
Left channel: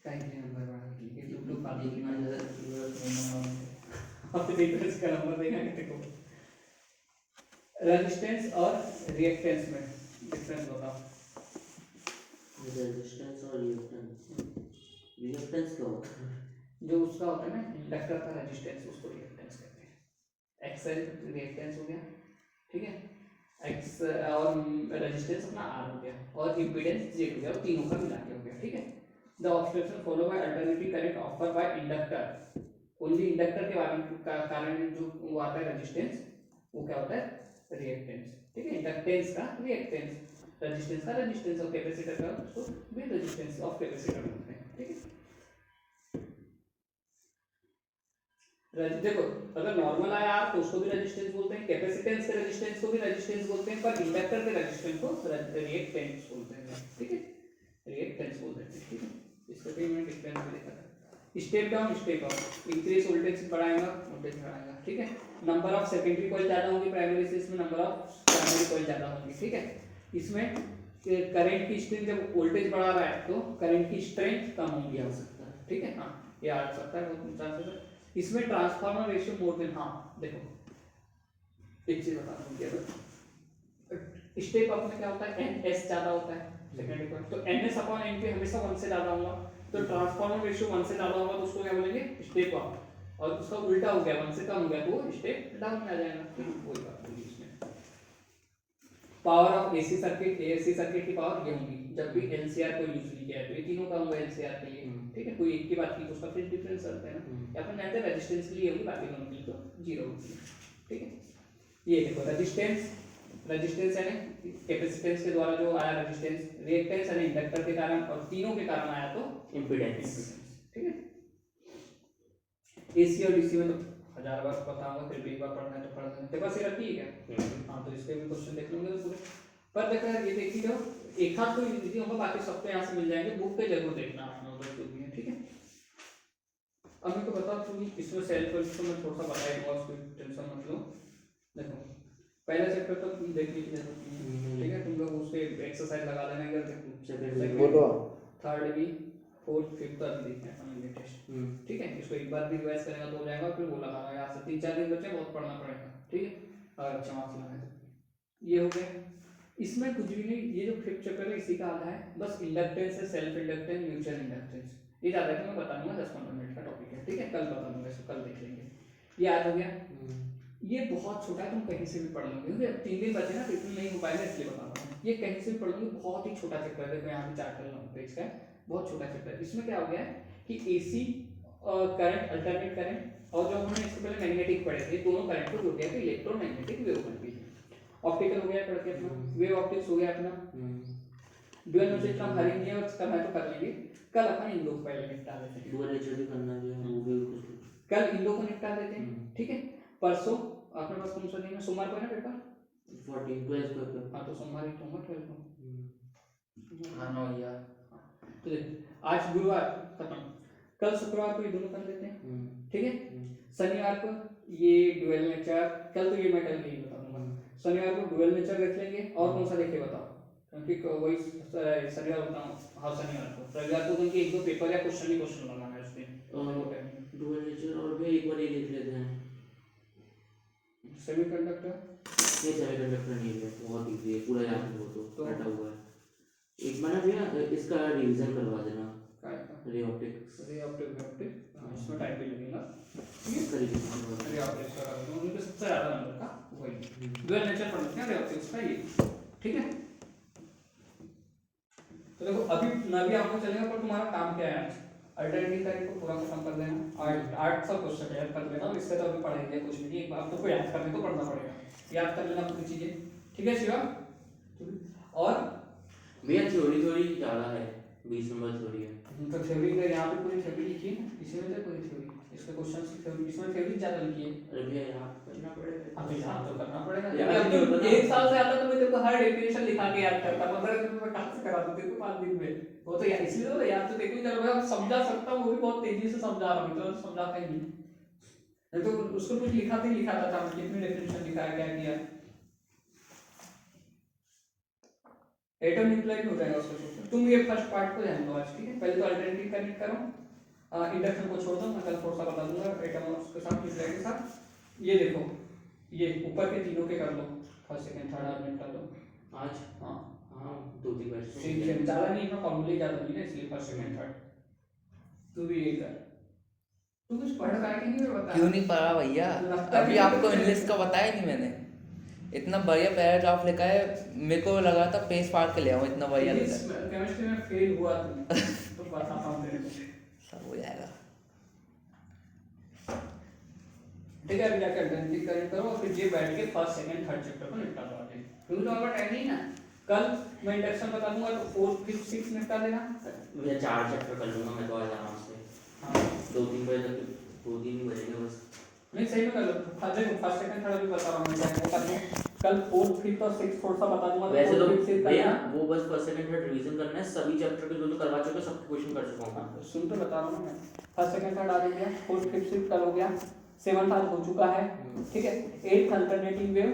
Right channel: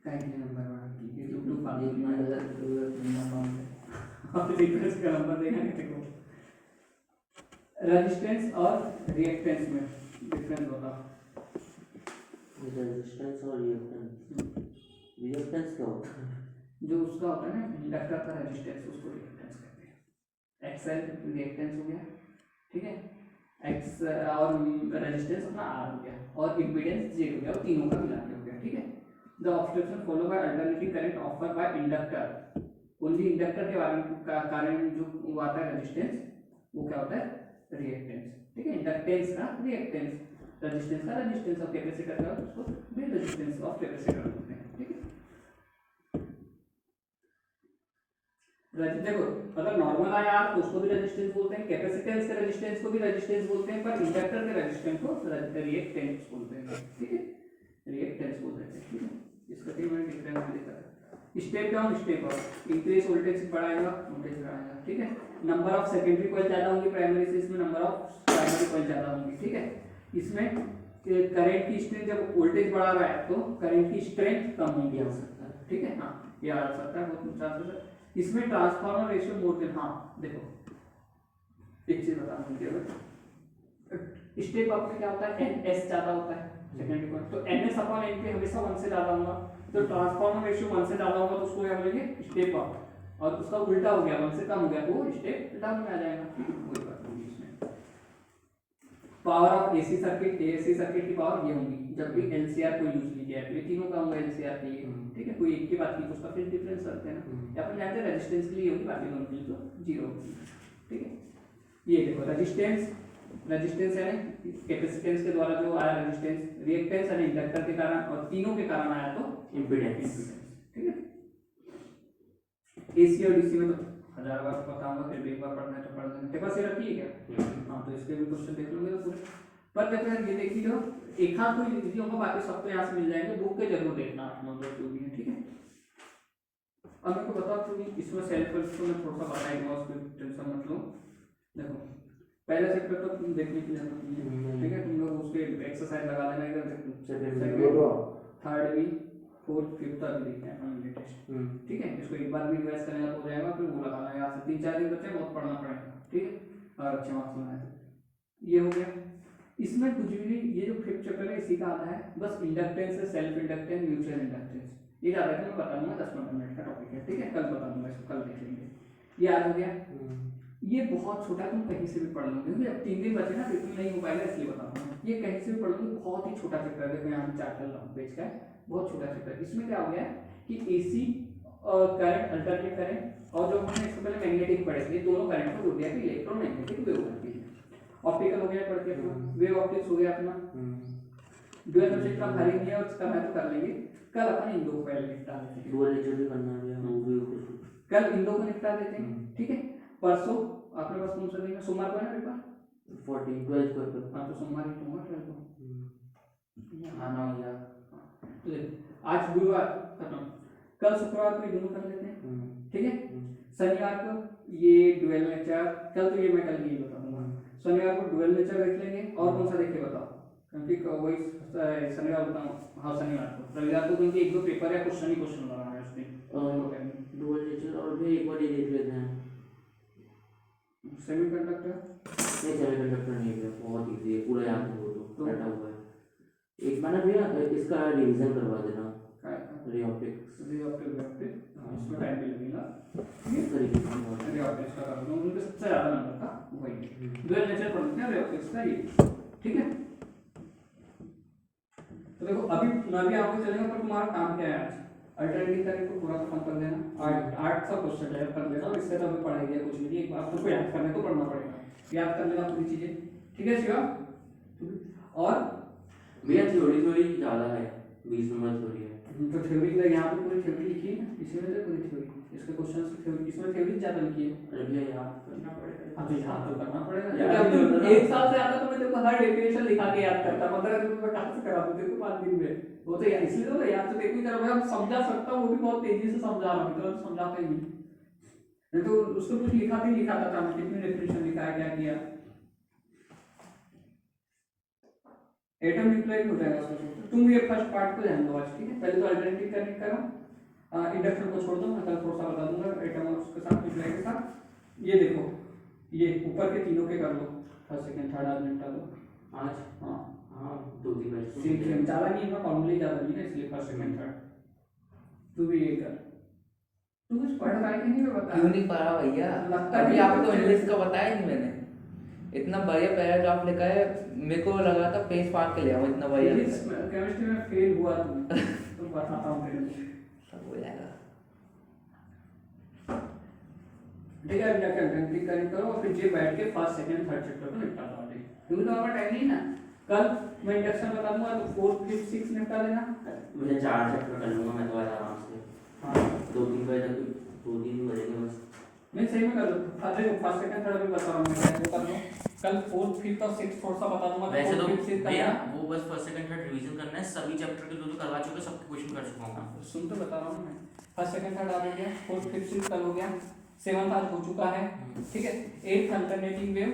कहीं के नंबर बढ़ाने के लिए 2 फालतू की इतना ज़्यादा जरूरत नहीं नंबर। अब डिफरेंस का नंबर देगा देखो, रेजिस्टेंस और रिएक्टेंस में डिफरेंस बताओ। रेजिस्टेंस और रिएक्टेंस क्या होता है? जो उसका होता है ना इंडक्टर का रेजिस्टेंस, उसको रिएक्टेंस कहते हैं। एक्सएल रिएक्टेंस हो गया, ठीक है, एक्स और रेजिस्टेंस अपना आर हो गया, और इम्पीडेंस जेड हो गया, और तीनों का मिला के हो गया, ठीक है। The obstruction follow by alternating current offer by inductor, only inductor के कारण जो वो आता है रेजिस्टेंस, वो क्या होता है रिएक्टेंस, ठीक है। इंडक्टेंस का रिएक्टेंस, रेजिस्टेंस का रेजिस्टेंस, और कैपेसिटर का उसको भी रेजिस्टेंस ऑफ कैपेसिटर बोलते हैं, ठीक है। देखो अगर नॉर्मल आया तो उसको भी रेजिस्टेंस बोलते हैं, कैपेसिटेंस के रेजिस्टेंस को भी रेजिस्टेंस बोलते हैं, पर इंडक्टर के रेजिस्टेंस को रिएक्टेंस बोलते हैं, ठीक है, रिएक्टेंस बोलते हैं, ठीक है। इसका कहीं मैंने डिफरेंस भी देखा था। Step down step up, increase voltage बढ़ाएगा, वोल्टेज बढ़ाएगा, ठीक है। नंबर ऑफ सेकेंडरी कॉइल ज्यादा होंगी प्राइमरी से, इसमें नंबर ऑफ प्राइमरी कॉइल ज्यादा होंगी, ठीक है। इसमें करंट की स्ट्रेंथ, जब वोल्टेज बढ़ा रहा है तो करंट की स्ट्रेंथ कम होगी, आ सकता है, ठीक है, हाँ ये आ सकता है, बहुत चांसेस है। इसमें ट्रांसफार्मर रेशियो मोर देन, हाँ देखो एक चीज बता दूं, स्टेप अप में क्या होता है एन एस ज्यादा होता है सेकेंडरी कॉइल, तो N S upon N P हमेशा 1 से ज्यादा होगा, तो ट्रांसफार्मर रेशियो 1 से ज्यादा होगा तो उसको क्या बोलेंगे स्टेप अप, और उसका उल्टा हो गया 1 से कम हो गया तो वो स्टेप डाउन में आ जाएगा, ठीक है, कोई बात नहीं। इसमें power of AC circuit, AC circuit की पावर ये होगी जब भी एलसीआर को यूज नहीं किया है, तो ये तीनों का होगा एलसीआर के लिए, ठीक है, कोई एक की बात की तो उसका फिर डिफरेंस रखते हैं ना, अपन जानते हैं रेजिस्टेंस के लिए होगी, बाकी दोनों के लिए तो 0 होगी, ठीक है। ये देखो रेजिस्टेंस है कैपेसिटेंस के द्वारा जो आया रेजिस्टेंस, रिएक्टेंस है इंडक्टर के कारण, और तीनों के कारण आया तो इम्पीडेंस, ठीक है। एसी और डीसी में तो 1000 बार पता होगा, फिर भी एक बार पढ़ना है तो पढ़ लेना, तेरे पास ये रखी है क्या? हाँ तो इसके भी क्वेश्चन देख लूंगे तो पूरे, पर देखो यार ये देखिए जो एक हाथ तो इजी होगा, बाकी सब तो यहाँ से मिल जाएंगे, बुक पे जरूर देखना 8 नंबर जो भी है, ठीक है। अब मेरे को बताओ कि इसमें सेल्फ को मैं थोड़ा सा बताएगा, उसकी टेंशन मत लो। देखो पहला चैप्टर तो तुम देखने की जरूरत नहीं है, ठीक है, तुम लोग उसके एक्सरसाइज लगा लेना, इधर देखो थर्ड भी फोर्थ फिफ्थ अभी देखते हैं अपन लेटेस्ट, ठीक है। इसको एक बार भी रिवाइज करेगा तो हो जाएगा, फिर वो लगाना है, यहाँ से 3-4 दिन बच्चे बहुत पढ़ना पड़ेगा, ठीक है, और अच्छे मार्क्स लाना है। ये हो गया, इसमें कुछ भी नहीं, ये जो फिफ्थ चैप्टर है इसी का आधा है, बस इंडक्टेंस है, सेल्फ इंडक्टेंस, म्यूचुअल इंडक्टेंस, ये ज्यादा मैं बता दूंगा, 10-15 मिनट का टॉपिक है, ठीक है, कल बता दूंगा, इसको कल देख लेंगे। ये आज हो गया, ये बहुत छोटा, तुम कहीं से भी पढ़ लोगे, अब 3 दिन बचे ना, तो इतना नहीं हो पाएगा, इसलिए बता रहा हूँ, ये कहीं से भी पढ़ लोगे, बहुत ही छोटा चैप्टर है, देखो यहाँ पे 4 पेज का है, बहुत छोटा चैप्टर। इसमें क्या हो गया है कि एसी करंट, अल्टरनेट करंट, और जो हमने इससे पहले मैग्नेटिक पढ़े थे, दोनों करंट को जोड़ दिया कि इलेक्ट्रोमैग्नेटिक वेव बनती है। ऑप्टिकल हो गया पढ़ के अपना, वेव ऑप्टिक्स हो गया अपना, डुअल नेचर इतना भारी नहीं है, और करना है तो कर लेंगे, कल अपन इन दो को पहले निपटा देते हैं, डुअल नेचर भी करना है, वो भी कुछ कल इन दो को निपटा देते हैं, ठीक है। परसों अपने पास कौन सा दिन है, सोमवार को है ना पेपर, 12 को, हाँ तो सोमवार ही होगा 12 को, हाँ ना यार, तो देखो आज गुरुवार खत्म, कल शुक्रवार को ये दोनों कर लेते हैं, ठीक है। शनिवार को ये डुअल नेचर, कल तो ये मैं कल नहीं बता दूंगा, शनिवार को डुअल नेचर देख लेंगे, और कौन सा देखे बताओ, क्योंकि वही शनिवार बताऊँ, हाँ शनिवार को, रविवार को क्योंकि 1-2 पेपर या क्वेश्चन ही क्वेश्चन लगाना है उस दिन, डुअल नेचर, और भी एक बार ये देख लेते हैं सेमीकंडक्टर, नहीं सेमीकंडक्टर नहीं है, बहुत इजी है, पूरा याद है, वो तो बैठा हुआ है, एक बार ना भैया इसका रिवीजन करवा देना, रे ऑप्टिक्स इसमें टाइम भी लगेगा, इसका रिवीजन करवा रे ऑप्टिक्स का कर दूं, उनके सबसे ज्यादा नंबर का वही डुअल नेचर पढ़ते हैं रे ऑप्टिक्स का, ये ठीक है। तो देखो अभी ना भी आपको चलेगा, पर तुम्हारा काम क्या है आज, अल्टरनेटिव करंट को पूरा खत्म कर लेना, 8 क्वेश्चन तैयार कर लेना, और इससे तो अभी पढ़ाई कुछ भी नहीं, एक बार तो याद करने तो पढ़ना पड़ेगा, याद कर लेना पूरी चीजें, ठीक है शिवा? और भैया थ्योरी थ्योरी ज़्यादा है, 20 नंबर थ्योरी है। तो थ्योरी का यहाँ पे पूरी थ्योरी लिखी है ना, इसी में से पूरी थ्योरी, इसके क्वेश्चन की थ्योरी, इसमें थ्योरी ज़्यादा लिखी है। अरे भैया यहाँ करना पड़ेगा। हाँ तो यहाँ तो करना पड़ेगा, याद अब नहीं तुम होता ना। 1 साल से ज़्यादा तो मैं तेरे को हर डेफिनेशन लिखा के याद करता, 15 दिन में कहाँ से करा दूँ तेरे को 5 दिन में? वो तो यार इसलिए तो याद तो देखो क्या भाई, अब समझा सकता हूँ, वो भी बहुत तेजी से समझा रहा हूँ, तो समझाता ही नहीं। नहीं तो उसको कुछ लिखा भी लिखाता था मैं, कितने डेफिनेशन लिखा है, क्या किया। एटम न्यूक्लियर हो जाएगा उसको। तुम ये फर्स्ट पार्ट को ध्यान दो आज, ठीक है? पहले तो अल्टरनेटिव कनेक्ट करो, इंडक्शन को छोड़ दो, मैं कल थोड़ा सा बता दूंगा एटम और उसके साथ न्यूक्लियर के साथ। ये देखो, ये ऊपर के तीनों के कर लो, फर्स्ट सेकंड थर्ड आज निपटा लो आज। हाँ हाँ 2-3 क्वेश्चन ठीक है, ज़्यादा नहीं है, फॉर्मूले ज़्यादा नहीं है, इसलिए फर्स्ट सेकंड थर्ड तू भी ये कर। तू कुछ पढ़ पाया कि नहीं, बता। क्यों नहीं पढ़ा भैया? लगता है अभी कि आपको कुछ- इंग्लिश का बताया नहीं मैंने, इतना बढ़िया पैराग्राफ लिखा है, मेरे को लगा था पेज फाड़ के ले आऊँ, इतना बढ़िया लिखा है। केमिस्ट्री में फेल हुआ तू, तो बताता हूँ तेरे को। सब हो जाएगा। ठीक है, अभी जाकर अल्टरनेटिव कनेक्ट करो और फिर ये बैठ के फर्स्ट सेकंड थर्ड चैप्टर को निपटा दो आज, क्योंकि तो आपका टाइम नहीं ना। कल मैं इंडक्शन बता दूंगा तो 4 5 6 निपटा देना। भैया 4 चैप्टर कर लूँगा मैं तो आज आराम से। हाँ 2-3 बजे तक, 2-3 बजेंगे बस। नहीं सही में कर लो, फर्स्ट सेकंड थर्ड अभी बता रहा हूँ मैं, वो कर लो। कल 4 5 और 6 थोड़ा सा बता दूंगा। वैसे तो 4 5 6 भैया करना। वो बस फर्स्ट सेकंड थर्ड रिवीजन करना है, सभी चैप्टर के जो करवा चुके सबके क्वेश्चन कर चुका हूँ मैं। सुन तो बता रहा हूँ मैं, फर्स्ट सेकंड थर्ड आ गया, 4 5 6 कल हो गया, 7th आज हो चुका है, ठीक है। 8th अल्टरनेटिव वेव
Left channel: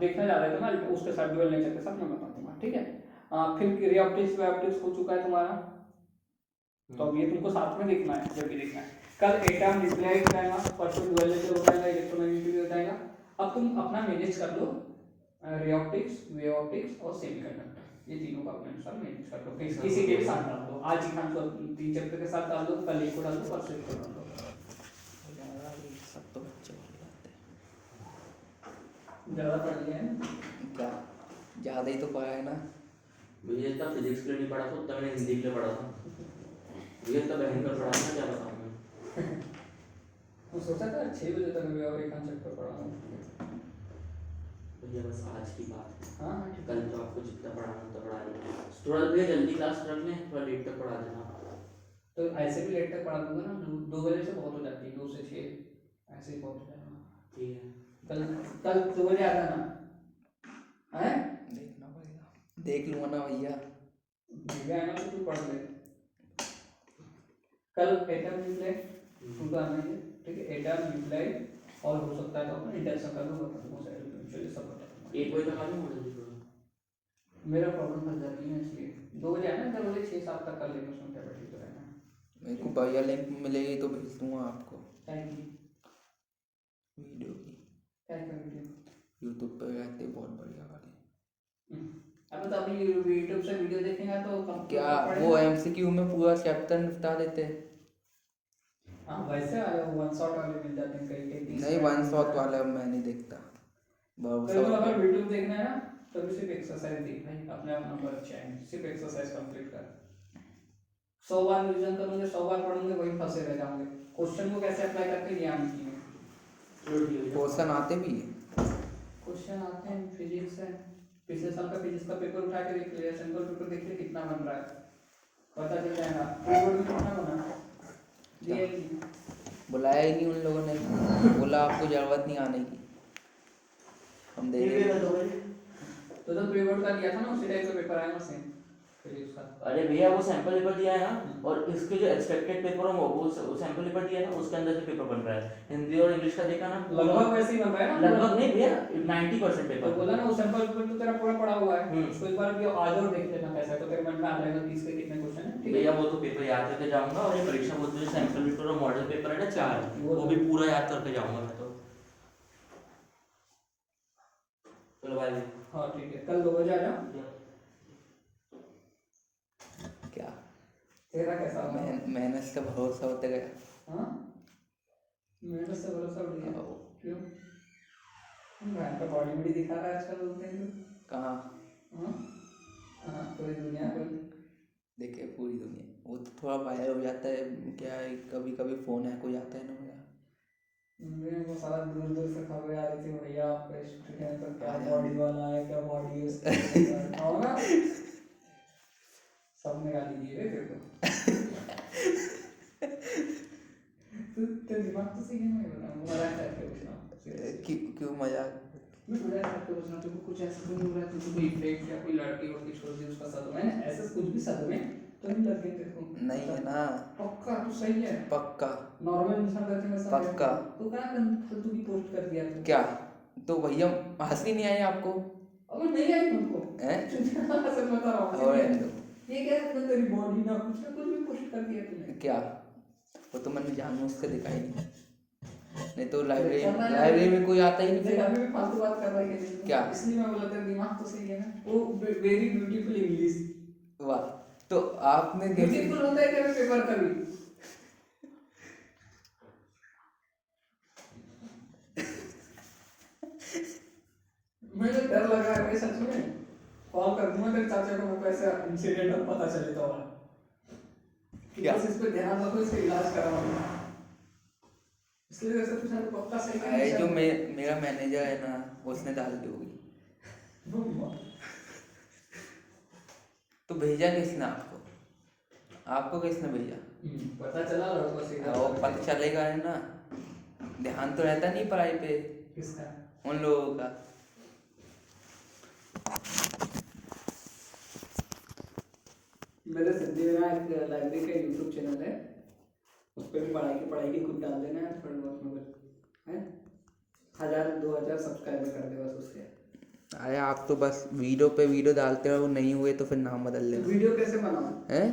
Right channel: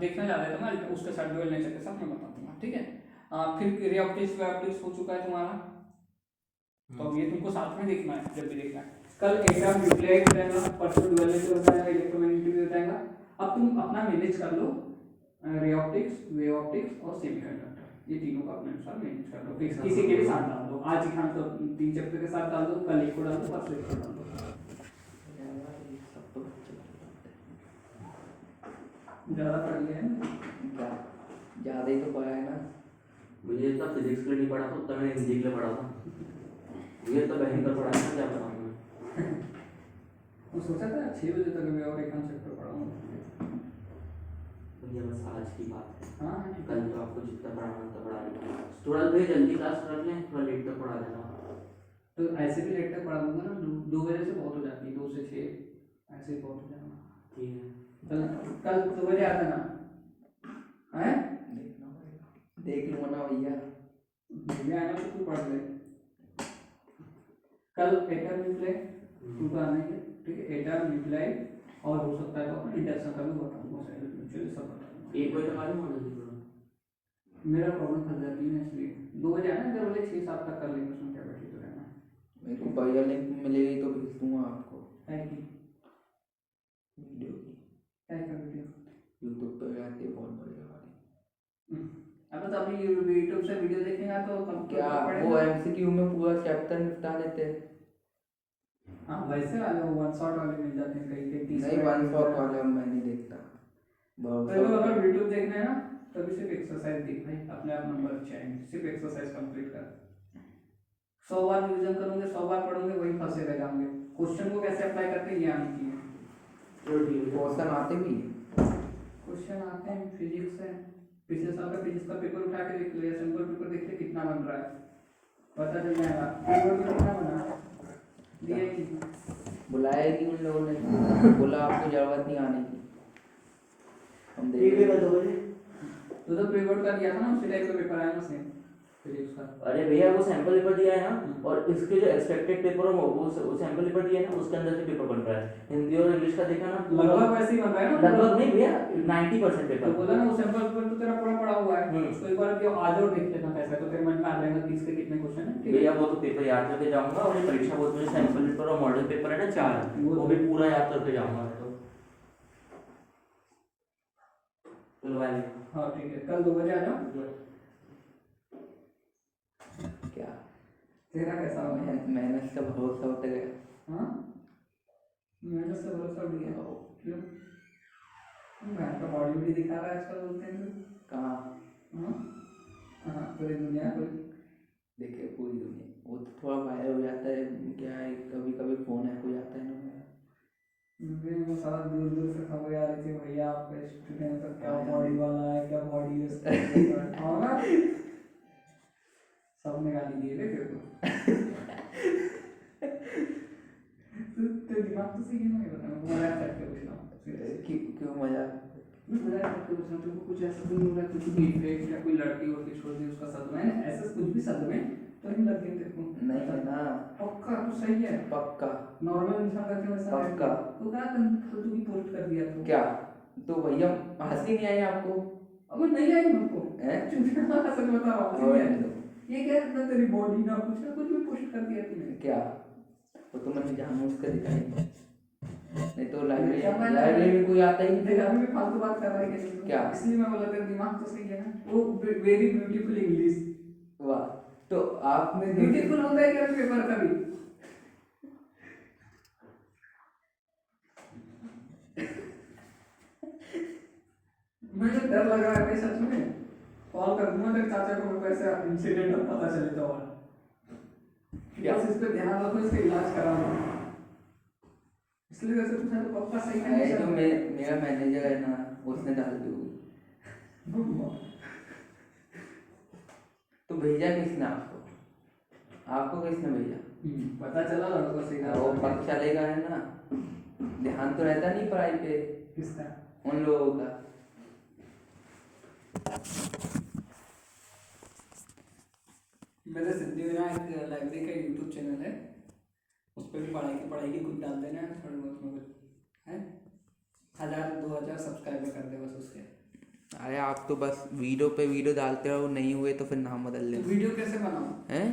देखना जा रहा है तो मैं उसके साथ ड्यूअल नेचर के साथ मैं बता दूंगा, ठीक है। फिर रे ऑप्टिक्स वे ऑप्टिक्स हो चुका है तुम्हारा, तो अब ये तुमको साथ में देखना है जब भी देखना है। कल एटम न्यूक्लियर हो जाएगा, परसों ड्यूअल नेचर हो जाएगा, इलेक्ट्रोमैग्नेटिक हो जाएगा। अब तुम अपना मैनेज कर लो, रे ऑप्टिक्स वे ऑप्टिक्स और सेमीकंडक्टर, ये तीनों का अपने अनुसार मैनेज कर लो, किसी के भी साथ डाल दो। आज ही खान को 3 चैप्टर के साथ डाल दो, कल एक को डाल दो, परसों एक को डाल दो। सब तो बच्चे बढ़िया होते ज़्यादा पढ़ लिया है ना? हैं। क्या ज़्यादा ही तो पढ़ा है ना। मुझे इतना फिजिक्स के लिए नहीं पढ़ा था, उतना मैंने हिंदी के लिए पढ़ा था। मुझे इतना बहन पर पढ़ा था, क्या बताऊँ मैं। वो सोचा था 6 बजे तक मैं और एक आध चैप्टर पढ़ाऊंगा। भैया बस आज की बात है, हाँ हाँ ठीक कल है। तो आपको जितना पढ़ाना उतना पढ़ा लेंगे। थोड़ा भैया जल्दी क्लास रख लें, थोड़ा लेट तक पढ़ा देना। तो ऐसे भी लेट तक पढ़ा दूंगा ना, 2 बजे से बहुत हो जाती है, 2 से 6 ऐसे ही बहुत हो जाएगा। ठीक है। कल कल 2 बजे आता ना है, देखना पड़ेगा, देख लूँगा ना भैया। मुझे आना तो तू पढ़ ले। कल एटम न्यूक्लियर तू तो आना ही है, ठीक है। एटम न्यूक्लियर और हो सकता है तो अपन इंडक्शन का भी बता दूंगा, चलिए सब बता दूंगा। 1 बजे तक आ जाऊँ मॉडल थोड़ा। मेरा प्रॉब्लम फंस जाती है इसलिए 2 बजे आना, इधर वाले 6-7 तक कर लेंगे, उसमें क्या बैठी तो रहना। मेरे को बढ़िया लिंक मिलेगी तो भेज दूँगा आपको क्या की वीडियो की। क्या का वीडियो? यूट्यूब पे रहती है बहुत बढ़िया वाली। अब तो अभी यूट्यूब से वीडियो देखेगा तो क्या वो एमसीक्यू में पूरा चैप्टर निपटा देते हैं? हाँ वैसे वाले वो वन शॉट वाले मिल जाते हैं कई कई 30 नहीं, वन शॉट वाले मैं नहीं देखता। तेरे को अगर वीडियो देखना है ना तो भी सिर्फ एक्सरसाइज देख भाई, अपने आप नंबर अच्छा है, सिर्फ एक्सरसाइज कंप्लीट कर। 100 बार रिवीजन करोगे, 100 बार पढ़ोगे, वही फंसे रह जाओगे। क्वेश्चन को कैसे अप्लाई करते हैं ये आनी चाहिए। चलो ठीक है। क्वेश्चन आते भी हैं। क्वेश्चन आते हैं फिजिक्स से, पिछले साल का फिजिक्स का पेपर उठा के देख लिया, सैंपल पेपर देख ले कितना बन रहा है, पता चल जाएगा। पेपर में कितना बना दिया कि बुलाया ही नहीं उन लोगों ने, बोला आपको जरूरत नहीं आने की, हम दे देंगे। तो प्रीवर्ड का दिया था ना, उसी टाइप का पेपर आया ना सेम फिजिक्स का। अरे भैया वो सैंपल पेपर दिया है ना, और इसके जो एक्सपेक्टेड पेपर है वो सैंपल पेपर दिया है ना, उसके अंदर से पेपर बन रहा है। हिंदी और इंग्लिश का देखा ना, लगभग वैसे ही बन रहा है ना, लगभग नहीं भैया 90% तो पेपर। बोला ना वो सैंपल पेपर तो तेरा पूरा पड़ा हुआ है, उसको एक बार भी आज और देख लेना कैसा, तो तेरे मन में आ जाएगा कि इसके कितने क्वेश्चन है, ठीक है। भैया वो तो पेपर याद करके जाऊंगा, और ये परीक्षा बोर्ड में सैंपल पेपर और मॉडल पेपर है ना 4, वो भी पूरा याद करके जाऊंगा मैं तो। चलो भाई। हाँ ठीक है, कल 2 बजे आ जाओ। क्या तेरा कैसा होगा? मेहनत का भरोसा होते गया। हाँ मेहनत से भरोसा उड़ गया, क्यों? मैं आपका बॉडी बड़ी दिखा रहा है आजकल, बोलते हैं तो कहाँ हाँ हाँ पूरी दुनिया को देखे, पूरी दुनिया वो तो थोड़ा वायरल हो जाता है, क्या है कभी कभी फ़ोन हैक हो जाता है ना मेरा, वो सारा दूर दूर से खबरें आ रही थी, भैया आपका स्टूडेंट का क्या बॉडी वाला है, क्या बॉडी है उसका और ना सब ने गाली दी है तेरे को। तो दिमाग तो सही है, मैं बता रहा हूँ, मजाक करके पूछ रहा हूँ। क्यों मजाक? मजाक करके पूछ रहा हूँ, तुमको कुछ ऐसा तो नहीं हो रहा कि कोई फेक या कोई लड़की वड़की छोड़ दी उसका सद में, ऐसा कुछ भी सद में तो नहीं लग गया तेरे को? नहीं है ना। पक्का तो सही है, पक्का नॉर्मल इंसान करके वैसा है। पक्का। तो क्या फालतू की पोस्ट कर दिया तू? क्या तो भैया हंसी नहीं आई आपको? अब नहीं आई मुझको हैं? सच बता रहा हूँ, और ये क्या ना तेरी बॉडी ना कुछ भी पोस्ट कर दिया तूने। क्या वो तो मैंने जानबूझ के दिखाई, नहीं तो लाइब्रेरी में कोई आता ही नहीं। देख अभी भी फालतू बात कर रहा है कि नहीं? क्या? इसलिए मैं बोला तेरा दिमाग तो सही है ना। वो वेरी ब्यूटीफुल इंग्लिश, वाह। तो आपने ब्यूटीफुल होता है क्या पेपर का भी? मुझे डर लग रहा है भाई सच में, कॉल कर दूंगा तेरे चाचा को, मेरे को ऐसा इंसिडेंट अब पता चले तो क्या? बस इस पे ध्यान रखो, इसका इलाज करा इसलिए वैसे पूछा तो पक्का सही है जो मेरा मैनेजर है ना, उसने डाल दी होगी। तो भेजा किसने आपको? आपको किसने भेजा? पता चला लड़का सीधा। वो पता चलेगा है ना, ध्यान तो रहता नहीं पढ़ाई पे किसका? उन लोगों का। मेरे सिद्धिविनायक लाइब्रेरी का यूट्यूब चैनल है, उस पर भी पढ़ाई की कुछ डाल देना है, थोड़े बहुत मगर है 1000-2000 सब्सक्राइबर कर दे बस उसके। अरे आप तो बस वीडियो पे वीडियो डालते रहो, नहीं हुए तो फिर नाम बदल तो लेना। वीडियो कैसे बनाऊं? हैं?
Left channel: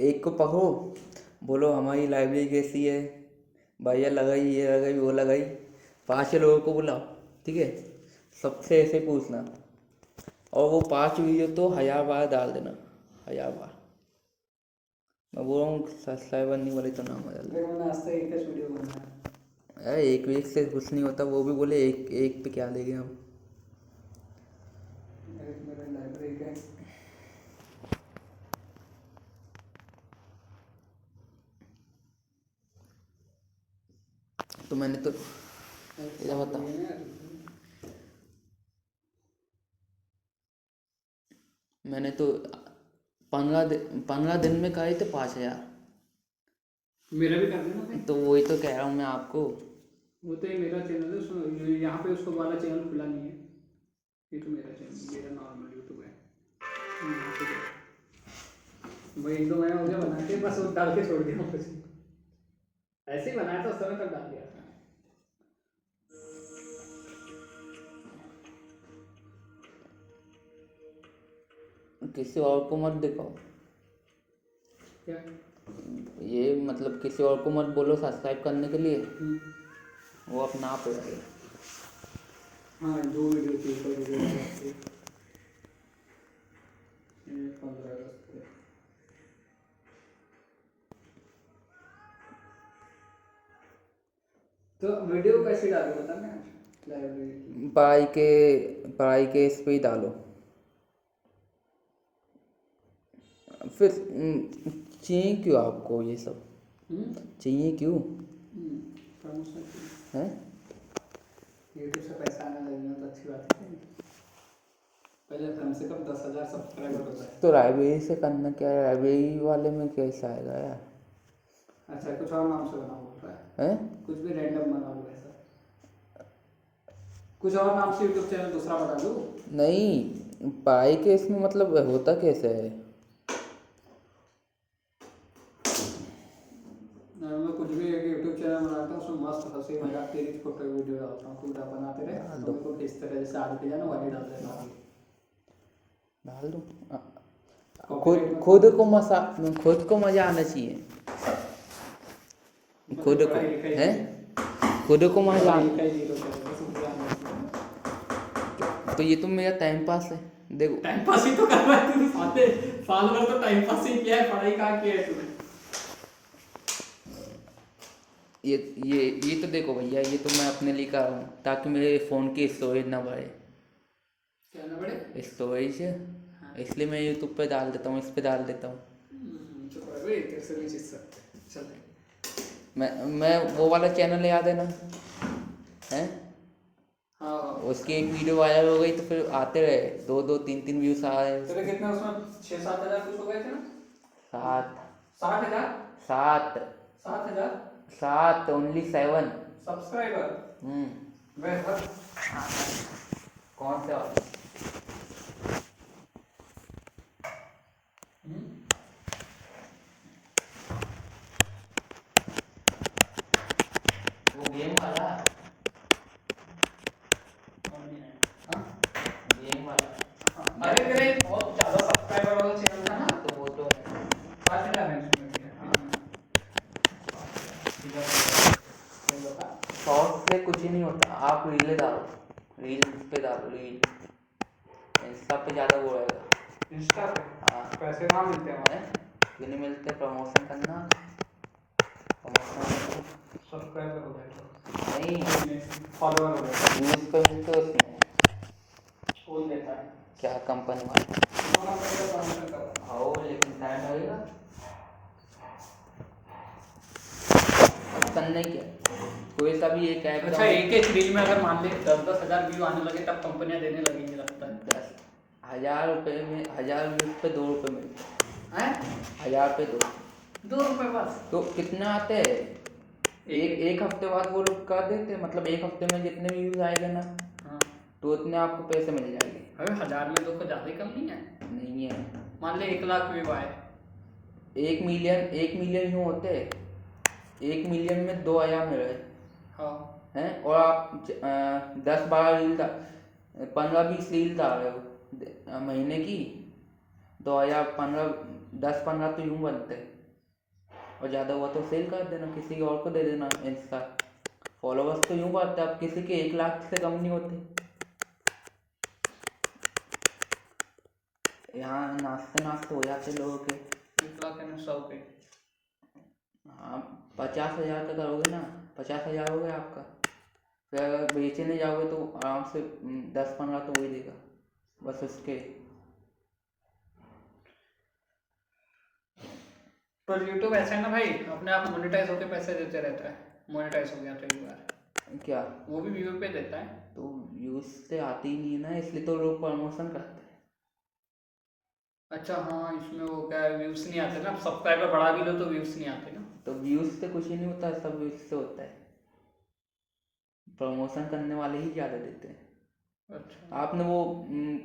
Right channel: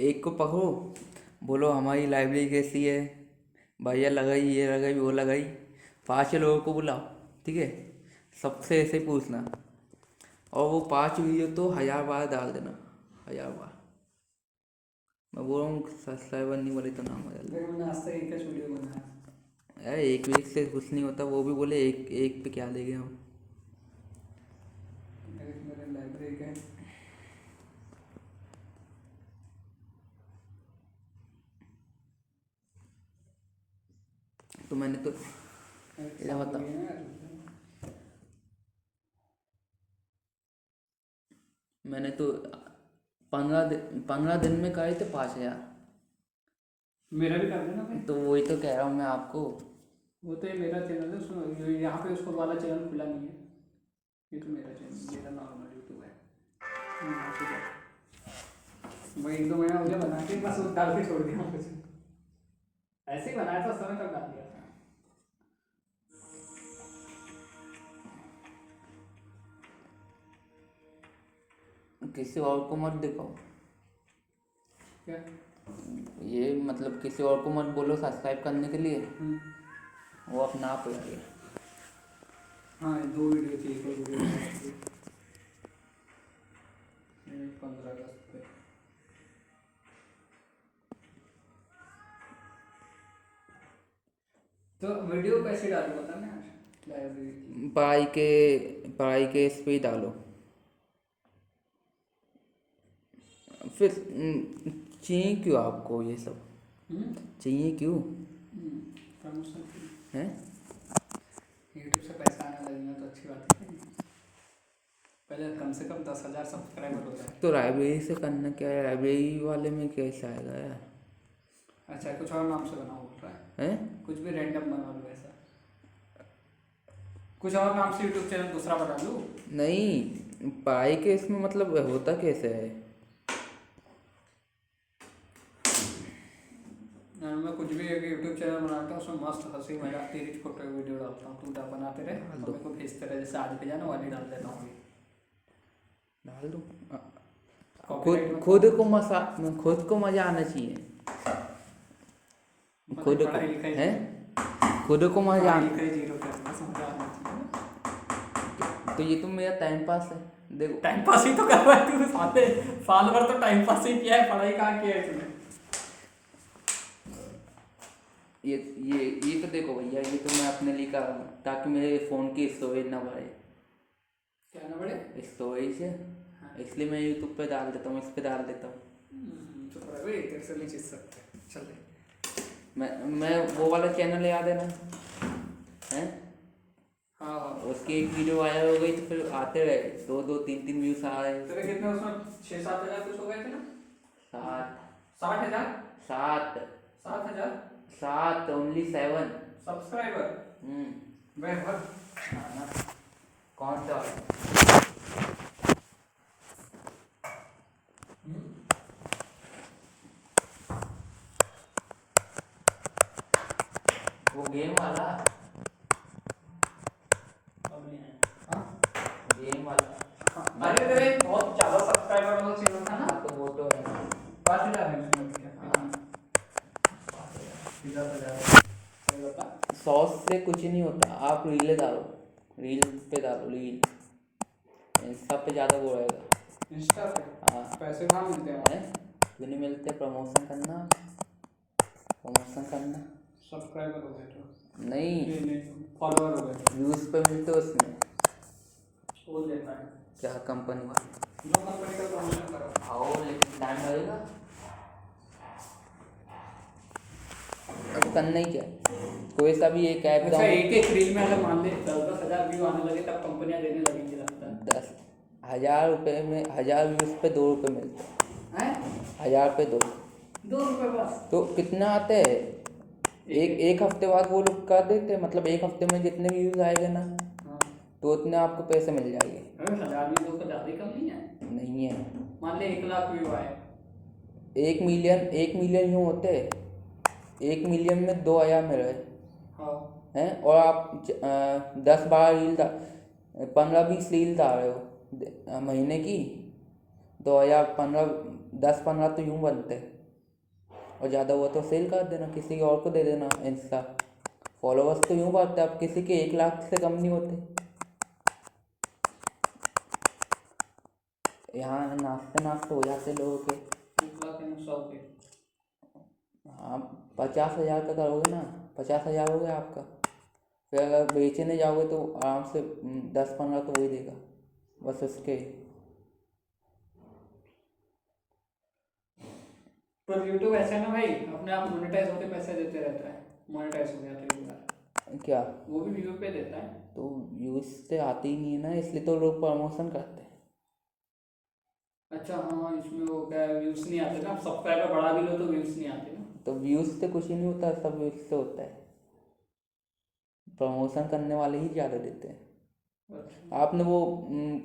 एक को पकड़ो, बोलो हमारी लाइब्रेरी कैसी है भैया, लगाई ये लगाई वो लगाई, 5 लोगों को बुलाओ, ठीक है, सबसे ऐसे पूछना, और वो 5 वीडियो तो 1000 बार डाल देना, 1000 बार। मैं बोल रहा हूँ सब्सक्राइबर नहीं बोले तो नाम बदल दे। देखो मैंने आज तक एक ही वीडियो बनाया। अरे एक वीक से कुछ नहीं होता, वो भी बोले एक पे क्या लेंगे हम। मेरे लाइब्रेरी के तो मैंने तो क्या बता, मैंने तो 15 दिन में करे थे 5000। मेरा भी कर देना भाई। तो वही तो कह रहा हूँ मैं आपको। वो तो ये मेरा चैनल है, उसमें यहाँ पे उसको वाला चैनल खुला नहीं है, ये तो मेरा चैनल, मेरा नॉर्मल यूट्यूब है। यहाँ पे क्या वही तो मैंने मुझे बना के बस उस डाल के छोड़ दिया कुछ, ऐसे ही बनाया था उस समय तक डाल दिया था। किसी और को मत दिखाओ, क्या? ये मतलब किसी और को मत बोलो सब्सक्राइब करने के लिए, वो अपने आप हो जाएगा। हाँ जो वीडियो थी तो वीडियो 15 अगस्त पे। तो वीडियो कैसे डालूं बता मैं आज लाइब्रेरी की? पढ़ाई के इस पे ही डालो। फिर चाहिए क्यों आपको ये सब? चाहिए क्यों? प्रमोशन हैं? यूट्यूब से पैसा आने लगना तो अच्छी बात है, पहले कम से कम 10,000 सब्सक्राइबर होता है। तो लाइब्रेरी से करना क्या है, लाइब्रेरी वाले में कैसे आएगा यार? अच्छा कुछ और नाम से बना बोल रहा है? हैं? कुछ भी रैंडम बना लो ऐसा, कुछ और नाम से यूट्यूब चैनल दूसरा बना लो। नहीं, पढ़ाई के इसमें मतलब होता कैसे है? मैं कुछ भी एक यूट्यूब चैनल बनाता हूँ, उसमें मस्त हंसी मजाक तेरी फोटो वीडियो डालता हूँ, तू बनाते रहे, डाल दो। मेरे को भेजते रहे, जैसे आज भेजा ना वाली डाल देता हूँ। डाल दो। Copyright खुद को मजा आना चाहिए। खुद को हैं? खुद को मजा आना। तो ये तो मेरा टाइम पास है, देखो। टाइम पास ही तो कर रहा है तू, साथे साल भर तो टाइम पास ही किया है, पढ़ाई कहाँ किया है तूने? ये तो देखो भैया, ये तो मैं अपने लिए कर रहा हूँ ताकि मेरे फ़ोन की स्टोरेज ना बढ़े। क्या ना बढ़े? स्टोरेज है, इसलिए मैं यूट्यूब पे डाल देता हूँ, इस पे डाल देता हूँ। तेरे से नहीं जीत सकते, चल मैं वो वाला चैनल याद है ना, हैं? हाँ उसकी एक वीडियो वायरल हो गई तो फिर आते रहे 2-2 3-3 व्यूज आ रहे। तेरे कितने उसमें 6-7 हजार कुछ हो गए थे ना? 7 60 हजार 7 7 हजार 7 ओनली 7। सब्सक्राइबर। वह कौन सा? वो गेम वाला, हाँ? गेम वाला। अरे तेरे बहुत ज्यादा सब्सक्राइबर वाला चैनल था ना? हाँ तो वो तो है। 5 हजार है उसमें भी। हाँ। बता। शॉर्ट्स से कुछ नहीं होता, आप रीलें डालो, रील्स पे डालो, रील इंस्टा पे ज़्यादा वो रहेगा। इंस्टा पे हाँ पैसे कहाँ मिलते हैं है, क्यों नहीं मिलते? प्रमोशन करना, प्रमोशन करना। सब्सक्राइबर हो गए नहीं, तो फॉलोअर हो गए व्यूज पे मिलते उसमें। कौन देता है? क्या कंपनी का? दोनों कंपनी का प्रमोशन करो। आओ लेकिन टाइम लगेगा। अब करना ही क्या, कोई सा भी एक ऐप अच्छा एक एक रील में अगर मान ले 10-10 हजार व्यू आने लगे तब कंपनियां देने लगेंगी लगता है। 10,000 रुपये में 1000 व्यूज पे 2 रुपये मिलते हैं। हैं? 1000 पे 2 2 रुपए बस। तो कितना आते हैं? एक हफ्ते बाद वो लोग कर देते हैं, मतलब एक हफ्ते में जितने व्यूज आएंगे ना हाँ तो उतने आपको पैसे मिल जाएंगे। अरे 1000 में 2 का ज्यादा कम नहीं है। नहीं है, मान ले 1 लाख व्यू आए। 1 मिलियन यूँ होते हैं, 1 मिलियन में 2,000 मिल रहे हाँ हैं। और आप 10-12 रील 15-20 रील डाल रहे हो महीने की, 2,000 10-15 तो यूँ बनते हैं। और ज़्यादा हुआ तो सेल कर देना, किसी और को दे देना। इंस्टा फॉलोअर्स तो यूँ बढ़ते हैं, अब किसी के 1 लाख से कम नहीं होते। यहाँ नाचते नाचते हो जाते लोगों के। 1 लाख है ना 100 पे। हाँ 50,000 का करोगे ना, 50,000 हो गया आपका। फिर अगर बेचने जाओगे तो आराम से 10-15 तो वही देगा बस उसके। पर यूट्यूब ऐसा है ना भाई, अपने आप मोनेटाइज होके पैसे देते रहता है। मोनेटाइज हो गया तो एक बार क्या? वो भी व्यू पे देता है। तो व्यूज से आते ही नहीं है ना, इसलिए तो लोग प्रमोशन करते हैं। अच्छा हाँ इसमें वो क्या व्यूज नहीं आते ना, सब्सक्राइबर बढ़ा भी लो तो व्यूज नहीं आते ना। तो व्यूज से कुछ ही नहीं होता, सब व्यूज से होता है। प्रमोशन करने वाले ही ज़्यादा देते हैं। अच्छा आपने वो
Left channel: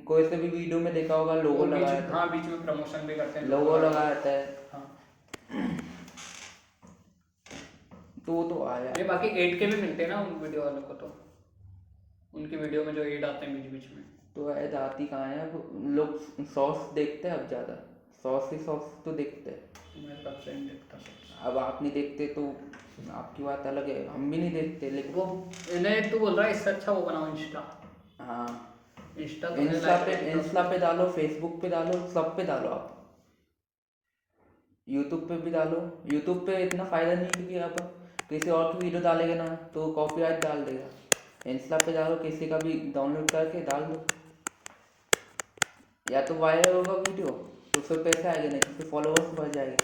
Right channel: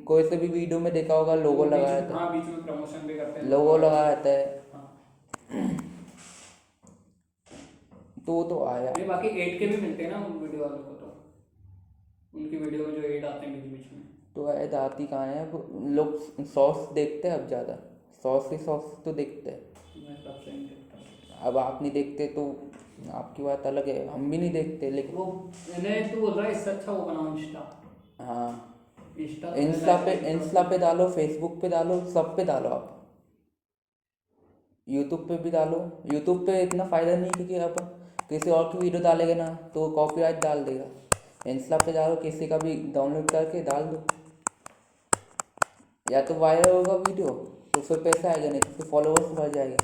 कोई से भी वीडियो में देखा होगा, लोगो वो बीच लगाया में था। हाँ बीच में प्रमोशन भी करते हैं लोगो लगाया था हाँ। तो वो तो आया। ये बाकी एड के भी मिलते हैं ना उन वीडियो वालों को, तो उनकी वीडियो में जो एड आते हैं बीच बीच में। तो ऐड आती कहाँ है, अब लोग शॉर्ट्स देखते हैं अब ज़्यादा, शॉर्ट्स तो देखते हैं। मैं सबसे नहीं देखता सबसे। अब आप नहीं देखते तो आपकी बात अलग है, हम भी नहीं देखते लेकिन वो इन्हें तू बोल रहा है इससे अच्छा वो बनाओ इंस्टा। हाँ इंस्टा इंस्टा पे डालो, फेसबुक पे डालो, सब पे डालो आप। यूट्यूब पे भी डालो। यूट्यूब पे इतना फ़ायदा नहीं क्योंकि अब किसी और की वीडियो डालेगा ना तो कॉपीराइट डाल देगा। इंस्टा पे डालो, किसी का भी डाउनलोड करके डाल दो, या तो वायरल होगा वीडियो तो फिर पैसे आएगा, नहीं तो फिर फॉलोअर्स बढ़ जाएगा।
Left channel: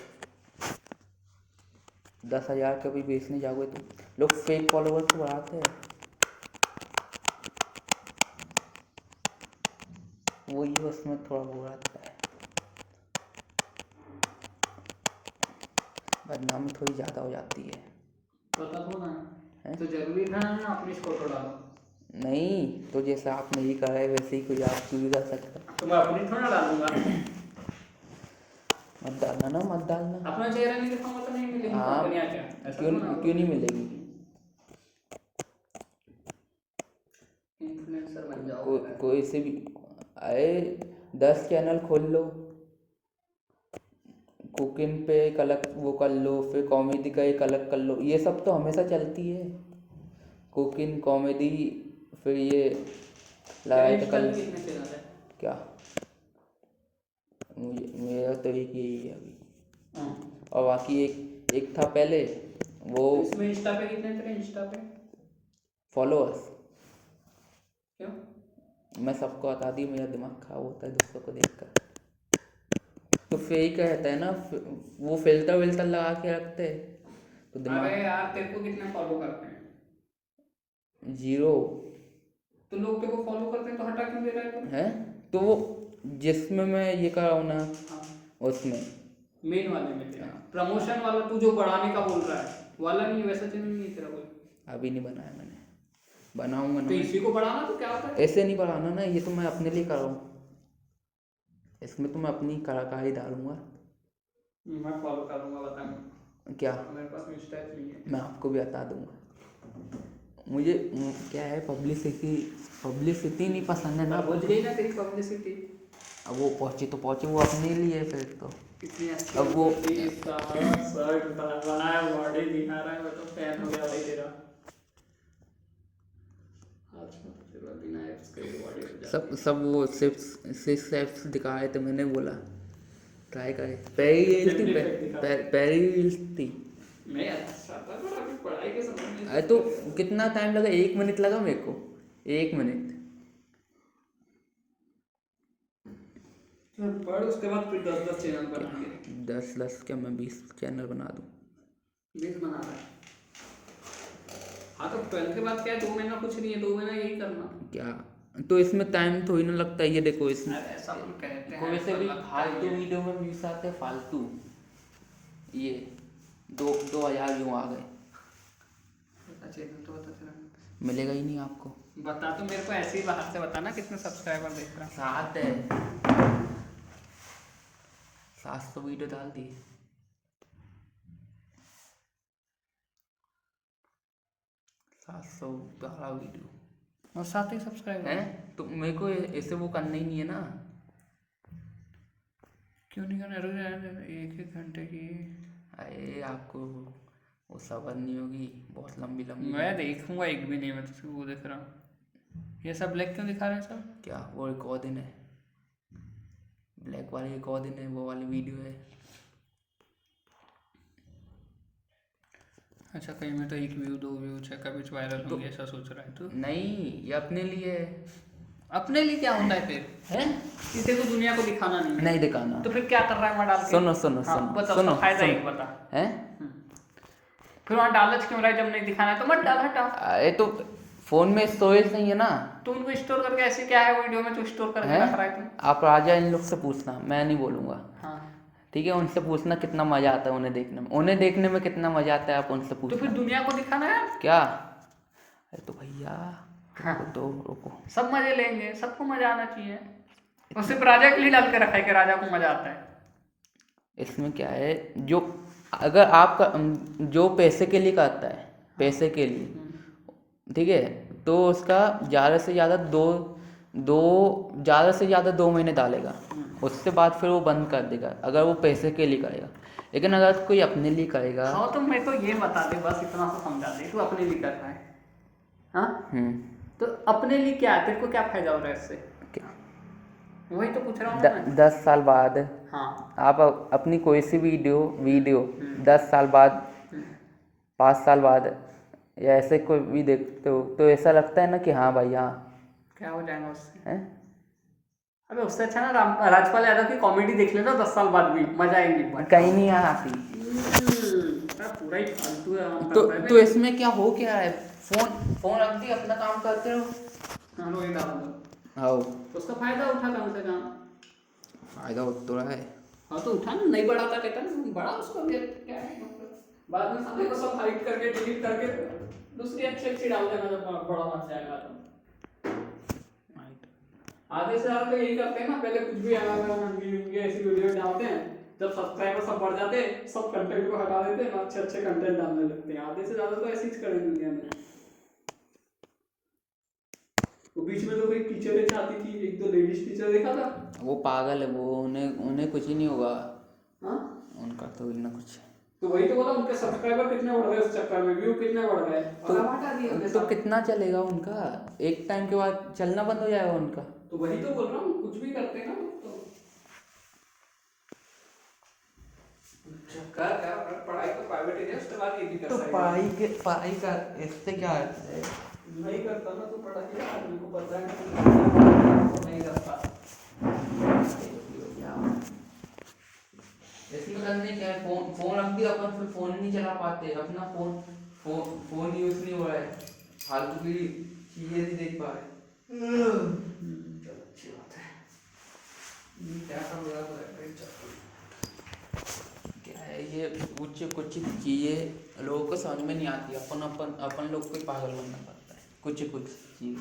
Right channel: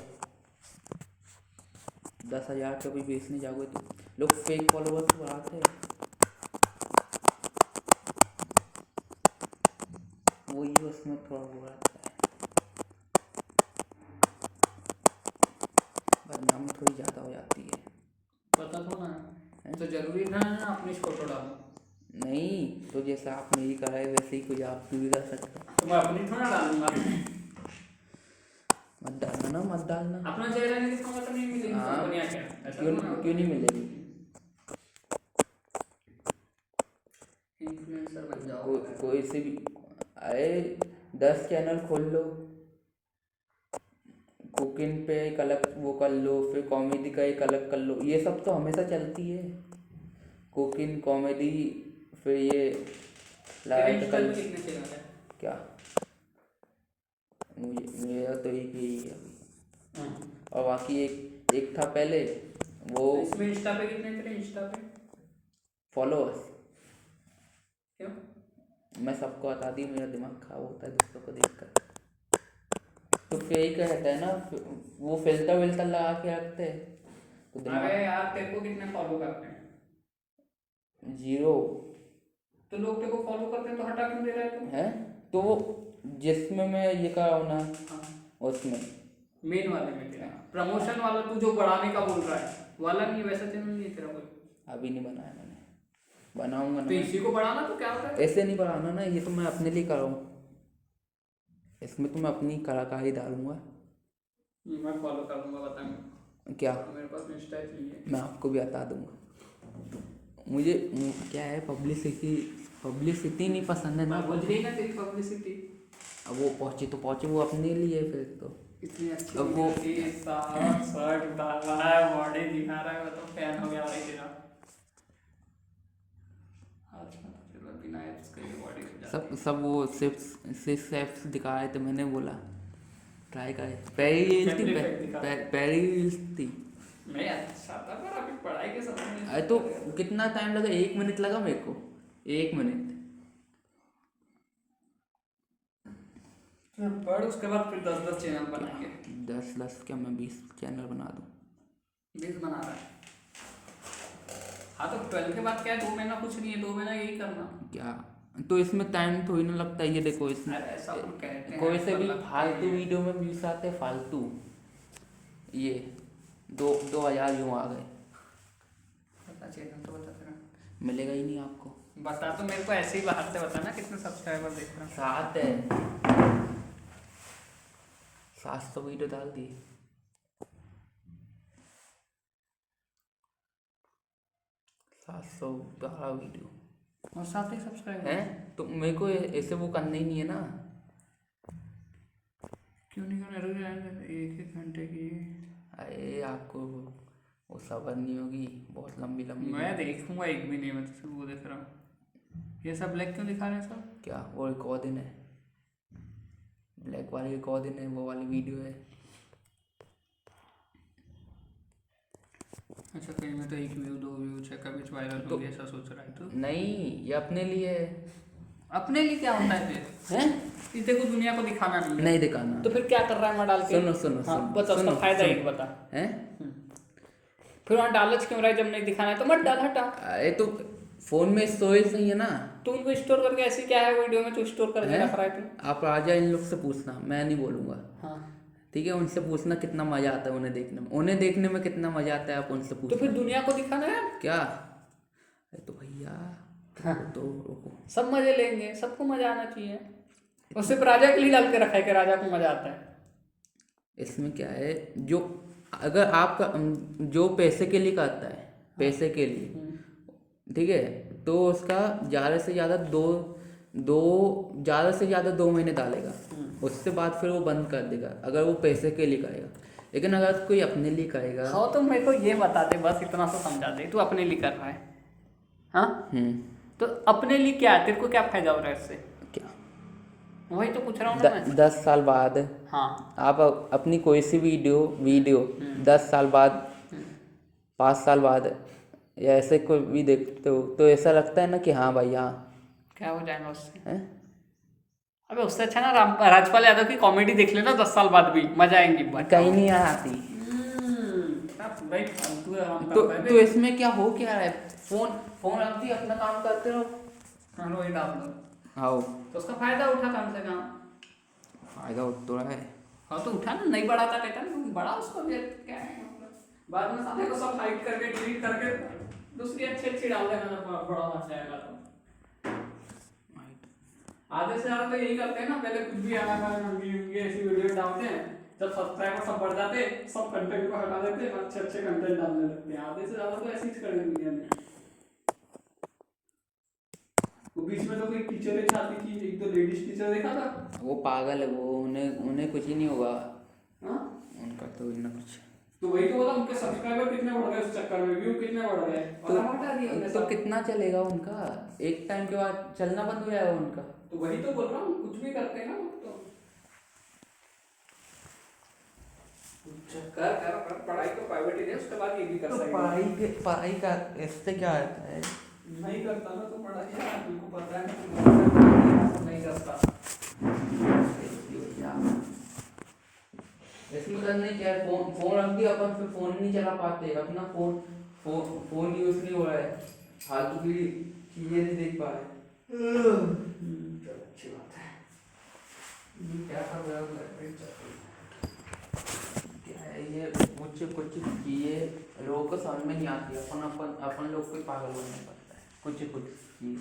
10,000 का भी बेचने जाओगे तो लोग फेक फॉलोअर्स बढ़ाते हैं, वही उसमें थोड़ा वो आता है, बदनामी थोड़ी ज़्यादा हो जाती है। पता तो ना तो जरूरी था ना अपनी फोटो डालो। नहीं तो जैसे आपने ही कहा है वैसे ही कोई आपकी भी कर सकता है। तो मैं अपनी थोड़ा डालूंगा। मत डालना ना, मत डालना। अपना चेहरा नहीं दिखाऊंगा तो नहीं मिलेगी हाँ कंपनियां क्या ऐसा क्यों तो ना क्यों नहीं मिलेगी? इन्फ्लुएंसर बन जाओ। कोई से भी आए 10 चैनल खोल लो, कुकिंग पे एक अलग वो कर लो, फिर कॉमेडी का एक अलग कर लो, ये सब तो हमेशा चलती है। कुकिंग, कॉमेडी, फिर ये लाइट इंस्टा कल पे कितने चैनल है? क्या, मुझे मेरा तो एक यही है अभी। हाँ और बाकी एक था पहले वो इसमें इंस्टा पे कितने तेरे इंस्टा पे फॉलोअर्स। क्यों? मैं सबको बता दी, मेरा दिमाग खराब होता है दूसरों को देखकर। तो फेक कहते हैं ना, वो फिल्टर विल्टर लगा के रखते हैं तो दिमाग अरे यार तेरे को कितने फॉलो करते हैं? 0 तो लोग तेरे को फॉलो करते हैं तो हटा क्यों दे रहा है तू? है। तो वो जिसमें मैं ये कर रहा हूँ ना, हाँ उसमें मेन वाले में तेरा प्रमोशन वाला तू जो बढ़ाने का बोल रहा है वाला नहीं, वैसा चैनल नहीं है तेरा कोई। अभी नहीं बनाया मैंने, बनाऊंगा तो ना। इसी को बढ़ाना तो क्या होता है? ऐसे नहीं बनाना ना, ये तो मैं अपने लिए कर रहा हूँ, इसमें तो मैं अपनी कलाकारी डालूंगा। मैं फॉलो कर दूंगा, बता मेरे क्या? को। मेरे पास इंस्टा नहीं है। मैं आपको भी बता दूंगा। मुझे क्या है, पब्लिसिटी नहीं पसंद है ना। बोल रही है ना तेरी पब्लिसिटी। अब वो पहुंची तो पहुंचे, वो अपने लिए फिर तो। कितनी अच्छी अब वो शर्ट बनाया, बॉडी दिखा रहा है, मैं तो फैन हो गया भाई तेरा। अच्छा तेरा बिना एप्स के बॉडी हो जाती है। सब वो सिक्स एप्स दिखा रहे थे, मैंने बोला ट्राई करे। पैरी रील्स थी। मैं अच्छा था पर अभी पढ़ाई के समय में अरे तो कितना टाइम लगा, 1 मिनट लगा मेरे को, 1 मिनट। फिर पढ़, उसके बाद फिर 10 चैनल बनाएंगे। 10 क्या, मैं 20 चैनल बना दूँ। 20 बना रहा है। हाँ तो 12 के बाद क्या है, 2 महीना कुछ नहीं है, 2 महीना यही करना। क्या तो इसमें टाइम थोड़ी ना लगता है। ये देखो इसमें अरे ऐसा कुछ कहते हैं, कोई से पर भी लगता फालतू ही है। वीडियो में व्यूज आते हैं, फालतू। ये 2,000 व्यू आ गए, बता चैनल तो बता तेरा। मिलेगा ही नहीं आपको। बता तो मेरे को ऐसे ही बाहर से बता ना कितने सब्सक्राइबर देख रहा है। 7 है, 700 वीडियो डाल दी। 712 वीडियो और 7 ही सब्सक्राइबर है। तो मेरे को ऐसे वो करना ही नहीं है ना। क्यों नहीं करना? रुक जाए, 1 घंटे की। अरे आपको वो सबर नहीं होगी, बहुत लंबी लंबी। मैं देखूंगा एक भी नहीं, मैं तो वो देख रहा हूँ। ये सब ब्लैक क्यों दिखा रहे हैं सब? क्या वो रिकॉर्डिंग है, ब्लैक वाली रिकॉर्डिंग है, वो वाली वीडियो है। अच्छा कहीं में तो 1 व्यू 2 व्यू चेक कभी वायरल होंगे ऐसा सोच रहा है तो? नहीं, ये अपने लिए है। अपने लिए क्या होता है फिर? हैं? इसे तो दुनिया को दिखाना नहीं है। नहीं दिखाना। तो फिर क्या कर रहा है वहाँ डाल के? सुनो सुनो हाँ, सुनो बता सुनो उसका फायदा सुनो। एक बता। हैं? फिर वहाँ डालच क्यों रहा है जब नहीं दिखाना है तो मत डाल, हटा। अरे तो फोन में स्टोरेज नहीं है ना। तो उनको स्टोर करके ऐसे क्या है वीडियो में तो स्टोर करके हैं? रख रहा है तू? आप राजा इन लोग से पूछना, मैं नहीं बोलूँगा। हाँ ठीक है, उनसे पूछना कितना मजा आता है उन्हें देखने में, उन्हें देखने में कितना मजा आता है, आप उनसे तो पूछना। फिर दुनिया को दिखाना है क्या? अरे तो भैया तो रुको। सब मजे लेंगे, सबको मजा आना चाहिए। और सिर्फ राजा के लिए डाल के रखा है कि राजा को मजा आता है। इसमें क्या है, जो अगर आपका जो पैसे के लिए करता है, पैसे के लिए, ठीक है, तो उसका ज़्यादा से ज़्यादा ज़्यादा 2 महीने डालेगा, उसके बाद फिर वो बंद कर देगा अगर वो पैसे के लिए करेगा। लेकिन अगर कोई अपने लिए करेगा। हाँ तो मेरे को ये बता दे, बस इतना सा समझा दे, तू अपने लिए कर रहा है। हाँ तो अपने लिए क्या है, तेरे को क्या फायदा हो रहा है इससे? क्या? वही तो पूछ रहा हूँ मैं। 10 साल बाद हाँ आप अपनी कोई सी वीडियो 10 साल बाद, 5 साल बाद या ऐसे कोई भी देखते हो तो ऐसा लगता है ना कि हाँ भाई हाँ। क्या हो जाएगा उससे? है? अबे उससे अच्छा ना राजपाल यादव की कॉमेडी देख लेना 10 साल बाद भी मजा आएंगी। कहीं नहीं आती। पूरा ही फालतू है हम तो करते हैं। तो इसमें क्या हो क्या है, फोन रख दी, अपना काम करते रहो। हाँ वही डाल दो। हाँ, तो उसका फायदा उठा कम से कम। फायदा हो तो रहा है। हाँ तो उठा ना, नहीं बढ़ाता कहता ना बड़ा उसको भी क्या है मतलब। बाद में साले को सब हाइड करके डिलीट करके दूसरी अच्छी डाल देना जब बड़ा बन जाएगा तो। आधे से ज्यादा तो यही करते हैं ना, पहले कुछ भी ऐसी वीडियो डालते हैं, जब सब्सक्राइबर सब बढ़ जाते हैं सब कंटेंट को हटा देते हैं, अच्छे कंटेंट डालने लगते हैं। आधे से ज्यादा तो ऐसे ही कर दुनिया में। वो बीच में तो कोई टीचर चाहती थी, एक तो लेडीज टीचर देखा था। वो पागल है, वो उन्हें कुछ ही नहीं होगा। हाँ उनका तो इतना कुछ। तो वही तो बोला, उनके सब्सक्राइबर कितने बढ़ गए उस चक्कर में, व्यू कितने बढ़ गए, और अब हटा दिया हमने तो सब। कितना चलेगा उनका, एक टाइम के बाद चलना बंद हो जाएगा उनका। तो वही तो बोल रहा हूँ, कुछ भी करते हैं ना लोग तो। कर पढ़ाई तो प्राइवेट ही है, उसके बाद ये भी कर तो सकते पढ़ाई का इससे क्या है? नहीं करता ना तो पढ़ाई हमको पता है नहीं करता। इसमें करने क्या है, फोन रख दिया अपन, फिर फोन नहीं चला पाते अपना, फोन यूज नहीं हो रहा है, फालतू की चीजें नहीं देख पा रहे। चलो अच्छी बात है। क्या कर रहा है, क्या है ये, कुछ कुछ चीजें लोगों को समझ में नहीं आती, अपन लोग को ही पागल बनना पड़ता है कुछ चीज।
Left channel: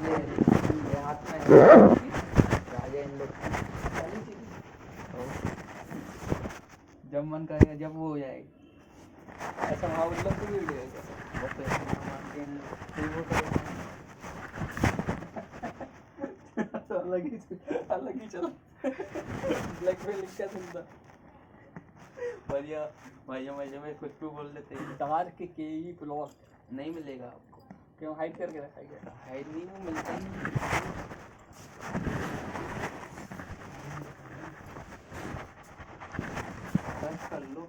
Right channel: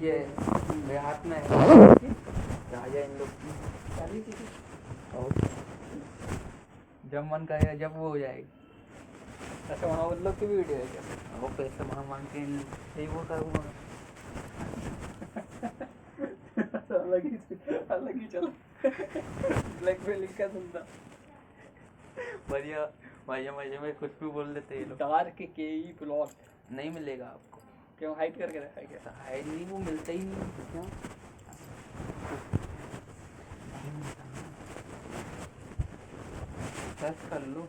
मेरे हाथ में राजा इन लोग की, जब मन करेगा जब वो हो जाएगी। ऐसा वहाँ उन लोग की भी वीडियो है क्या? वो पैसे ना मांगते हैं, सही वो करो। अलग ही चलो ब्लैकमेलिंग का धंधा। बढ़िया, मजे मजे में कुछ भी बोल देते हैं। डार्क के ई प्लॉट नहीं मिलेगा आपको, क्यों हाइड करके रखा है क्या? हाइड नहीं, वो मिलता ही नहीं। सर्च कर लो।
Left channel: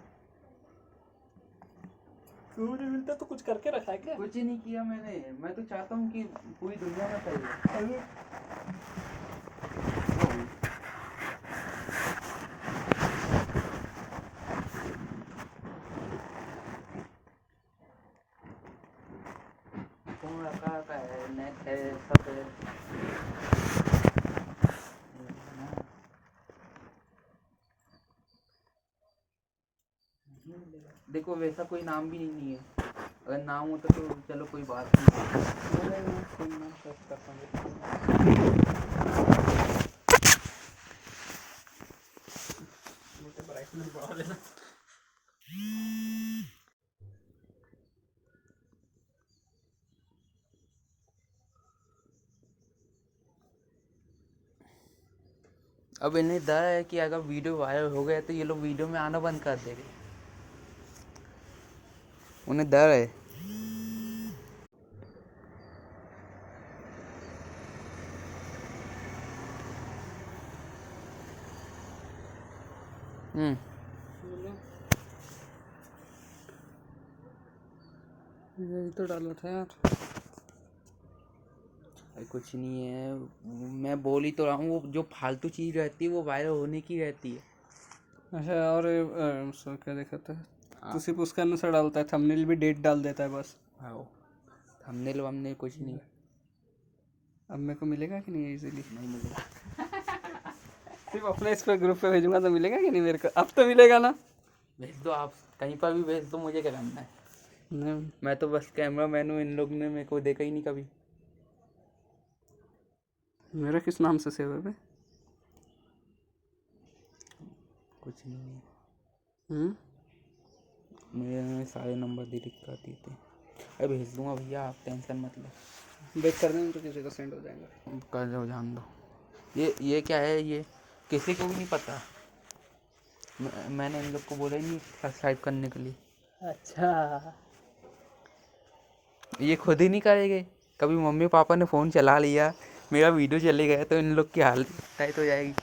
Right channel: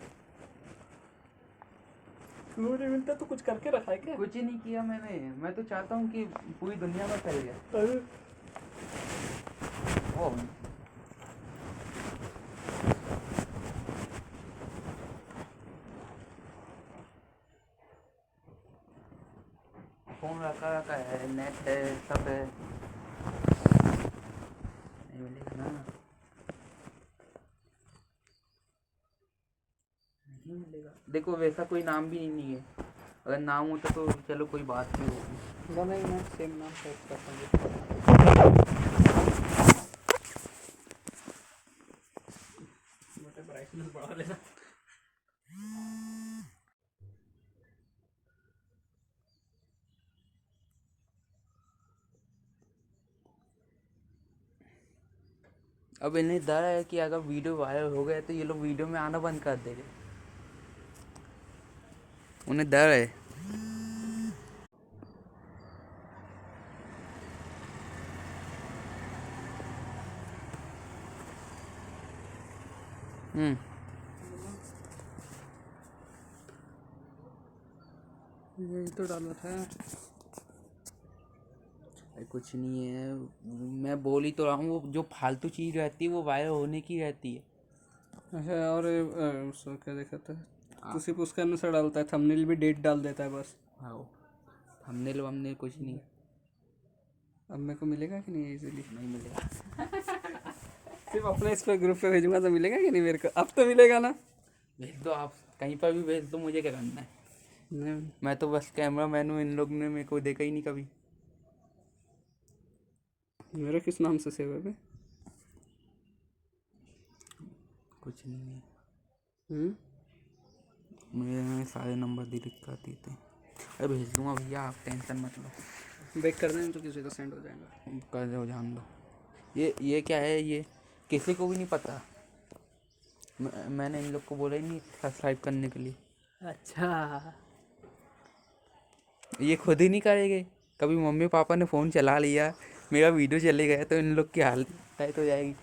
नहीं मिलता तो कुछ करके रखा है क्या? कुछ ही नहीं किया मैंने, मैं तो चाहता हूँ कि पूरी दुनिया में फैले। फोन रखा है, नेट है, सब है ना। नहीं मिलेगा, देखो वैसा कोई नाम भी नहीं है, अगर नाम होता तो चलो कोई बात नहीं। नहीं सेम नाम सर्च कर मोटे ब्राइटनेस बढ़ा लेना। अब इन्हें डर है कि अगर वीडियो वायरल हो गया तो ये लोग वीडियो में आना बंद कर देंगे, उन्हें डर है। यही तो डाला था यार। अरे कुछ नहीं है, मैं बोल ही तो रहा हूँ, वो जो फालतू चीज़ रहती है वो वायरल होने की रहती है। अच्छा और सर क्या देखा था तो सिर्फ उसका अनुसार डालता है, थंबनेल भी डेट डाल देता है बस। हाँ, थंबनेल वंबनेल कुछ नहीं। अब मेरे को मिलेगा कि नहीं इजीली? नहीं मिलेगा। सिर्फ अपने इस पर ग्रुप पे भेजूंगा तो मिलेगा कि नहीं मेरे को? अब तो मिलेगा ना? भेज दो, आप कहीं पर भी भेज दो, मुझे क्या करना है। नहीं मैं तो बस कैमरा मैन हूँ, इन लोग ने मेरे को देखा ही नहीं कभी। मेरा किस नाम से सेव है बे? कुछ नहीं है, हम्म मेरे सारे नंबर डिलीट कर दिए थे। अरे भेज दूंगा भैया, आप टेंशन मत लो। बैक कर देंगे तो किसी का सेंड हो जाएगा। कर दो, जान दो। ये क्या है, ये किसी को भी नहीं पता। मैंने इन लोग को बोला ही नहीं सब्सक्राइब करने के लिए। अच्छा ये खुद ही नहीं करेंगे। कभी मम्मी पापा ने फ़ोन चला लिया, मेरा वीडियो चले गया तो इन लोग की हालत टाइट हो जाएगी।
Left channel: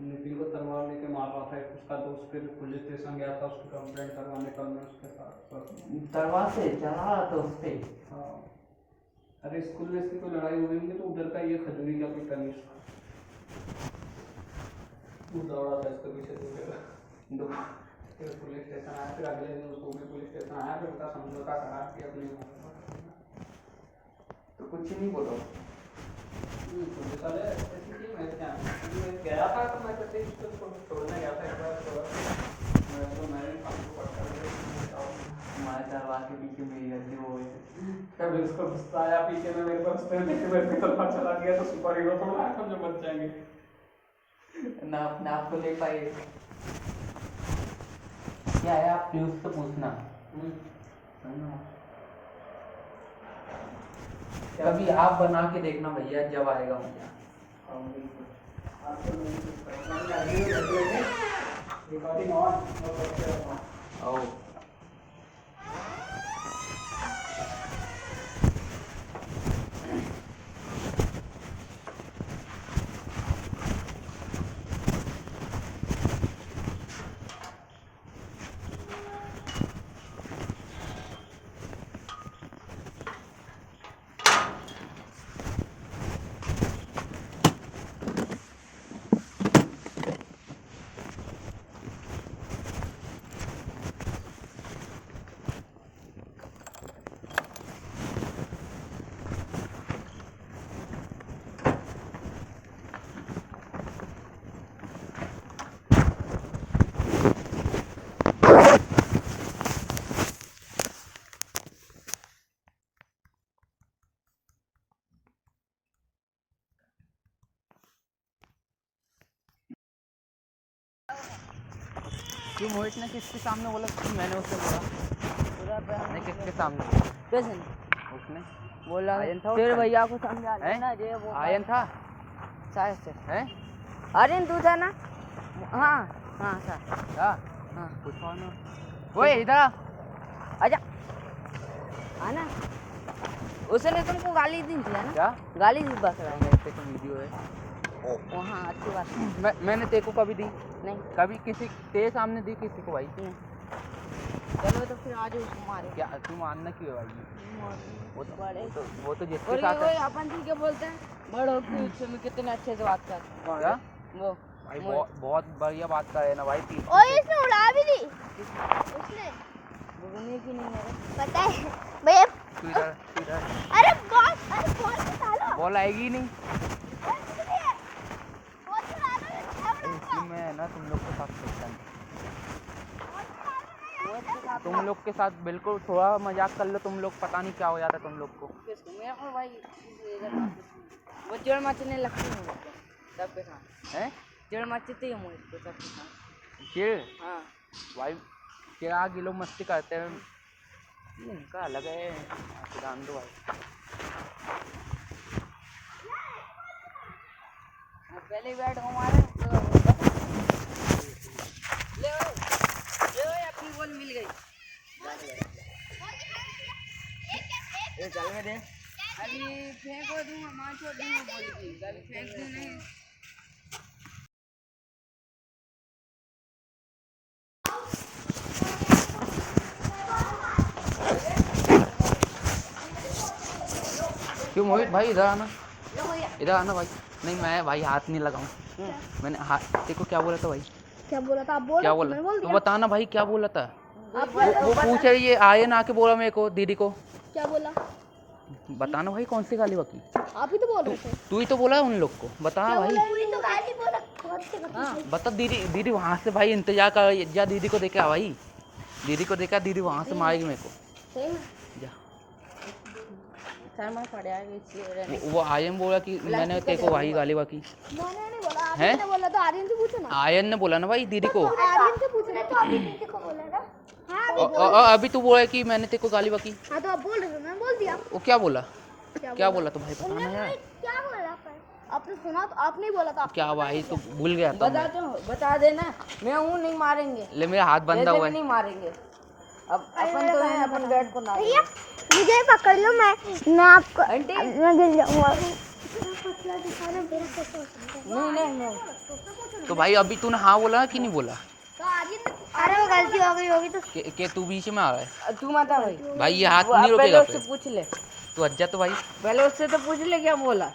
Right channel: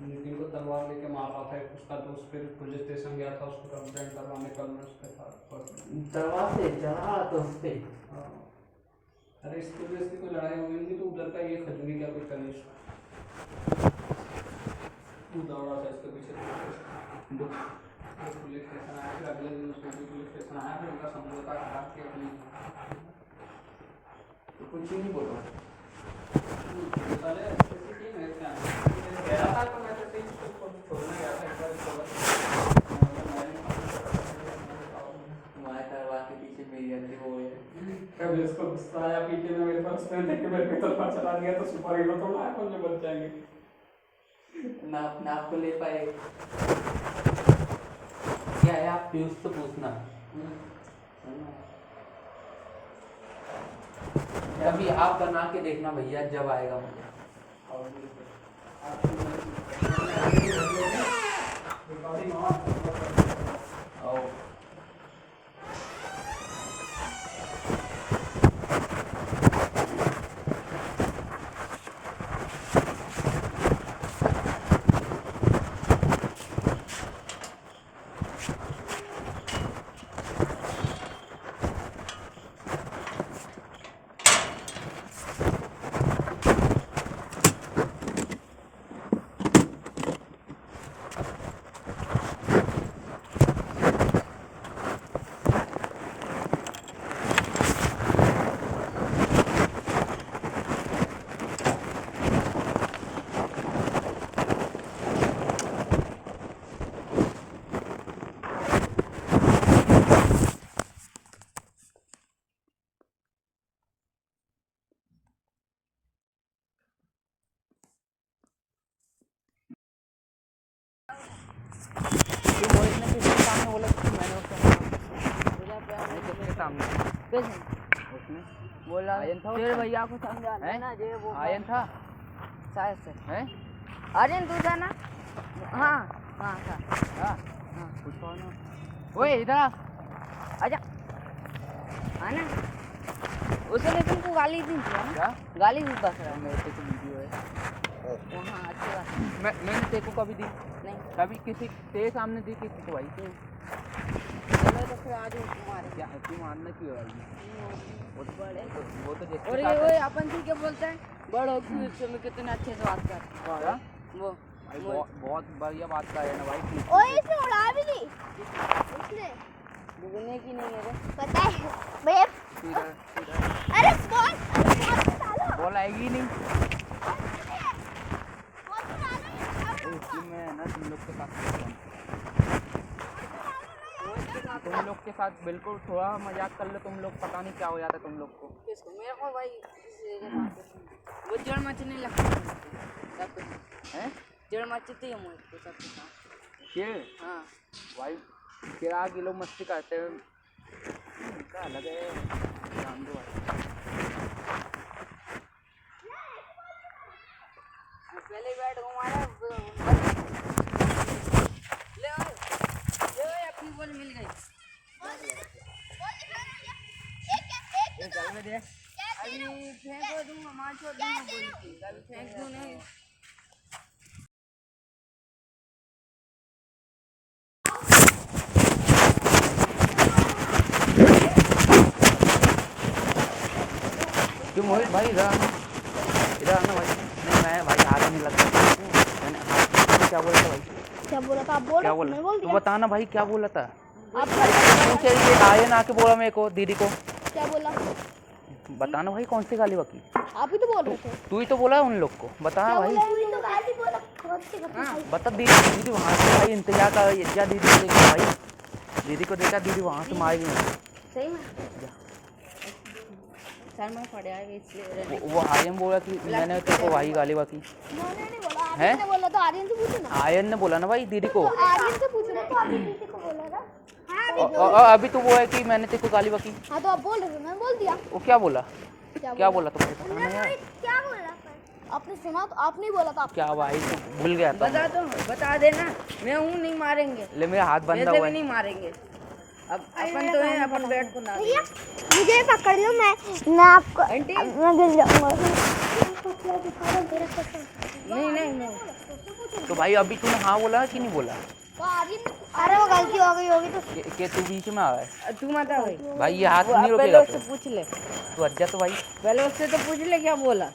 नितिन को तलवार लेके मार रहा था उसका दोस्त, फिर पुलिस स्टेशन गया था उसकी कंप्लेंट करवाने, कल मैं उसके साथ तलवार से चला रहा था उससे। हाँ अरे स्कूल में इसकी कोई लड़ाई हो गई थी तो उधर का ये खजूरी का कोई कनिष्ठ वो दौड़ा था इसके पीछे तो पुलिस स्टेशन आया, फिर अगले दिन उसको भी पुलिस स्टेशन आया, फिर उनका समझौता करा कि अपनी तो कुछ ही नहीं बोलो। पुलिस वाले ऐसे की मैं क्या मैं गया था तो मैं तो इसको छोड़ने गया था एक बार हमारे तलवार के पीछे मेरी रहती वो है। कभी उसको गुस्सा आया पीछे में मेरे पास देख के मेरे पे तलवार चला दिया तो सुपर हीरो थोड़ा है कौन जो बच जाएंगे ना अपने आप को ले पाए। क्या है, आप प्लीज तो पूछना। कभी आप बना के देखना भैया, जब आएगा मजा। आओ। क्यों मोहित ने किसके सामने बोला कि मैंने उससे बोला? नहीं, किसके सामने? उसने बोला आयन था तेरे उसका? भैया को समझाना हैं? ना ये वो आयन था शायद से हैं? अरे तू था ना हाँ हाँ था हाँ हाँ कुछ और नहीं। ओए इधर आ। आजा आना उसने तुमको गाली दी थी ना क्या? गाली दी बस रहा है मेरे से कोई वीडियो है? ओ हाँ अच्छी बात है। मैंने तेरे को कभी दी? नहीं कभी किसी तेरे सामने दी किसी को भाई? चलो तो फिर आज मारो क्या तू मानना क्यों है? बड़े वो तो जिसके और साथ ये है। अपन ठीक है बोलते हैं बड़ों की में कितने अच्छे से बात कर क्या? वो भाई बहुत बढ़िया बात कर रहे हैं ना भाई प्लीज। और इसने उड़ा भी दी उसने दुगने की नहीं है रे पता है भैया तू इधर अरे बहुत सालो बॉल आएगी ही नहीं। बहुत चलाना है इसी में है ना तुम लोग के साथ तुम लोग के साथ बिल्कुल थोड़ा मजाक कर लो तुम लोग, पता नहीं क्या हो जाता तुम लोग को। किसको मेरे को भाई वो जड़ मचने लगती है मुझको हैं? जड़ मचती है मुझको सबके साथ फिर हाँ भाई क्या के लोग मस्ती करते हैं उनका अलग है, ध्यान दो भाई। पहले बैट घुमाया ले ओए अपनी बॉल मिल गई चल में दे। अभी फेंको दूंगा मार छोड़ दूंगा बॉल की अभी फेंक दूं नहीं क्यों मोहित भाई इधर आना भाई। नहीं मैं भाई हाथ नहीं लगता मैंने हाथ तो क्या बोला था भाई? क्या बोला था आप बोल क्या रहे बोला? मैं बोल तो दिया बताना भाई क्या बोला था? आप बोल रहे पूछे ये आयन आके बोला मेरे को दीदी को। क्या बोला बताना भाई कौन सी गाली बकी? आप ही तो बोल रहे थे तू ही तो बोला उन लोग को, बता क्या भाई। बोला वही तो गाली बोला कौन सी बता हाँ बता दीदी। दीदी वहाँ से भाई इंतजार कर जा, दीदी को देखा भाई, दीदी को देखा, दीदी वहाँ से मारेगी मुझे। सही में जा। सर में पड़ जाएगा इसलिए रहने वो आयन बोला कि मैंने तेरे को भाई गाली बकी। मैंने नहीं बोला हैं? आर्यन ने बोला तो आर्यन से पूछो ना आयन ने बोला ना भाई दीदी को। तो आर्यन से पूछना तो अभी दीदी को बोला ना हाँ अभी और अभी तू बोला कि मैंने तेरे को गाली बकी। हाँ तो आप बोल रहे थे मैं बोल दिया वो क्या बोला? क्या बोला तू भाई? पता उन्होंने नहीं है। क्या बोला पर आपने सुना तो आपने ही बोला था क्या भाई तू भूल गया था? बता देना मैं हूँ नहीं मारेंगे ले मेरा हाथ बंधा वैसे हुआ भी है। नहीं मारेंगे अब अपन तो हैं अपन बैट को ना भैया मुझे पकड़ लो मैं आपको आंटी मैं गिर जाऊंगा नहीं नहीं नहीं तो भाई अभी तूने हाँ बोला कि नहीं बोला? तो आर्यन अरे वो गलती हो गई होगी तो कि तू बीच में आ रहा है तू मत आ भाई भाई, ये हाथ वो नहीं पहले रुकेगा उससे फिर। पूछ ले तू अच्छा तो भाई पहले उससे तो पूछ ले क्या बोला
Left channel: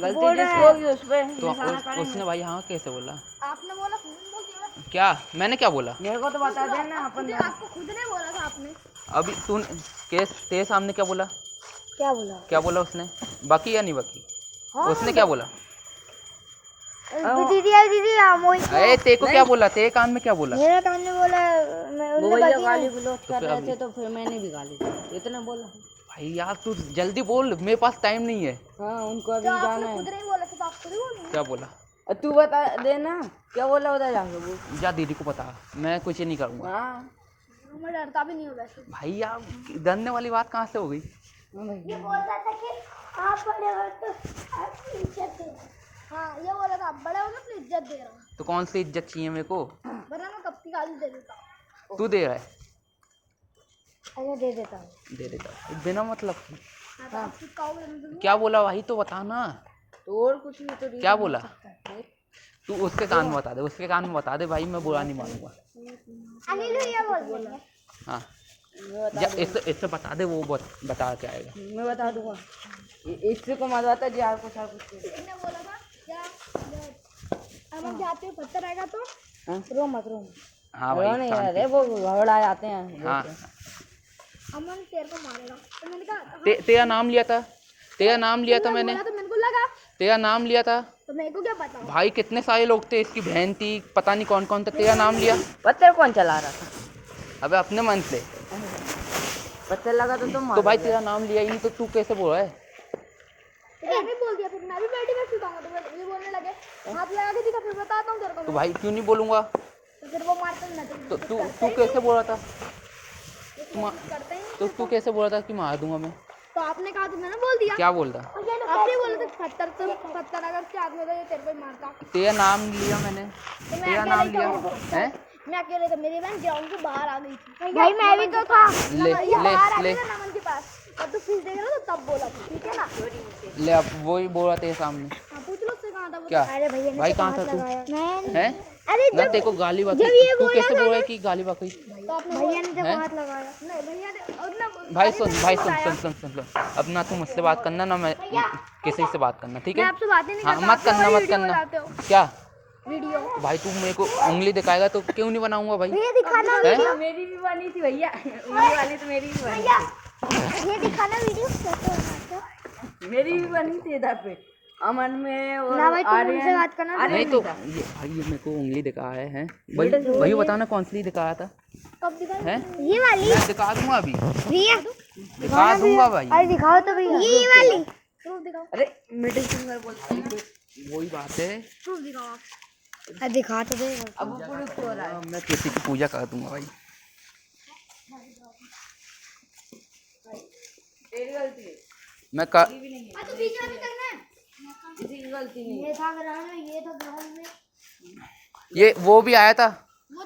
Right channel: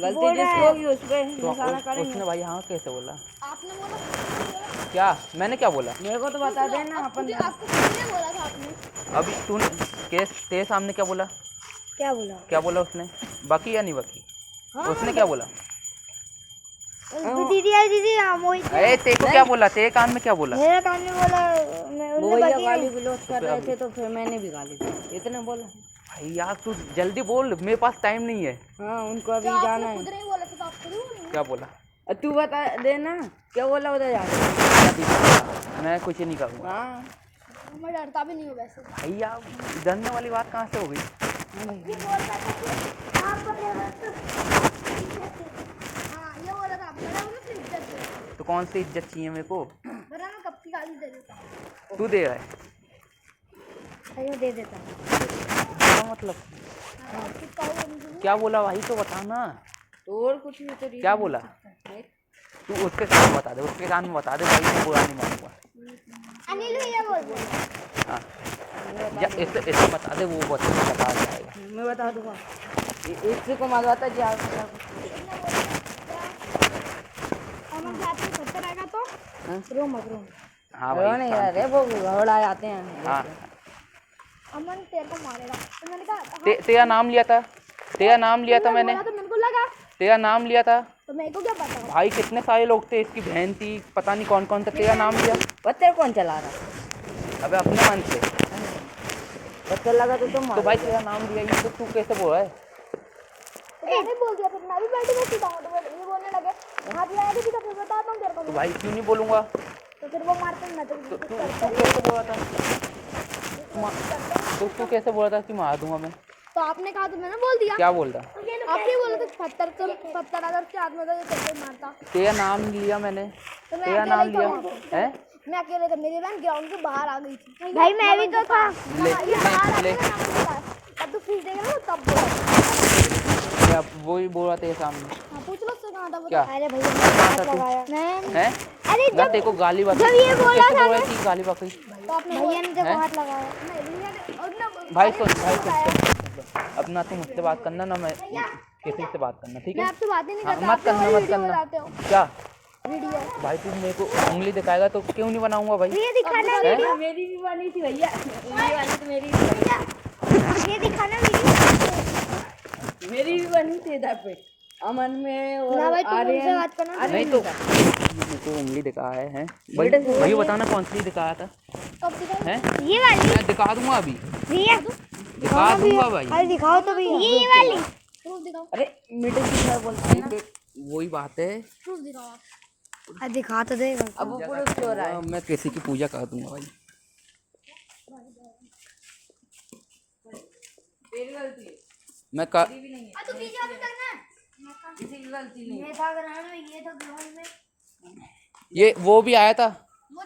गलती बोल रहा जिसको है। होगी उस पे तो निशाना उसने करेंगे भाई हाँ कैसे बोला? आपने बोला क्या मैंने क्या बोला? मेरे को तो बता देना अपन मुझे आपको किसने बोला था आपने अभी तू तेरे सामने क्या बोला? क्या बोला उसने? बाकी या नहीं बाकी? उसने क्या बोला? दीदी मोहित अरे तेरे को क्या बोला? तेरे कान में क्या बोला? मेरे कान में बोला मैं वो उन्हें भैया बगी गाली में गलौज कर रहे थे तो फिर मैंने भी गाली दी इतने बोला भाई यार तू जल्दी बोल, मेरे पास टाइम नहीं है। हाँ उनको अभी तो जाना आपने है खुद नहीं बोला था तो आप खुद ही बोल क्या बोला? तू बता देना क्या बोला उधर जाके क्या दीदी मैं कुछ नहीं करूँगा हाँ मैं डरता भी नहीं हूँ वैसे भाई यार। डरने वाली बात कहाँ से हो गई? ये बोल रहा था कि आप अपने कौन सी इज्जत चाहिए मेरे को? बता मैं कब की गाली दे देता हूँ। तू दे रहा है? अच्छा दे देता हूँ। बोला मतलब हाँ, कुछ कहो मुझे। क्या बोला भाई तो बता ना। तो और कुछ भी तो क्या बोला? तू उसके कान में बता दे, उसके कान में बता दे भाई, मैं बुरा नहीं मानूंगा। अनिल भैया बोल रहे हैं। हाँ या इससे बता दे, वो बता जाएगा। मैं बता दूंगा। इससे को मरवाता जी आप बता इतना बोल रहे हम जाते पत्थर आएगा तो रो मत रो। हाँ दो भाई नहीं शांति। अरे वो घबरा जाते हैं। हाँ अमन तेरे को मारेगा तो मैंने कहा तेरा नाम लिया था, तेरा नाम लिया था मैंने, तो मेरे को लगा तेरा नाम लिया था तो मेरे को क्या पता। भाई। कितने सारे लोग थे, इसकी बहन थी, पता नहीं कौन कौन था, तेरा नाम लिया। पत्थर कौन चला रहा था? अबे अपने मन से। पत्थर लगा तो तुम तो भाई तेरा नाम लिया ही नहीं, तो तू कैसे बोल रहा है? तो मैंने बोल दिया, फिर मैं भी बैठी बैठी था तो ये बोलने लगे हाथ लगा के दिखा, फिर बताता हूँ तेरे को। तो भाई क्यों नहीं बोलूँगा? तो फिर वो मारते मैं तो तो तू करते ही कैसे बोल रहा था? करते हैं। तो तू कैसे बोल रहा था कि मार दूंगा मैं? तो आपने कहा तो मैंने बोल दिया। क्या बोल रहा? आप ये बोले थे पत्थर अगर उसके हाथ में था ये तेरे को मारता। तेरा नाम लिया मैंने, तो तेरा नाम लिया है। मैं अकेले था, मेरी बहन ग्राउंड के बाहर आ गई थी। भाई मैं भी तो था। ये बाहर आ ले गया ना नमन के पास, तब तो फीस देगा ना तब बोला। या वो ही बोल रहा तेरे सामने। हाँ पूछ लो उससे कहाँ था वो। क्या? अरे भैया मैंने हाथ लगाया नहीं। है अरे ना तेरे को गाली बक, जब ये तू बोला कैसे था बोल रहा ना है कि गाली बकरी? तो आपने भैया ने जब हाथ लगाया नहीं भैया ने और ना भाई सुन, भाई सुन। अब ना तू मुझसे बात करना ना मैं किसी से बात करना, ठीक मैं है? आपसे बात ही नहीं हाँ करता। मत करना, मत करना। क्या वीडियो भाई तू मेरे को उंगली दिखाएगा तो क्यों नहीं बनाऊंगा भाई? भैया दिखाना हैं? वीडियो। मेरी भी बनी थी भैया, मेरी वाली तो मेरी भैया ये दिखाना वीडियो। मेरी भी बनी थी इधर पे अमन में और ना भाई तुम उनसे आर्यन। बात करना। नहीं तो ये मेरे को उंगली दिखाया है भाई, भाई बताना कौन सी दिखाया था? कब दिखाओ? हैं? ये वाली दिखा दूंगा अभी, भैया दिखा दूंगा भाई। अरे दिखाओ तो भैया ये वाली प्रूफ दिखाओ। अरे मिडिल फिंगर बोलते हैं। वही बात है। प्रूफ दिखाओ आप। अरे दिखा तो दे। अब वो पुरुष क्यों रहा है? मैं किसी की पूजा कर दूंगा भाई। तेरी गलती है, मैं कर तो बीच अभी तक ना किसी की गलती नहीं। ये था ग्रहण में, ये था ग्रहण में। ये वो भी आया था,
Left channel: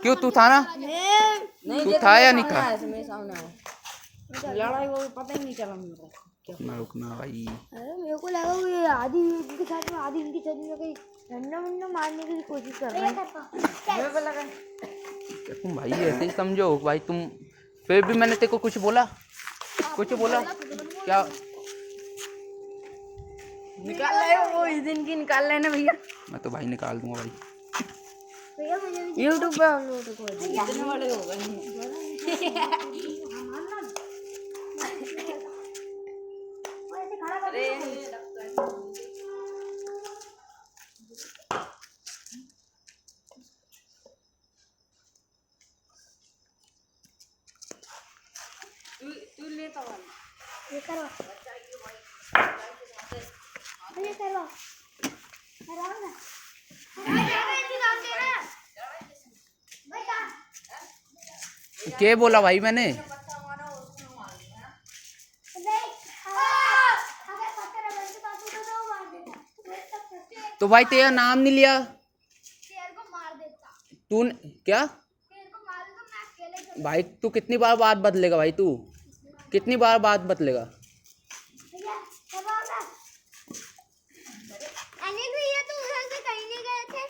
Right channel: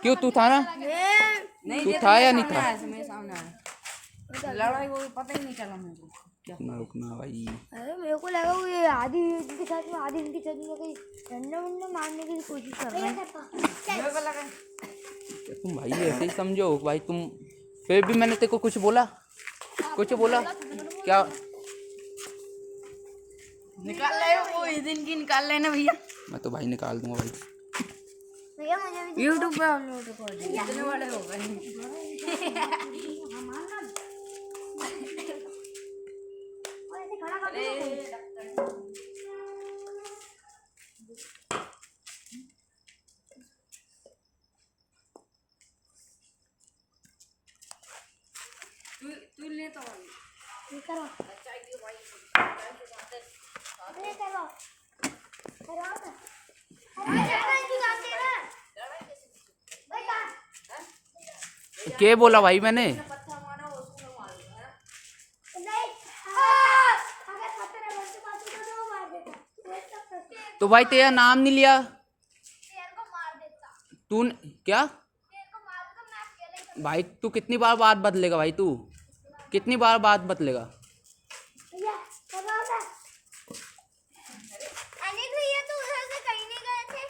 क्यों तू था ना? नहीं तू था या नहीं था? मेरे सामने आया लड़ाई वो पता ही नहीं चला मेरे को। रुकना रुकना भाई। अरे मेरे को लगा वो ये आधी इनके साथ में आधी इनकी चली गई, डंडा वंडा मारने की कोशिश कर रहे हैं। मेरे को लगा तुम भाई ऐसे ही समझो भाई तुम। फिर भी मैंने तेरे को कुछ बोला? कुछ बोला क्या? निकाल ले वो इस दिन की निकाल लेना भैया। मैं तो भाई निकाल दूंगा भाई। भैया मुझे भी यूट्यूब पे देखने वाले हो गए। ऐसे खड़ा कर दो। तू लेता वाला ये करो ये करो करो ना। क्या बोला भाई मैंने? तो भाई तेरा नाम नहीं लिया तू क्या? भाई तू कितनी बार बात बदलेगा भाई? तू कितनी बार बात बदलेगा? अनिल भैया तो उधर से कहीं नहीं गए थे।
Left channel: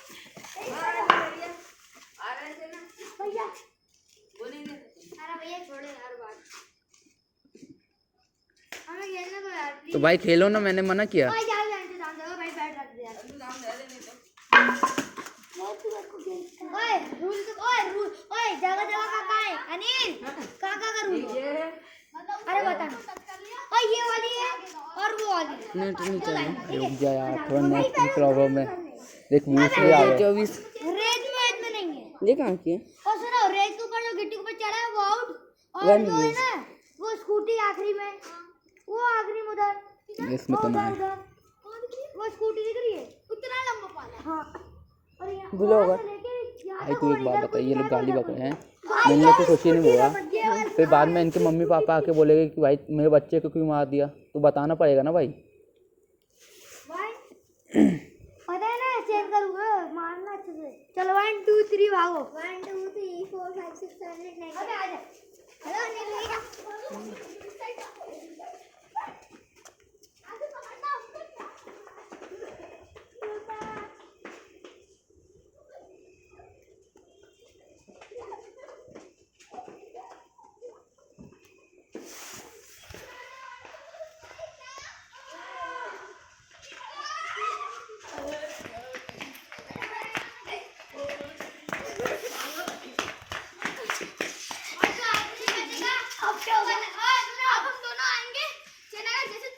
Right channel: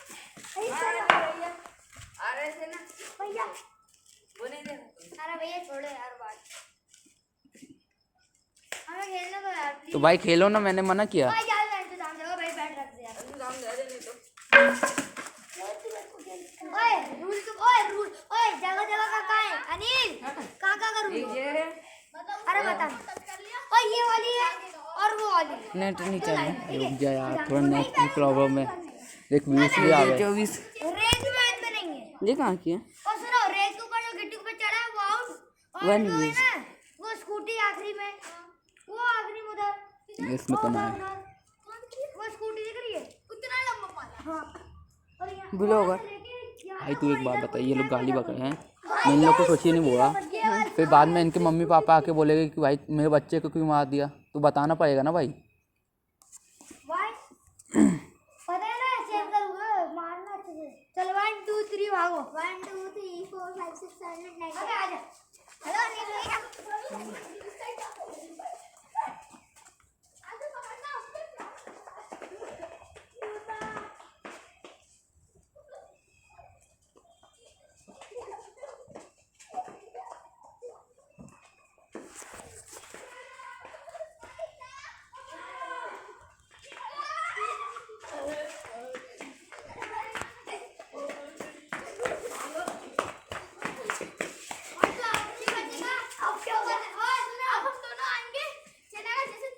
भैया अरे भैया छोड़ो यार बात, हमें खेलने दो यार प्लीज। तो भाई खेलो ना, मैंने मना किया। भाई यार मैं इंतजाम दो भाई, बैठ रख दे यार। ओए रूल ओए जगह जगह का कहाँ है अनिल? कहाँ का रूल? अरे बता। ओए ये वाली है और वो वाली। नेट नहीं चाहिए। रुक जा यार, थोड़ा नेट की प्रॉब्लम है। देख व्यूज भी आ गए। 24 रेस में नहीं है। ये कहाँ की है? और सुनो रेस के ऊपर जो गिट्टी के ऊपर चढ़ा है वो आउट, और One जो है is- ना वो स्कूटी आखिरी में, वो आखिरी में उधर इसमें तो ना है। वो स्कूटी दिख रही है उतना लंबा पाला। हाँ और यहाँ बुला होगा। से लेके यहाँ भाई तू एक बात बता, ये लोग गाली बक रहे हैं, मैं इन लोग को कुछ ही नहीं बोला। फिर बाद में इनके मम्मी पापा आके बोलेंगे कि भाई मेरे बच्चे को क्यों मार दिया, तो बताना पड़ेगा ना भाई। भाई पता है ना चेक करूँगा मारना अच्छे से। चलो देखो 1 2 3 4 5 6 7 8 9 अबे आ जा हेलो नीले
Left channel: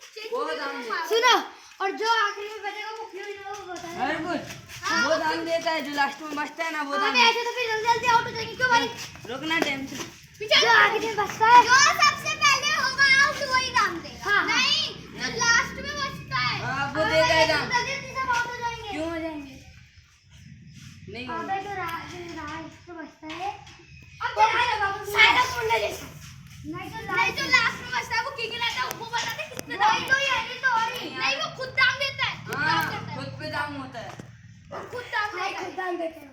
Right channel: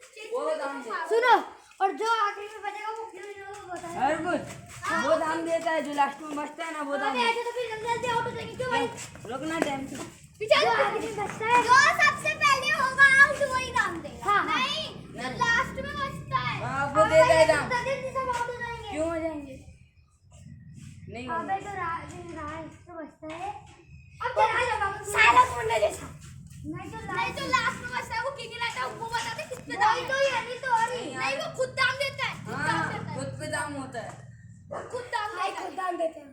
सुनो और जो आखिरी में बचेगा वो क्यों नहीं वो बताएगा और कुछ वो दाम देता है जो लास्ट में बचता है ना वो दाम अबे ऐसे तो फिर जल्दी जल्दी आउट हो जाएंगे क्यों भाई रुकना टेंशन पीछे जो आखिरी में बचता है जो सबसे पहले होगा आउट वही दाम देगा हाँ, हाँ। नहीं जो लास्ट में बचता है हाँ, वो देगा ही दाम। जल्दी जल्दी सब आउट हो जाएंगे क्यों हो जाएंगे नहीं होगा। अबे जो राइट तो बचता है अब सारा कोने जैसा नहीं तो लास्ट में बचता है वो किक लाता है वो बताते कितने दाम तो ये नहीं तो और नहीं वो खुद दाम देता है हाँ खुद पे दाम होता है खुद दाम देता है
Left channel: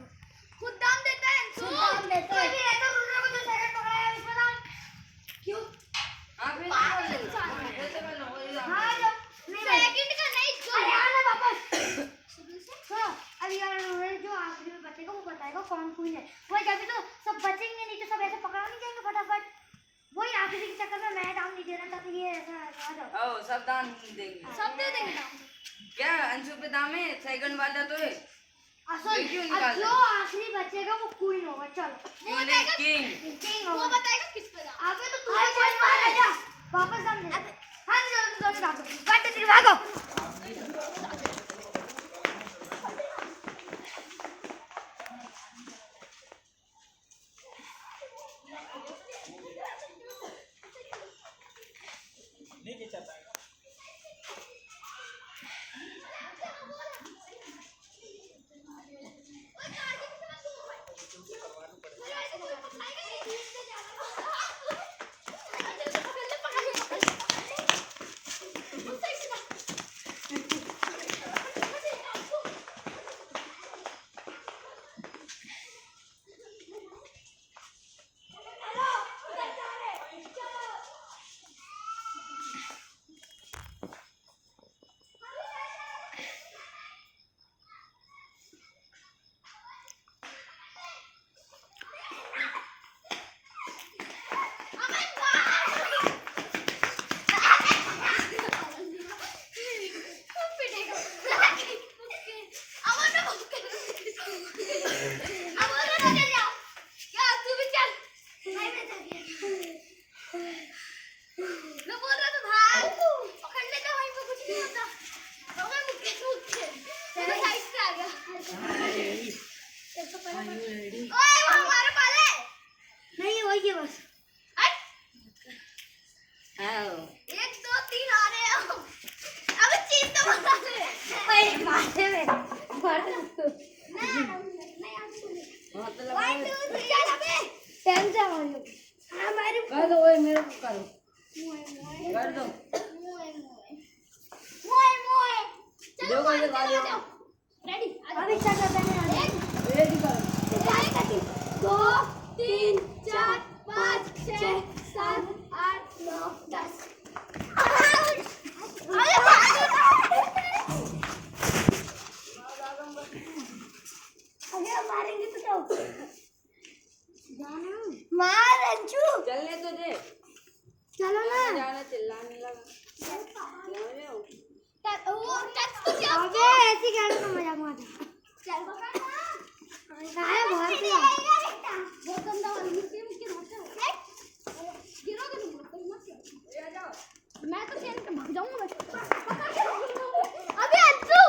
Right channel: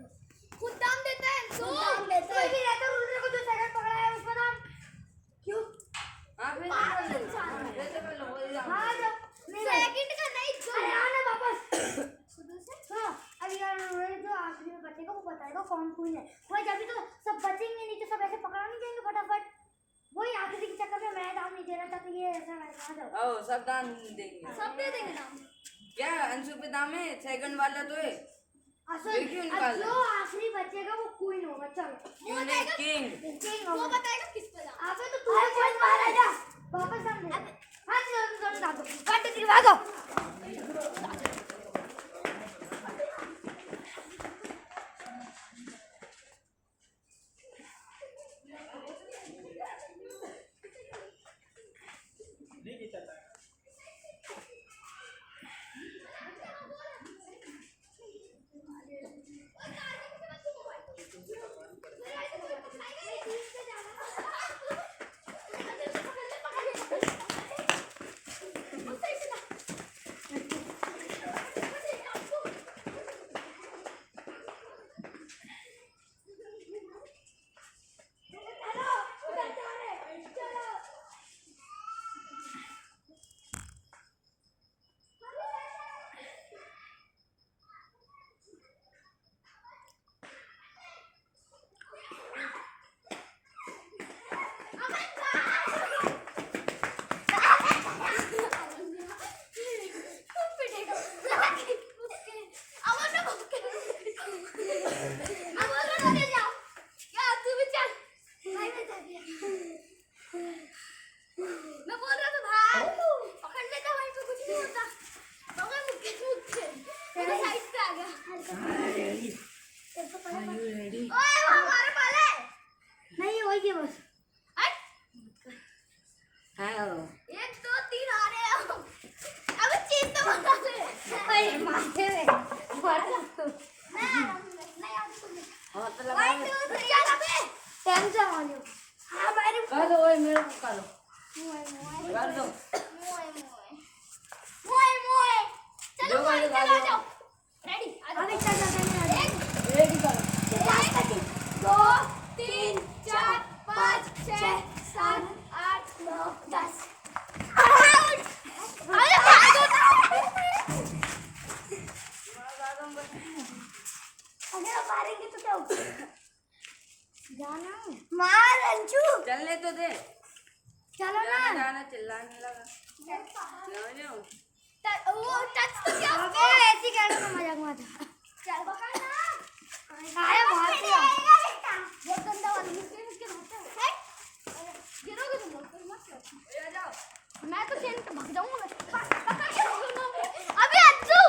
खुद दाम देता है खुद दाम देता है ये रहता रूलर को जो सेकंड पकड़ा है उसका दाम क्यों हाँ फिर पागल इंसान है वैसे कर लो वही दाम। हां जो सेकंड का नहीं जो आना वापस हां अब यार रूलर जो आखिरी में बचेगा वो बताएगा कौन क्वीन है वो जब भी तो सब बचेंगे नहीं तो सब ऐसे पकड़ा नहीं जाएंगे फटाफट वही आखिरी के चक्कर में मैं दाम नहीं दे रहा था कि ये ऐसा आ जाओ ओ सब दाम देंगे सब दे देंगे दाम क्या अंशु पे दाम है सेकंड वाला तो है असल क्यों अब निकाल जो आखिरी बचेगा वो क्वीन होगा चलो क्यों नहीं किंग किंग होगा वो बताएगा किस पे दाम अबे तो तू कोई मार आ जा वापस दाम दे हां चलो दाम दो कट तेरे भागो नहीं वही है बस हाँ 1 2 3 आ रहे हो अबे चीज तो बता दे ओए मारते में नहीं आप सुन हाँ तो लगा 1 2 3 चल अबे टेंशन हो रही हो हमारे कर दो ओए मेरे को करो मोए कर दो मोए चलो दो बार लगा दो रेडी अभी चल रहा है एक ही करो 2 3 4 5 6 7 8 9 10 अगर मारेंगे तो क्या जाना मार अंशु चलने तो दे चलो ना जाना चिल्लाने लगा जाओ वो टच तो क्या अबे ऐसे कहने का मजाक मत चल पकड़ ना आया बाहर से बहुत गंदा वाला मुझे मुझे मारता है गिरोगे तुम लोग कोई मत जाओ मैं तो खेल के भाग जाऊंगा मैं पकड़ के रखूंगा अबे अंशु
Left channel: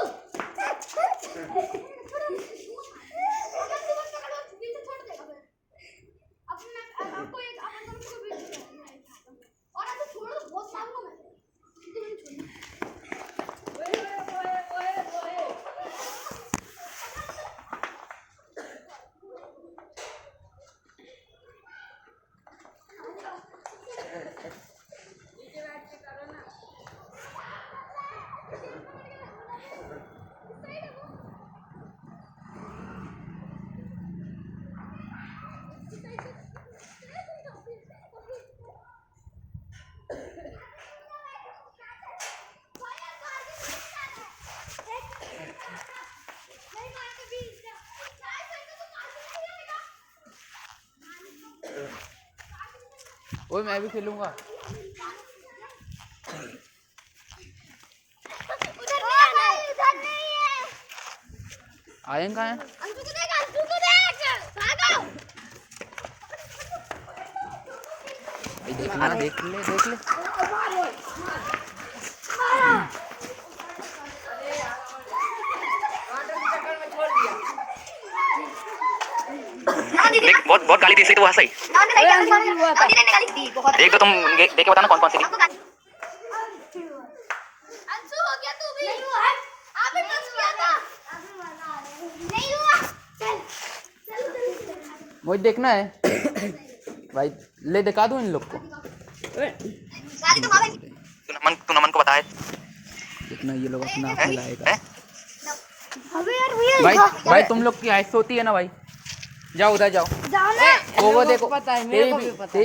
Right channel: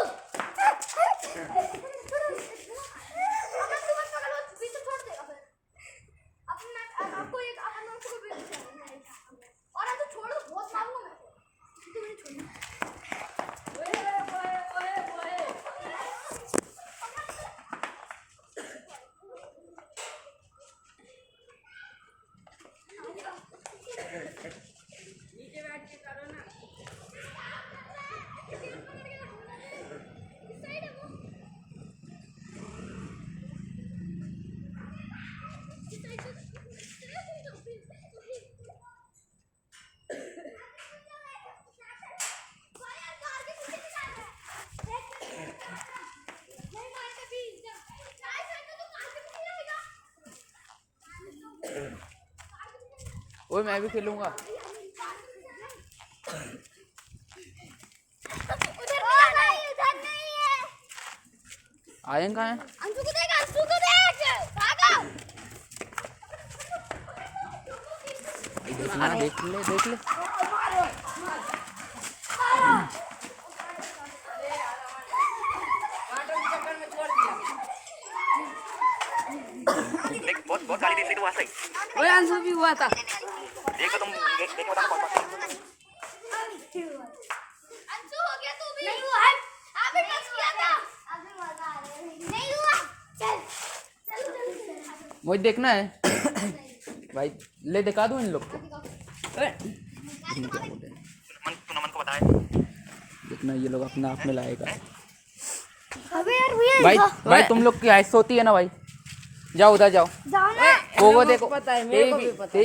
ओए मैं भी खेलूंगा। उधर नहीं है। आयन कहाँ है? अंशु को देख, अंशु को देख, भागो। देखना, देख ले देख ले। देख बहुत बहुत गाली दी इसलिए तो वो सही। एक तो तुम देख के बताना कौन कौन से। अंशु हो गया तू भी। नहीं हुआ, आप भी पास किया था। अभी मजा आ रहा है। नहीं हुआ, चल चल मुझे देखना है भाई, ले दिखा दूं इन लोग को। तू नमन को बताए। देखना ये लोग अपना आप में लाएगा। अबे यार भैया भाई भाई तुम लोग की हाइट होती है ना भाई, जाओ उधर जाओ। जाओ ना। वो देखो तेरी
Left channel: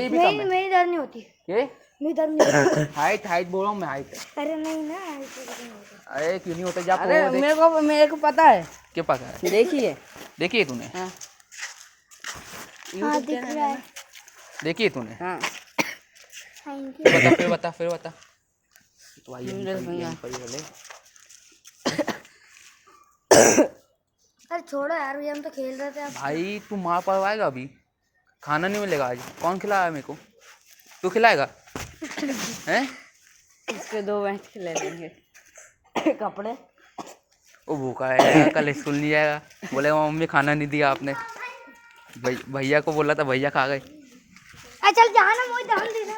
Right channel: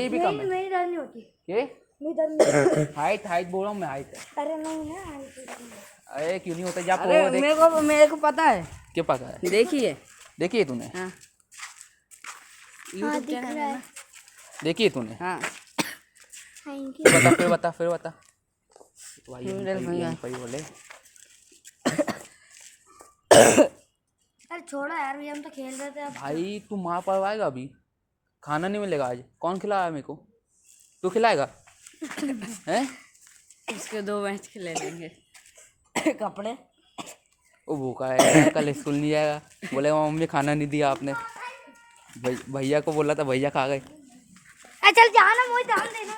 भी कम है। मेरी दर्द नहीं होती। ये मेरी दर्द नहीं। हाइट बोल रहा हूँ मैं, हाइट। अरे नहीं ना। अरे क्यों नहीं होता, जा अरे वो देख। मेरे को पता है। क्या पता है? देखिए देखिए तूने, हाँ दिख रहा है। देखिए तूने। Thank you. फिर बता तो भाई यहीं पर ही बोले। अरे छोड़ो यार भैया, हम तो खेल रहे थे अब। भाई तू मार पड़वाएगा अभी, खाना नहीं मिलेगा आज। कौन खिलाया मेरे को? तू खिलाएगा हैं? इसके 2 मैच खिला देंगे। कपड़े वो भूखा है, कल स्कूल नहीं जाएगा। बोले मम्मी खाना नहीं दिया आपने। भैया को बोला था, भैया खा गए। चल जाना, मुझे डाल देना।